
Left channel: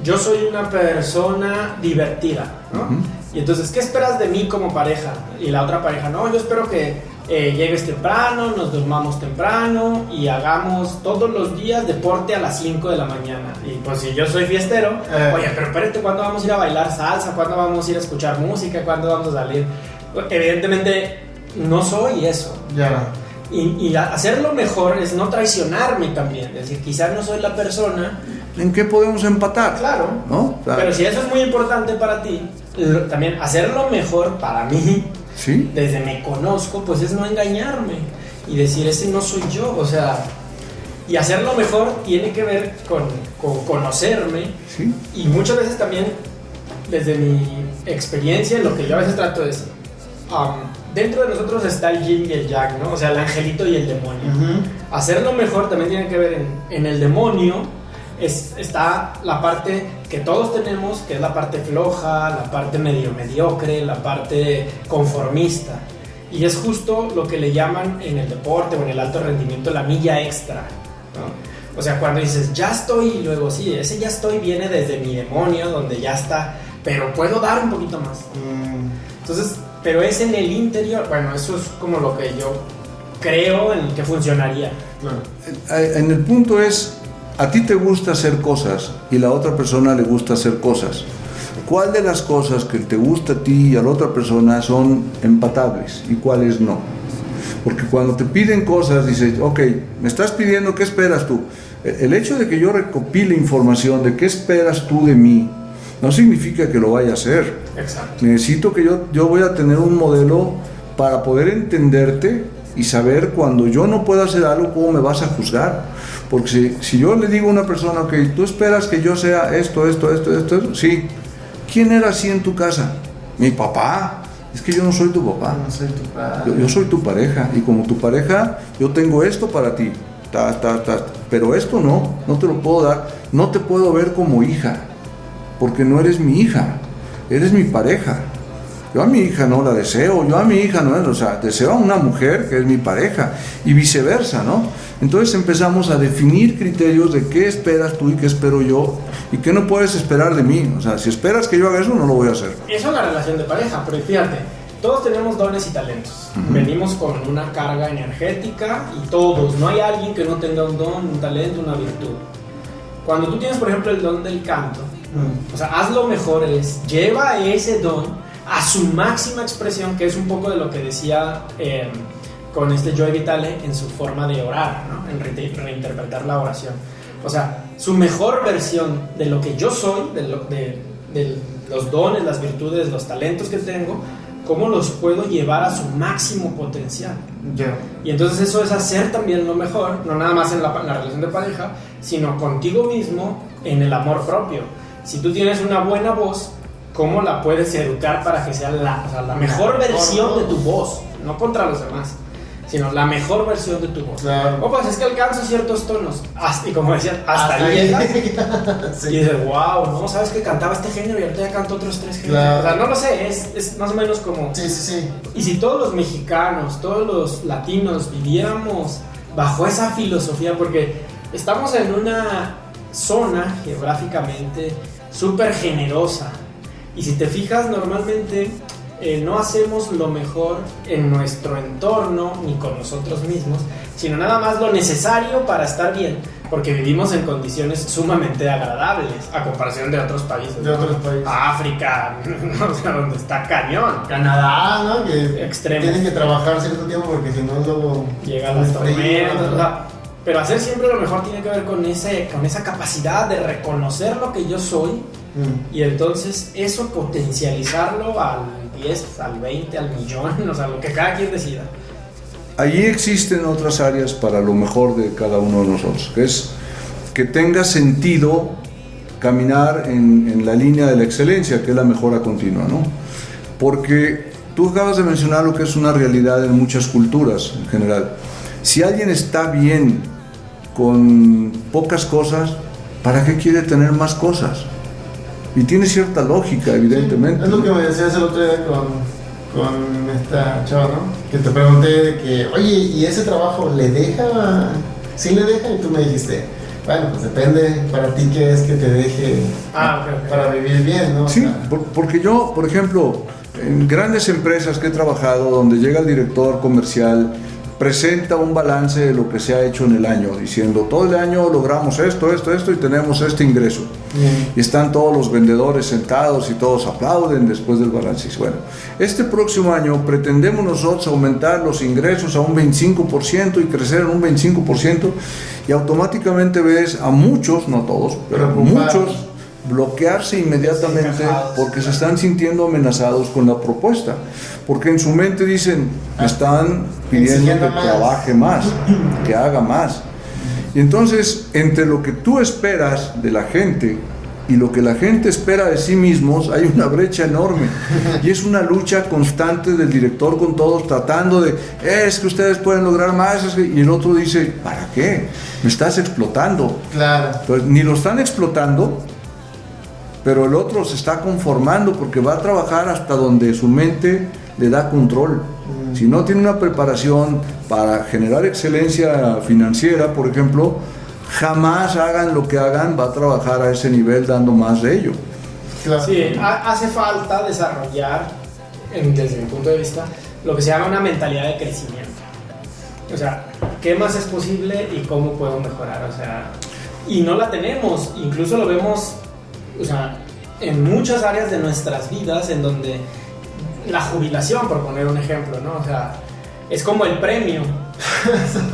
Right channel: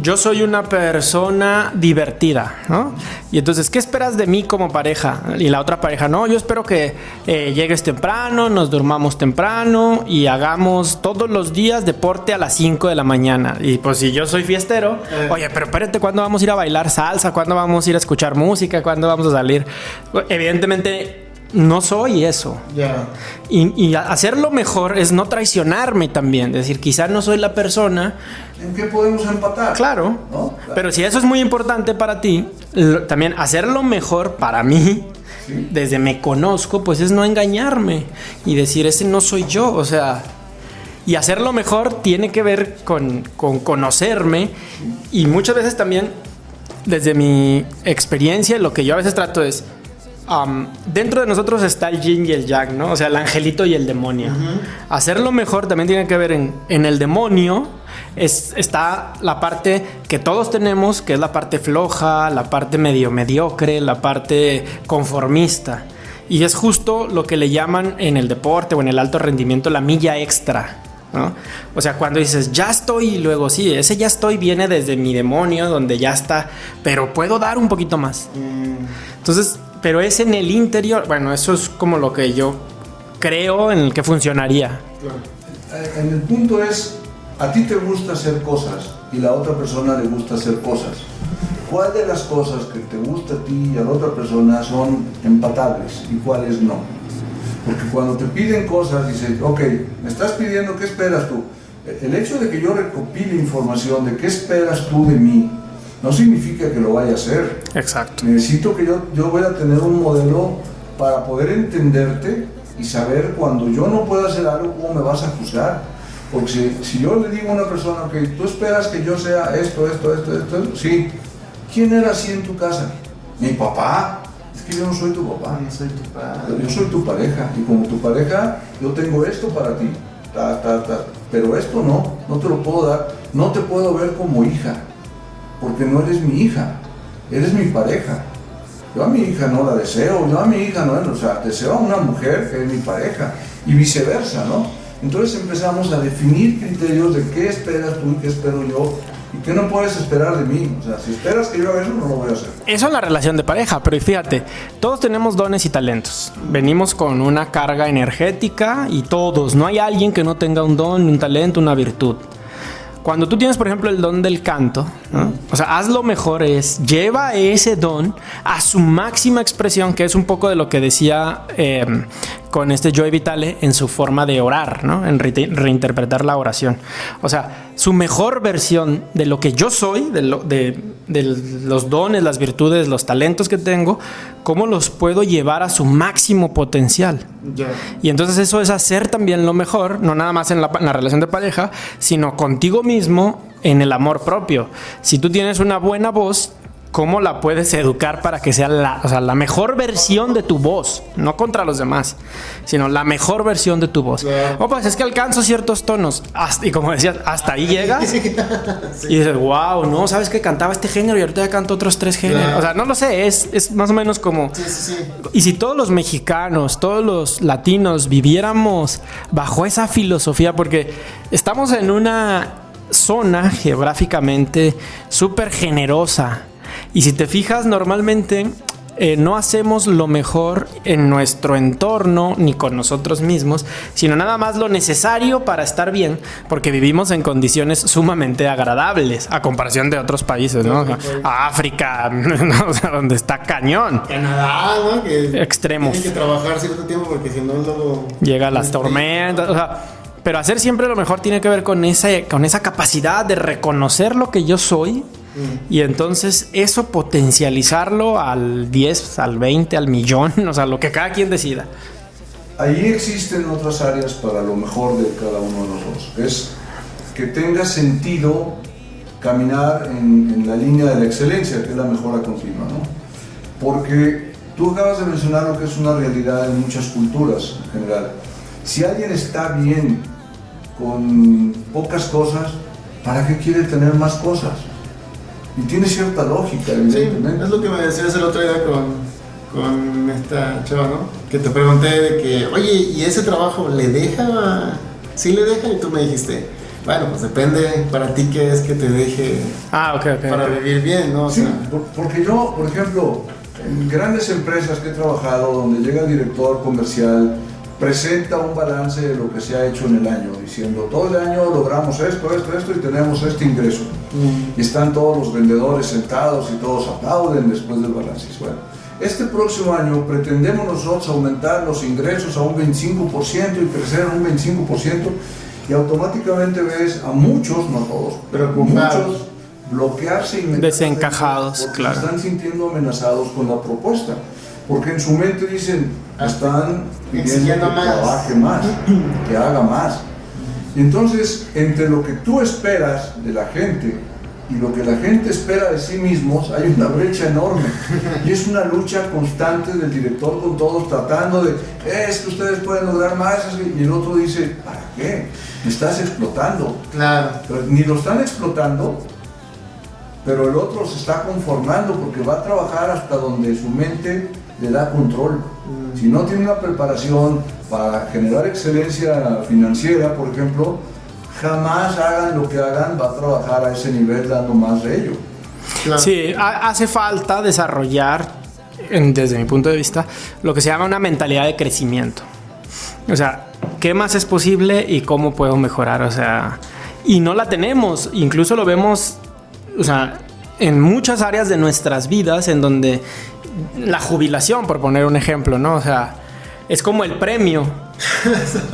yo soy una persona divertida, ¿no? Y entonces, ¿qué esperas de mí como pareja? Y la otra pareja, no, yo espero que llegues temprano, nos durmamos temprano y hagamos todos los días deporte a las 5 de la mañana. Y pues si yo soy fiestero, oye, pero espérate, ¿cuándo vamos a ir a bailar salsa? ¿Cuándo vamos a ir a escuchar música? ¿Cuándo vamos a salir? Evidentemente no soy eso. Ya. Y hacerlo mejor es no traicionarme también. Es decir, quizás no soy la persona... ¿En qué podemos empatar? Claro, ¿no? Claro. Pero si eso es muy importante para ti, también hacerlo mejor para mí, ¿sí? Desde me conozco, pues es no engañarme y decir, ese no soy yo, o sea... Y hacerlo mejor tiene que ver con conocerme, ¿sí? Y muchas veces también, desde mi experiencia, lo que yo a veces trato es... dentro de nosotros está el yin y el yang, ¿no? O sea, el angelito y el demonio. Hacerlo mejor también tiene que ver en el demonio. Está la parte que todos tenemos, que es la parte floja, la parte medio mediocre, la parte conformista. Y es justo lo que le llaman en el deporte o en el alto rendimiento la milla extra, ¿no? O sea, cuando dices ya estoy, y luego sí, ese ya estoy viene desde mi demonio, donde ya está, pero puedo dar un poquito más. Entonces, pero es en el interior. Bueno, eso es como lo que yo creo en el que funcionaría. En el punto es, a ti te gusta hacer cosas y a la otra persona le gusta hacer cosas. ¿Cuál de las cosas que te gusta a ti y a la otra persona son empatables y cuáles no? Porque cuando te piden cosas, dices, ok, me estás pidiendo, ¿qué esperas tú? El hecho de que yo recopile información de qué esperas tú de mí, no significa que lo vaya a hacer. Exacto. Necesito que yo voy a tener un modelo para poder entenderte y saber cuando yo no puedo hacer algo, cómo me vas a juzgar. Porque si yo le digo a una persona, ok, tú esperas que yo sea esto, sí. ¿Quién era así en tu casa? Mi papá. Es que yo no soy tu papá. No soy tu padre. Yo soy tu pareja. Y como tu pareja, yo tengo esto para ti. Pero esto no te lo puedo dar. No te puedo ver como hija. Porque no eres mi hija. Eres mi pareja. Yo a mi hija no la deseo. Yo a mi hija no, o sea, deseo a una mujer que es mi pareja. Y viceversa, ¿no? Entonces empezamos a definir criterios de qué esperas tú y qué espero yo y qué no puedes esperar de mí. O sea, si esperas que yo haga eso, no lo voy a hacer. Eso es la relación de pareja, pero fíjate, todos tenemos dones y talentos. Venimos con una carga energética y todos, no hay alguien que no tenga un don, un talento, una virtud. Cuando tú tienes, por ejemplo, el don del canto, ¿no? O sea, haz lo mejor lleva ese don a su máxima expresión, que es un poco de lo que decía con Joey Vitale en su forma de orar, ¿no? En reinterpretar la oración. O sea, su mejor versión de lo que yo soy, de los dones, las virtudes, los talentos que tengo, cómo los puedo llevar a su máximo potencial. Y entonces eso es hacer también lo mejor, no nada más en la relación de pareja, sino contigo mismo en el amor propio. Si tú tienes una buena voz, ¿cómo la puedes educar para que sea la mejor versión de tu voz? No contra los demás, sino la mejor versión de tu voz. Claro. Pues es que alcanzo ciertos tonos. Y como decías, hasta ahí llegas. Sí. Y dices, wow, ¿no? ¿Sabes que cantaba este género y ahorita ya canto otros 3 géneros? Claro. O sea, no lo sé, es más o menos como... Sí. Y si todos los mexicanos, todos los latinos viviéramos bajo esa filosofía, porque estamos en una zona geográficamente súper generosa. Y si te fijas, normalmente no hacemos lo mejor en nuestro entorno ni con nosotros mismos, sino nada más lo necesario para estar bien, porque vivimos en condiciones sumamente agradables a comparación de otros países, ¿no? África, ¿no? O sea, donde está cañón. Canadá, ¿no? Que Extremos. tienen que trabajar cierto tiempo porque si no luego Llegan las tormentas, o sea, pero hacer siempre lo mejor tiene que ver con esa capacidad de reconocer lo que yo soy y entonces eso potencializarlo al 10, al 20, al millón, o sea, lo que cada quien decida. Allí existen otras áreas para lo mejor de cada uno de nosotros, que es que tenga sentido caminar en la línea de la excelencia, que es la mejora continua, ¿no? Porque tú acabas de mencionar lo que es una realidad en muchas culturas en general. Si alguien está bien con pocas cosas, ¿para qué quiere tener más cosas? Y tiene cierta lógica, evidentemente. Sí, es lo que me decías el otro día con esta chava, ¿no? Que te pregunté de que, oye, ¿y ese trabajo le deja? ¿Sí le deja? Y tú me dijiste, bueno, pues depende para ti qué es que te deje Ok. para vivir bien, ¿no? O Sí, sea, porque yo, por ejemplo, en grandes empresas que he trabajado, donde llega el director comercial, presenta un balance de lo que se ha hecho en el año, diciendo, todo el año logramos esto y tenemos este ingreso. Y están todos los vendedores sentados y todos aplauden después del balance. Y bueno, este próximo año pretendemos nosotros aumentar los ingresos a un 25% y crecer un 25%, y automáticamente ves a muchos, no a todos, pero muchos bloquearse inmediatamente Desencajados, porque claro. se están sintiendo amenazados con la propuesta, porque en su mente dicen, están pidiendo que exigiendo más. trabaje más, que haga más. Y entonces, entre lo que tú esperas de la gente y lo que la gente espera de sí mismos, hay una brecha enorme. Y es una lucha constante del director con todos, tratando de, es que ustedes pueden lograr más, y el otro dice, ¿para qué? Me estás explotando. claro. Pues ni lo están explotando, pero el otro se está conformando porque va a trabajar hasta donde su mente le da control. Si no tiene una preparación para generar excelencia financiera, por ejemplo, jamás hagan lo que hagan, va a trabajar a ese nivel dando más de ello. Claro. Sí, hace falta desarrollar, desde mi punto de vista, lo que se llama una mentalidad de crecimiento. O sea, ¿qué más es posible y cómo puedo mejorar? O sea, y no la tenemos, incluso lo vemos, o sea, en muchas áreas de nuestras vidas en donde la jubilación, por poner un ejemplo, ¿no? O sea, es como el premio,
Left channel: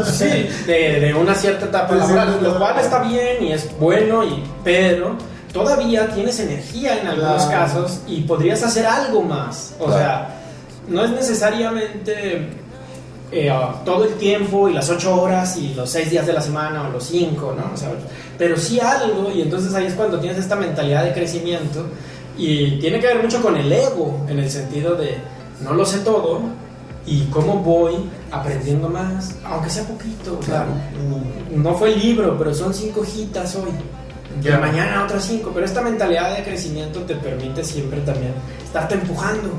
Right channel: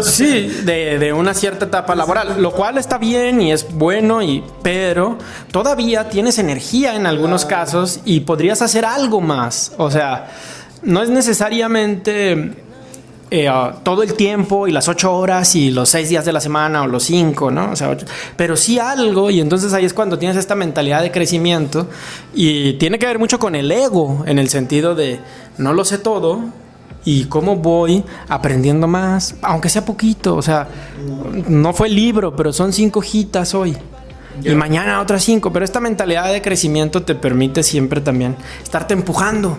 sí, de una cierta etapa laboral, lo cual está bien y es bueno, pero todavía tienes energía en algunos casos y podrías hacer algo más. O sea, no es necesariamente todo el tiempo y las 8 horas y los 6 días de la semana o los 5, ¿no? O sea, pero sí algo, y entonces ahí es cuando tienes esta mentalidad de crecimiento y tiene que ver mucho con el ego, en el sentido de no lo sé todo y cómo voy aprendiendo más, aunque sea poquito. O sea, no fue el libro, pero son 5 hojitas hoy. y mañana otras 5, pero esta mentalidad de crecimiento te permite siempre también estarte empujando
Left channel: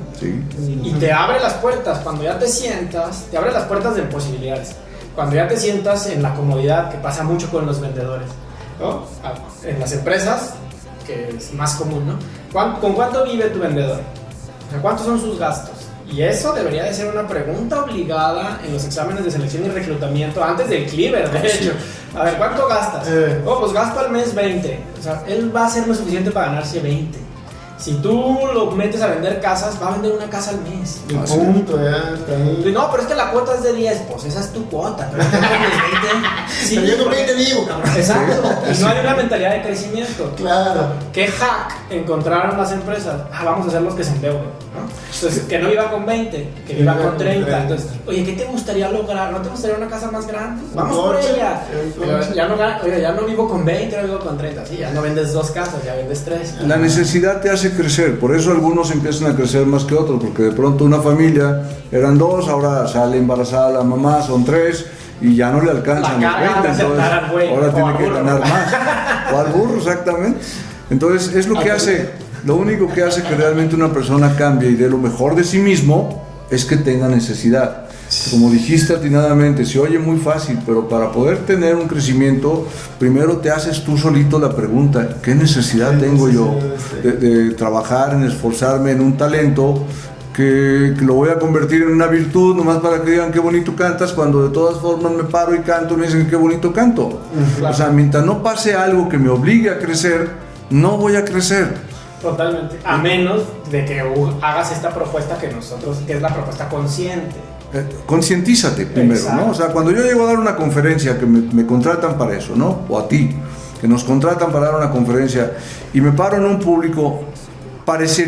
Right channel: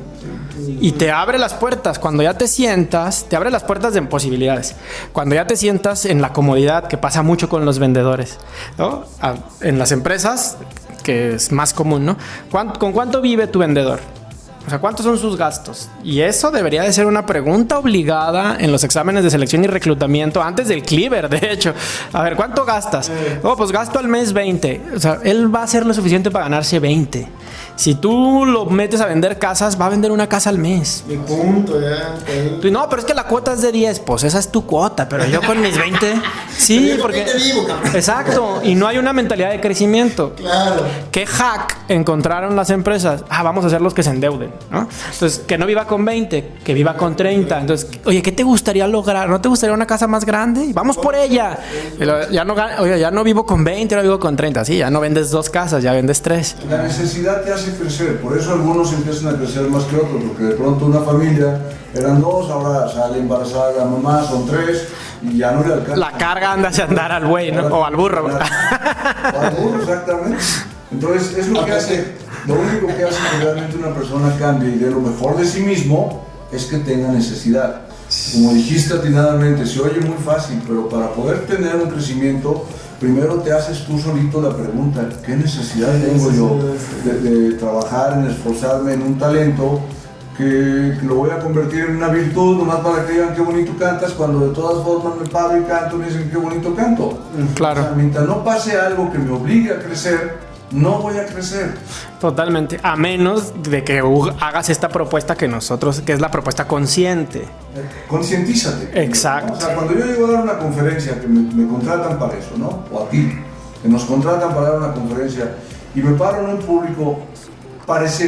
y te abre las puertas. Cuando ya te sientas, te abre las puertas de posibilidades. Cuando ya te sientas en la comodidad, que pasa mucho con los vendedores, ¿no? En las empresas, que es más común, ¿no? ¿Con cuánto vive tu vendedor? O sea, ¿cuántos son sus gastos? Y eso debería de ser una pregunta obligada en los exámenes de selección y reclutamiento antes del Cleaver, de hecho. A ver, ¿cuánto gastas? Oh, pues gasto al mes 20. O sea, él va a hacer lo suficiente para ganarse 20. Si tú lo metes a vender casas, va a vender una casa al mes. Y punto, ya. No, pero es que la cuota es de 10. Pues esa es tu cuota, pero yo con mis 20... Sí, pero yo con porque... 20 vivo, cabrón. Exacto, y no hay una mentalidad de crecimiento. Claro. ¿Qué hack encontraron las empresas? Vamos a hacer los que se endeuden, ¿no? Entonces, que no viva con 20, que viva con 30. Entonces, oye, ¿qué te gustaría lograr? ¿No te gustaría una casa más grande? Vamos por ella. Ya no vivo con 20, ahora vivo con 30. Sí, ya no vendes 2 casas, ya vendes 3. La necesidad te hace crecer, por eso algunos empiezan a crecer más que otros, porque de pronto una familia eran 2, ahora sale embarazada la mamá, son 3 y ya no le alcanza. La carga hacia andar al güey, ¿no? O al burro. O al burro, exactamente. Entonces es lo que hace, lo único que hace que realmente una persona cambie y dé lo mejor de sí mismo es que tenga necesidad. Como dijiste atinadamente, se oye muy fácil, pero para poder tener un crecimiento, primero te haces tú solito la pregunta, ¿qué necesidad tengo yo de trabajar, en esforzarme en un talento que lo voy a convertir en una virtud, nomás para que digan qué bonito cantas, cuando de todas formas me paro y canto y me dicen qué bonito canto? Claro. O sea, mientras no pase algo que me obligue a crecer, no voy a crecer. Totalmente, a menos de que hagas esta propuesta que es la propuesta consciente. Concientízate primero, exacto, ¿no? O sea, cuando yo llego a dar una conferencia, que me contratan para eso, ¿no? O a ti, que nos contratan para dar una conferencia, y me paro en un público, parece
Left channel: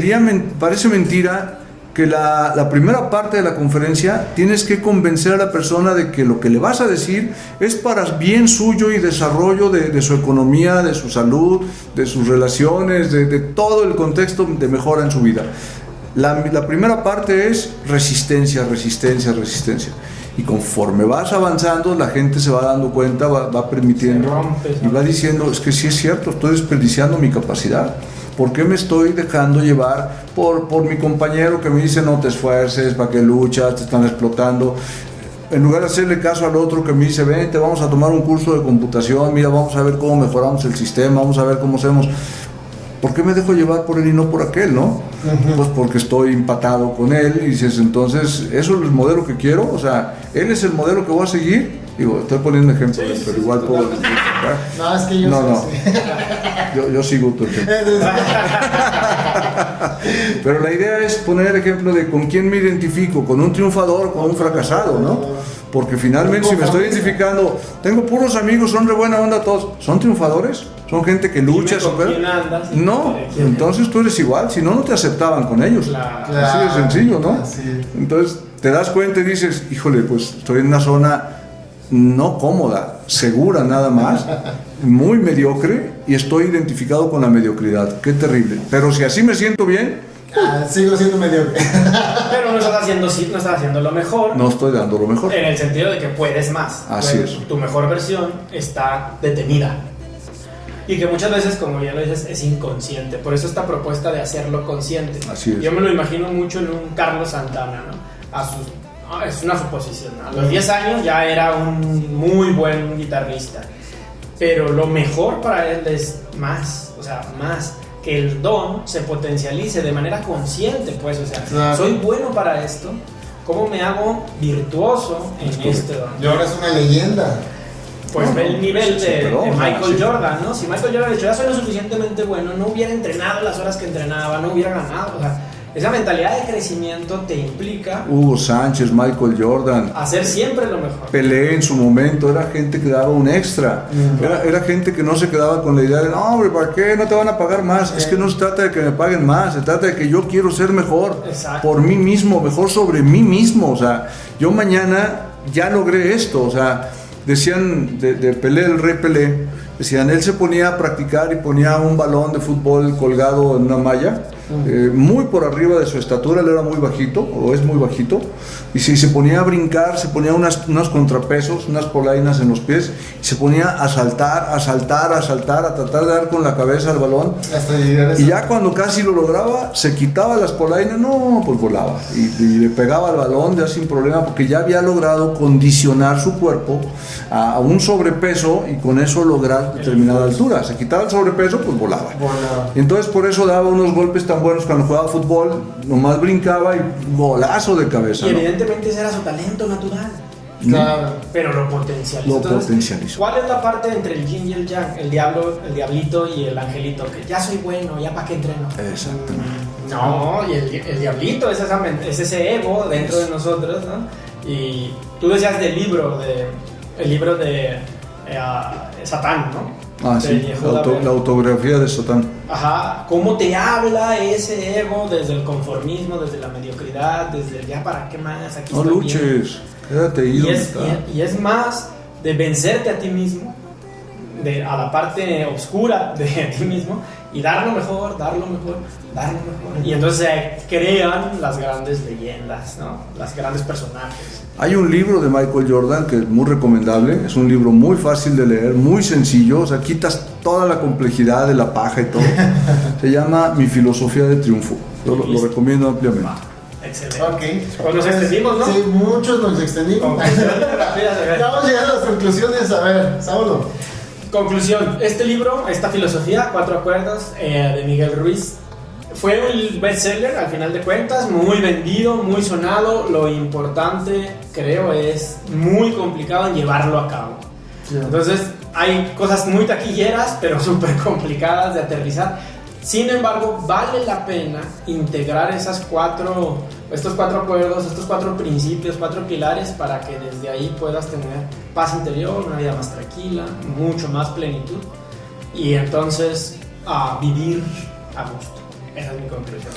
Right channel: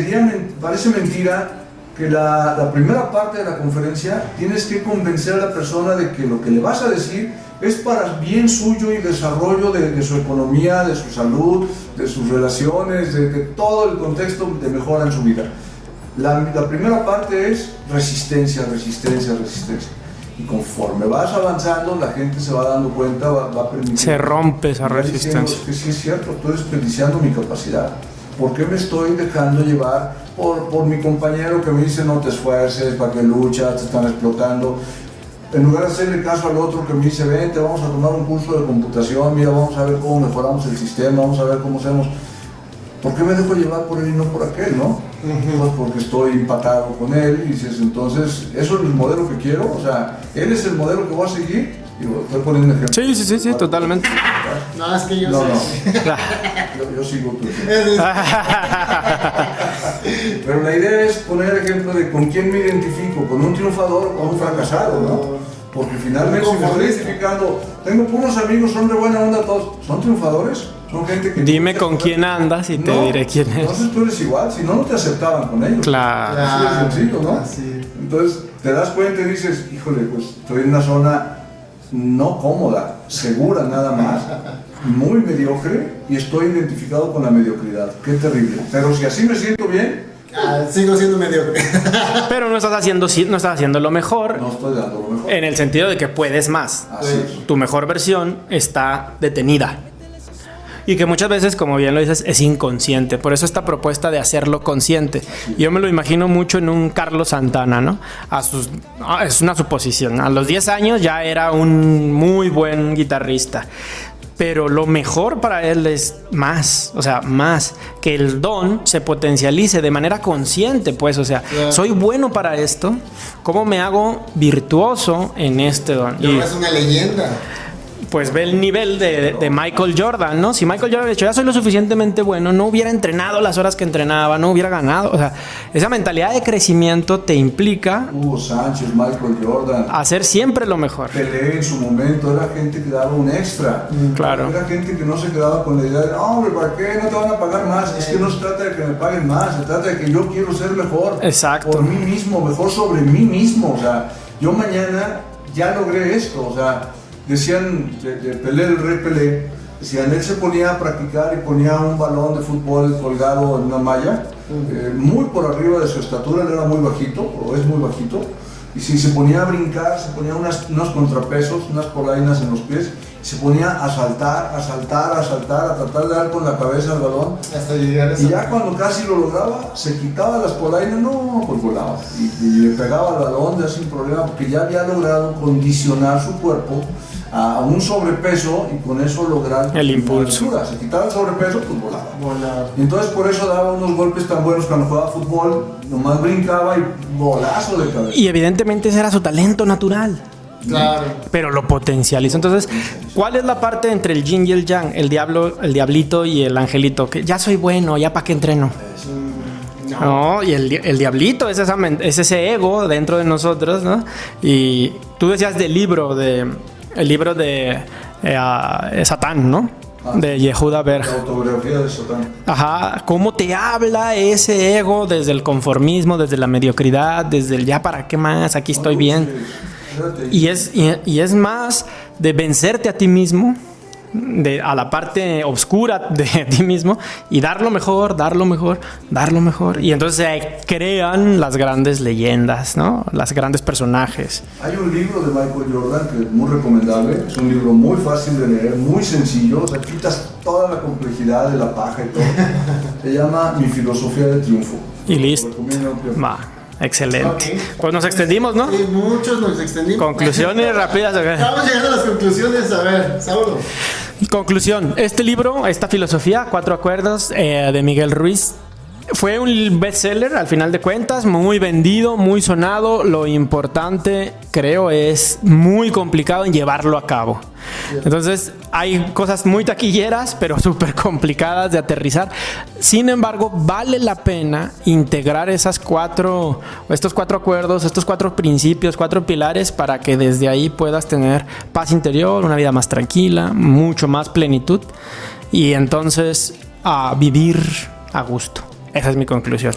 mentira que la primera parte de la conferencia tienes que convencer a la persona de que lo que le vas a decir es para bien suyo y desarrollo de su economía, de su salud, de sus relaciones, de todo el contexto de mejora en su vida. La primera parte es resistencia. Y conforme vas avanzando, la gente se va dando cuenta, va permitiendo. Se rompe esa va diciendo, es que sí es cierto, estoy desperdiciando mi capacidad. ¿Por qué me estoy dejando llevar por mi compañero que me dice no te esfuerces, para que luchas, te están explotando? En lugar de hacerle caso al otro que me dice, vente, vamos a tomar un curso de computación, mira, vamos a ver cómo mejoramos el sistema, vamos a ver cómo hacemos. ¿Por qué me dejo llevar por él y no por aquel, no? Pues porque estoy empatado con él y dices, entonces, ¿eso es el modelo que quiero? O sea, ¿él es el modelo que voy a seguir? Digo, estoy poniendo ejemplos. Sí, totalmente. No, es que yo yo sigo tu ejemplo. Pero la idea es poner el ejemplo de con quién me identifico, con un triunfador o con un fracasado, ¿no? Porque finalmente si me estoy identificando, tengo puros amigos, son de buena onda todos, ¿son triunfadores? ¿Son gente que lucha? Dime con quién andas y no, te diré quién entonces tú eres igual, si no, no te aceptaban con ellos. Claro. Así de sencillo, ¿no? Así. Entonces te das cuenta y dices, híjole, pues estoy en una zona no cómoda, segura nada más, muy mediocre y estoy identificado con la mediocridad. Qué terrible. Pero si así me siento bien, sigo siendo mediocre. Pero no estás haciendo lo mejor. no estoy dando lo mejor. En el sentido de que puedes más. Así es. Tu mejor versión está detenida. Y que muchas veces, como bien lo dices, es inconsciente. Por eso esta propuesta de hacerlo consciente. Así es. Yo me lo imagino mucho en un Carlos Santana, ¿no? Es una suposición. A los 10 años ya era un muy buen guitarrista. Pero lo mejor para él es más. O sea, más. Que el don se potencialice de manera consciente, pues. O sea, claro. Soy bueno para esto. ¿Cómo me hago virtuoso en este don? Y ahora es una leyenda. Pues ve el nivel de Michael Jordan, ¿no? Si Michael Jordan, de hecho, ya soy lo suficientemente bueno, no hubiera entrenado las horas que entrenaba, no hubiera ganado. O sea, esa mentalidad de crecimiento te implica Hugo Sánchez, Michael Jordan, hacer siempre lo mejor. Pelé en su momento, era gente que daba un extra. Claro. Era gente que no se quedaba con la idea de, no, hombre, ¿para qué? No te van a pagar más. Es que no se trata de que me paguen más, se trata de que yo quiero ser mejor. Exacto. Por mí mismo, mejor sobre mí mismo. O sea, yo mañana ya logré esto. O sea, decían de Pelé, el rey Pelé, decían, él se ponía a practicar y ponía un balón de fútbol colgado en una malla, muy por arriba de su estatura, él era muy bajito, o es muy bajito, Y si se ponía a brincar, se ponía unos contrapesos, unas polainas en los pies, y se ponía a saltar, a tratar de dar con la cabeza al balón. Hasta llegar a eso. Y ya cuando casi lo lograba, se quitaba las polainas, pues volaba. Y le pegaba al balón ya sin problema, porque ya había logrado condicionar su cuerpo a un sobrepeso y con eso lograr la altura. Se quitaba el sobrepeso, pues volaba. Y entonces por eso daba unos golpes tan buenos cuando jugaba fútbol, nomás brincaba y golazo de cabeza. Y evidentemente ese era su talento natural. Claro. Pero lo potencializó. Entonces, ¿cuál es la parte entre el yin y el yang? El diablito y el angelito. Que ya soy bueno, ya para qué entreno. No, y el diablito es ese ego dentro de nosotros, ¿no? Y tú decías el libro de Satán, ¿no? De Yehuda Berg. La autografía de Satán. Ajá, cómo te habla ese ego desde el conformismo, desde la mediocridad, desde el ya para qué más, aquí estoy bien. Y es más de vencerte a ti mismo, a la parte oscura de ti mismo y dar lo mejor. Y entonces se crean las grandes leyendas, ¿no? Las grandes personajes. Hay un libro de Michael Jordan que es muy recomendable. Es un libro muy fácil de leer, muy sencillo. O sea, quitas toda la complejidad de la paja y todo. Se llama Mi filosofía del triunfo. Lo recomiendo ampliamente. Excelente. Okay. Pues nos extendimos, ¿no? Sí, muchos nos extendimos. Conclusiones rápidas. Estamos llegando a las conclusiones. A ver, Saulo. Conclusión. Este libro, esta filosofía, 4 acuerdos, de Miguel Ruiz, fue un bestseller al final de cuentas, muy vendido, muy sonado. Lo importante, creo, es muy complicado en llevarlo a cabo. Entonces hay cosas muy taquilleras pero súper complicadas de aterrizar. Sin embargo, vale la pena integrar estos 4 acuerdos, estos 4 principios, 4 pilares, para que desde ahí puedas tener paz interior, una vida más tranquila, mucho más plenitud, y entonces a vivir a gusto. Esa es mi conclusión.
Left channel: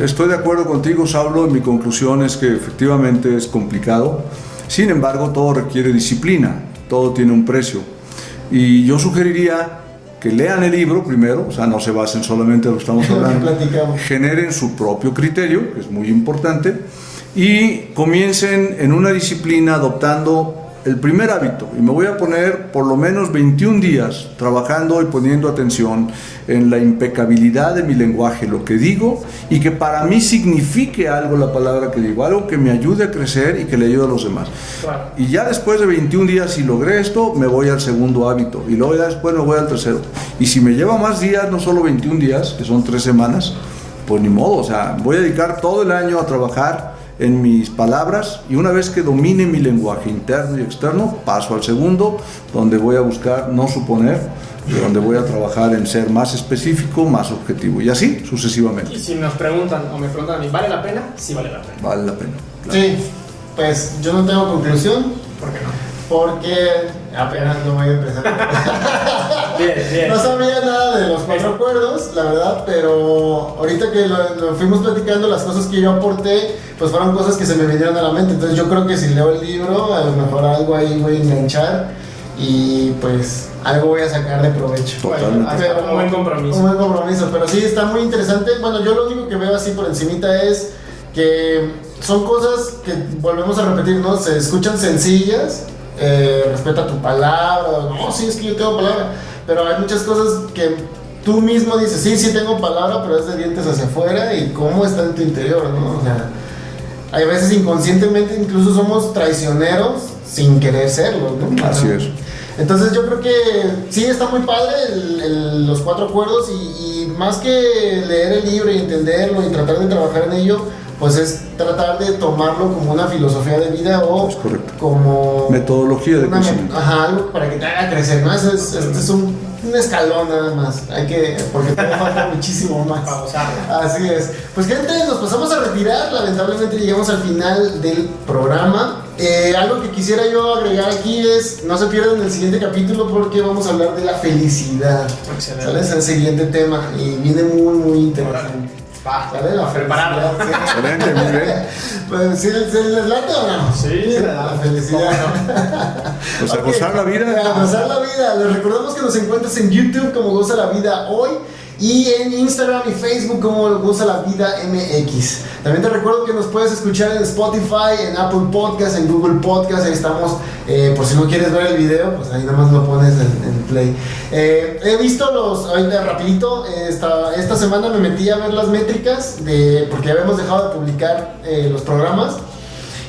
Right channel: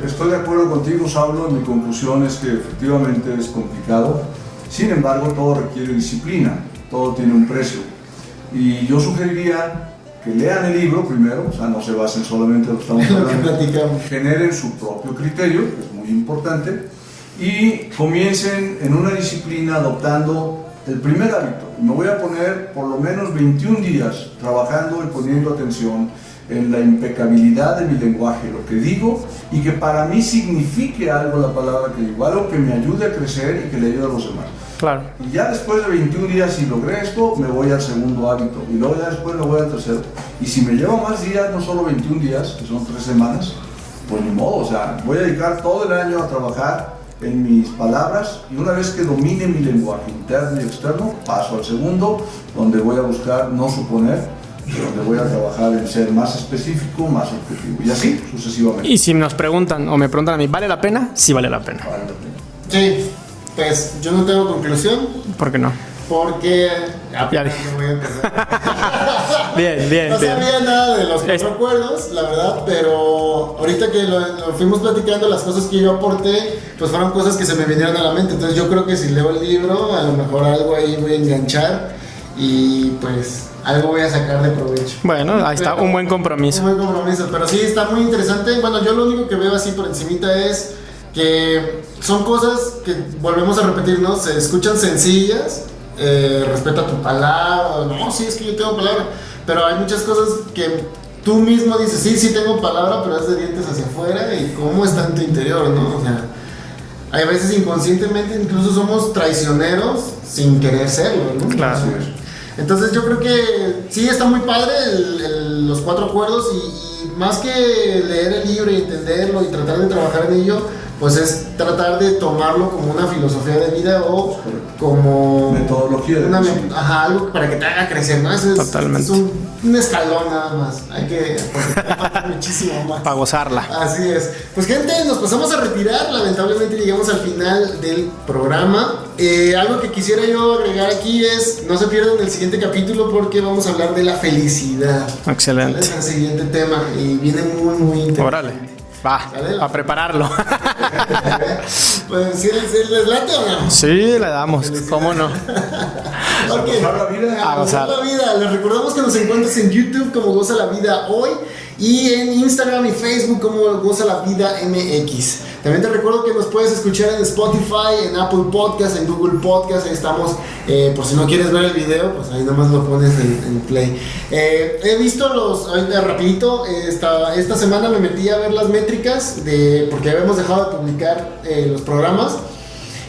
Estoy de acuerdo contigo, Saulo. Mi conclusión es que efectivamente es complicado. Sin embargo, todo requiere disciplina, todo tiene un precio. Y yo sugeriría que lean el libro primero, o sea, no se basen solamente en lo que estamos hablando, generen su propio criterio, que es muy importante, y comiencen en una disciplina adoptando el primer hábito. Y me voy a poner por lo menos 21 días trabajando y poniendo atención en la impecabilidad de mi lenguaje, lo que digo, y que para mí signifique algo la palabra que digo, algo que me ayude a crecer y que le ayude a los demás. Claro. Y ya después de 21 días, si logré esto, me voy al segundo hábito, y luego ya después me voy al tercero. Y si me lleva más días, no solo 21 días, que son 3 semanas, pues ni modo, o sea, voy a dedicar todo el año a trabajar en mis palabras, y una vez que domine mi lenguaje interno y externo, paso al segundo, donde voy a buscar no suponer, donde voy a trabajar en ser más específico, más objetivo, y así sucesivamente. Y si nos preguntan o me preguntan a mí, ¿vale la pena? Sí vale la pena. Vale la pena. Sí, pues yo no tengo conclusión. ¿Por qué no? Porque apenas no voy a empezar. Bien. No sabía nada de los 4 acuerdos, la verdad, pero ahorita que lo fuimos platicando, las cosas que yo aporté, pues fueron cosas que se me vinieron a la mente. Entonces yo creo que si leo el libro, a lo mejor algo ahí voy a enganchar y pues algo voy a sacar de provecho. Bueno, ahí está un buen compromiso. Un buen compromiso, pero sí está muy interesante. Bueno, yo lo único que veo así por encimita es que son cosas que volvemos a repetir, ¿no? Se escuchan sencillas. Respeta tu palabra. No, sí, es que yo tengo palabra, pero hay muchas cosas que tú mismo dices, sí tengo palabra, pero es de dientes hacia afuera. Y cómo está en tu interior, ¿no? O sea, hay veces inconscientemente incluso somos traicioneros sin querer serlo, ¿no? Claro. Así es. Entonces yo creo que sí está muy padre los 4 acuerdos, y más que leer el libro y entenderlo y tratar de trabajar en ello, pues es tratar de tomarlo como una filosofía de vida o como metodología de crecimiento. Algo para que te haga crecer, ¿no? Eso es un escalón nada más. Porque te falta muchísimo más para gozarla. Así es. Pues gente, nos pasamos a retirar. Lamentablemente llegamos al final del programa. Algo que quisiera yo agregar aquí es, no se pierdan el siguiente capítulo, porque vamos a hablar de la felicidad. Excelente. ¿Sale? Es el siguiente tema y viene muy interesante. Órale. Va, ¿sale? a prepararlo. Pues, ¿sí les late o no? Sí, le damos. ¿Cómo no? Pues a gozar la vida. A gozar la vida. Les recordamos que nos encuentras en YouTube como Goza la Vida Hoy. y en Instagram y Facebook como Goza la Vida MX. También te recuerdo que nos puedes escuchar en Spotify, en Apple Podcast, en Google Podcast. Ahí estamos. Por si no quieres ver el video, pues ahí nada más lo pones en play. He visto ahorita rapidito, esta semana me metí a ver las métricas porque habíamos dejado de publicar los programas.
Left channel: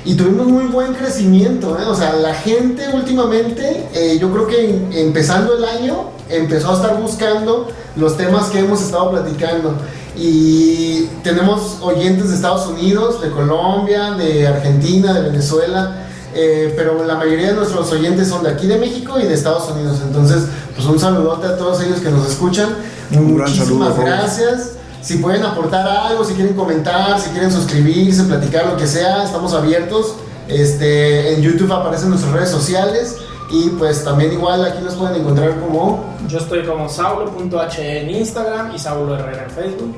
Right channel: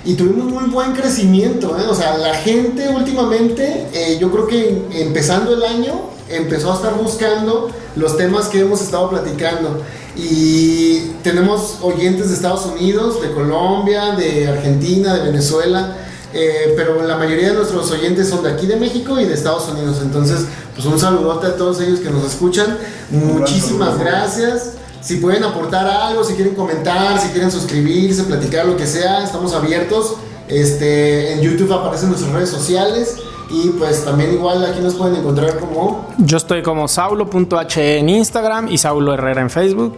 Y tuvimos muy buen crecimiento, O sea, la gente últimamente, yo creo que empezando el año, empezó a estar buscando los temas que hemos estado platicando. Y tenemos oyentes de Estados Unidos, de Colombia, de Argentina, de Venezuela. Pero la mayoría de nuestros oyentes son de aquí de México y de Estados Unidos. Entonces, pues un saludote a todos ellos que nos escuchan. Muchísimas gracias. Si pueden aportar algo, si quieren comentar, si quieren suscribirse, platicar, lo que sea, estamos abiertos. En YouTube aparecen nuestras redes sociales. Y pues también igual aquí nos pueden encontrar como... Yo estoy como saulo.he en Instagram y Saulo Herrera en Facebook.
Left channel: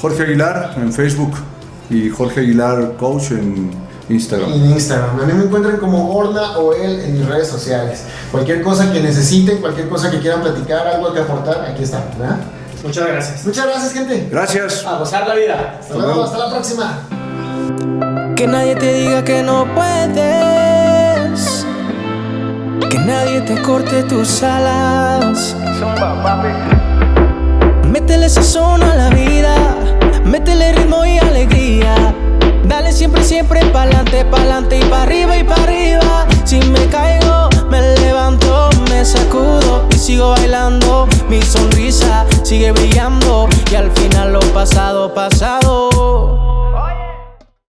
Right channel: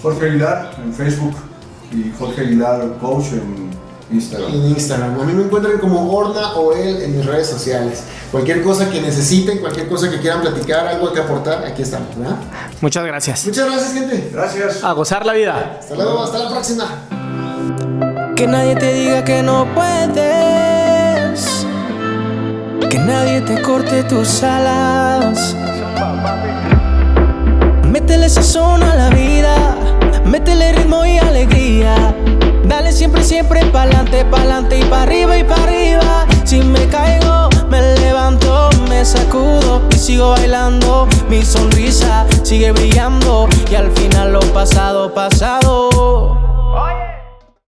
Jorge Aguilar en Facebook y Jorge Aguilar Coach en Instagram. En Instagram. A mí me encuentran como Orna o él en mis redes sociales. Cualquier cosa que necesiten, cualquier cosa que quieran platicar, algo que aportar, aquí estamos, ¿verdad? Muchas gracias. Muchas gracias, gente. Gracias. A gozar la vida. Hasta luego, hasta la próxima. Que nadie te diga que no puedes, que nadie te corte tus alas. Métele sazón a la vida, métele ritmo y alegría. Dale siempre, siempre pa'lante, pa'lante y pa' arriba y pa' arriba. Si me caigo, me levanto, me sacudo y sigo bailando. Mi sonrisa sigue brillando y al final lo pasado, pasado.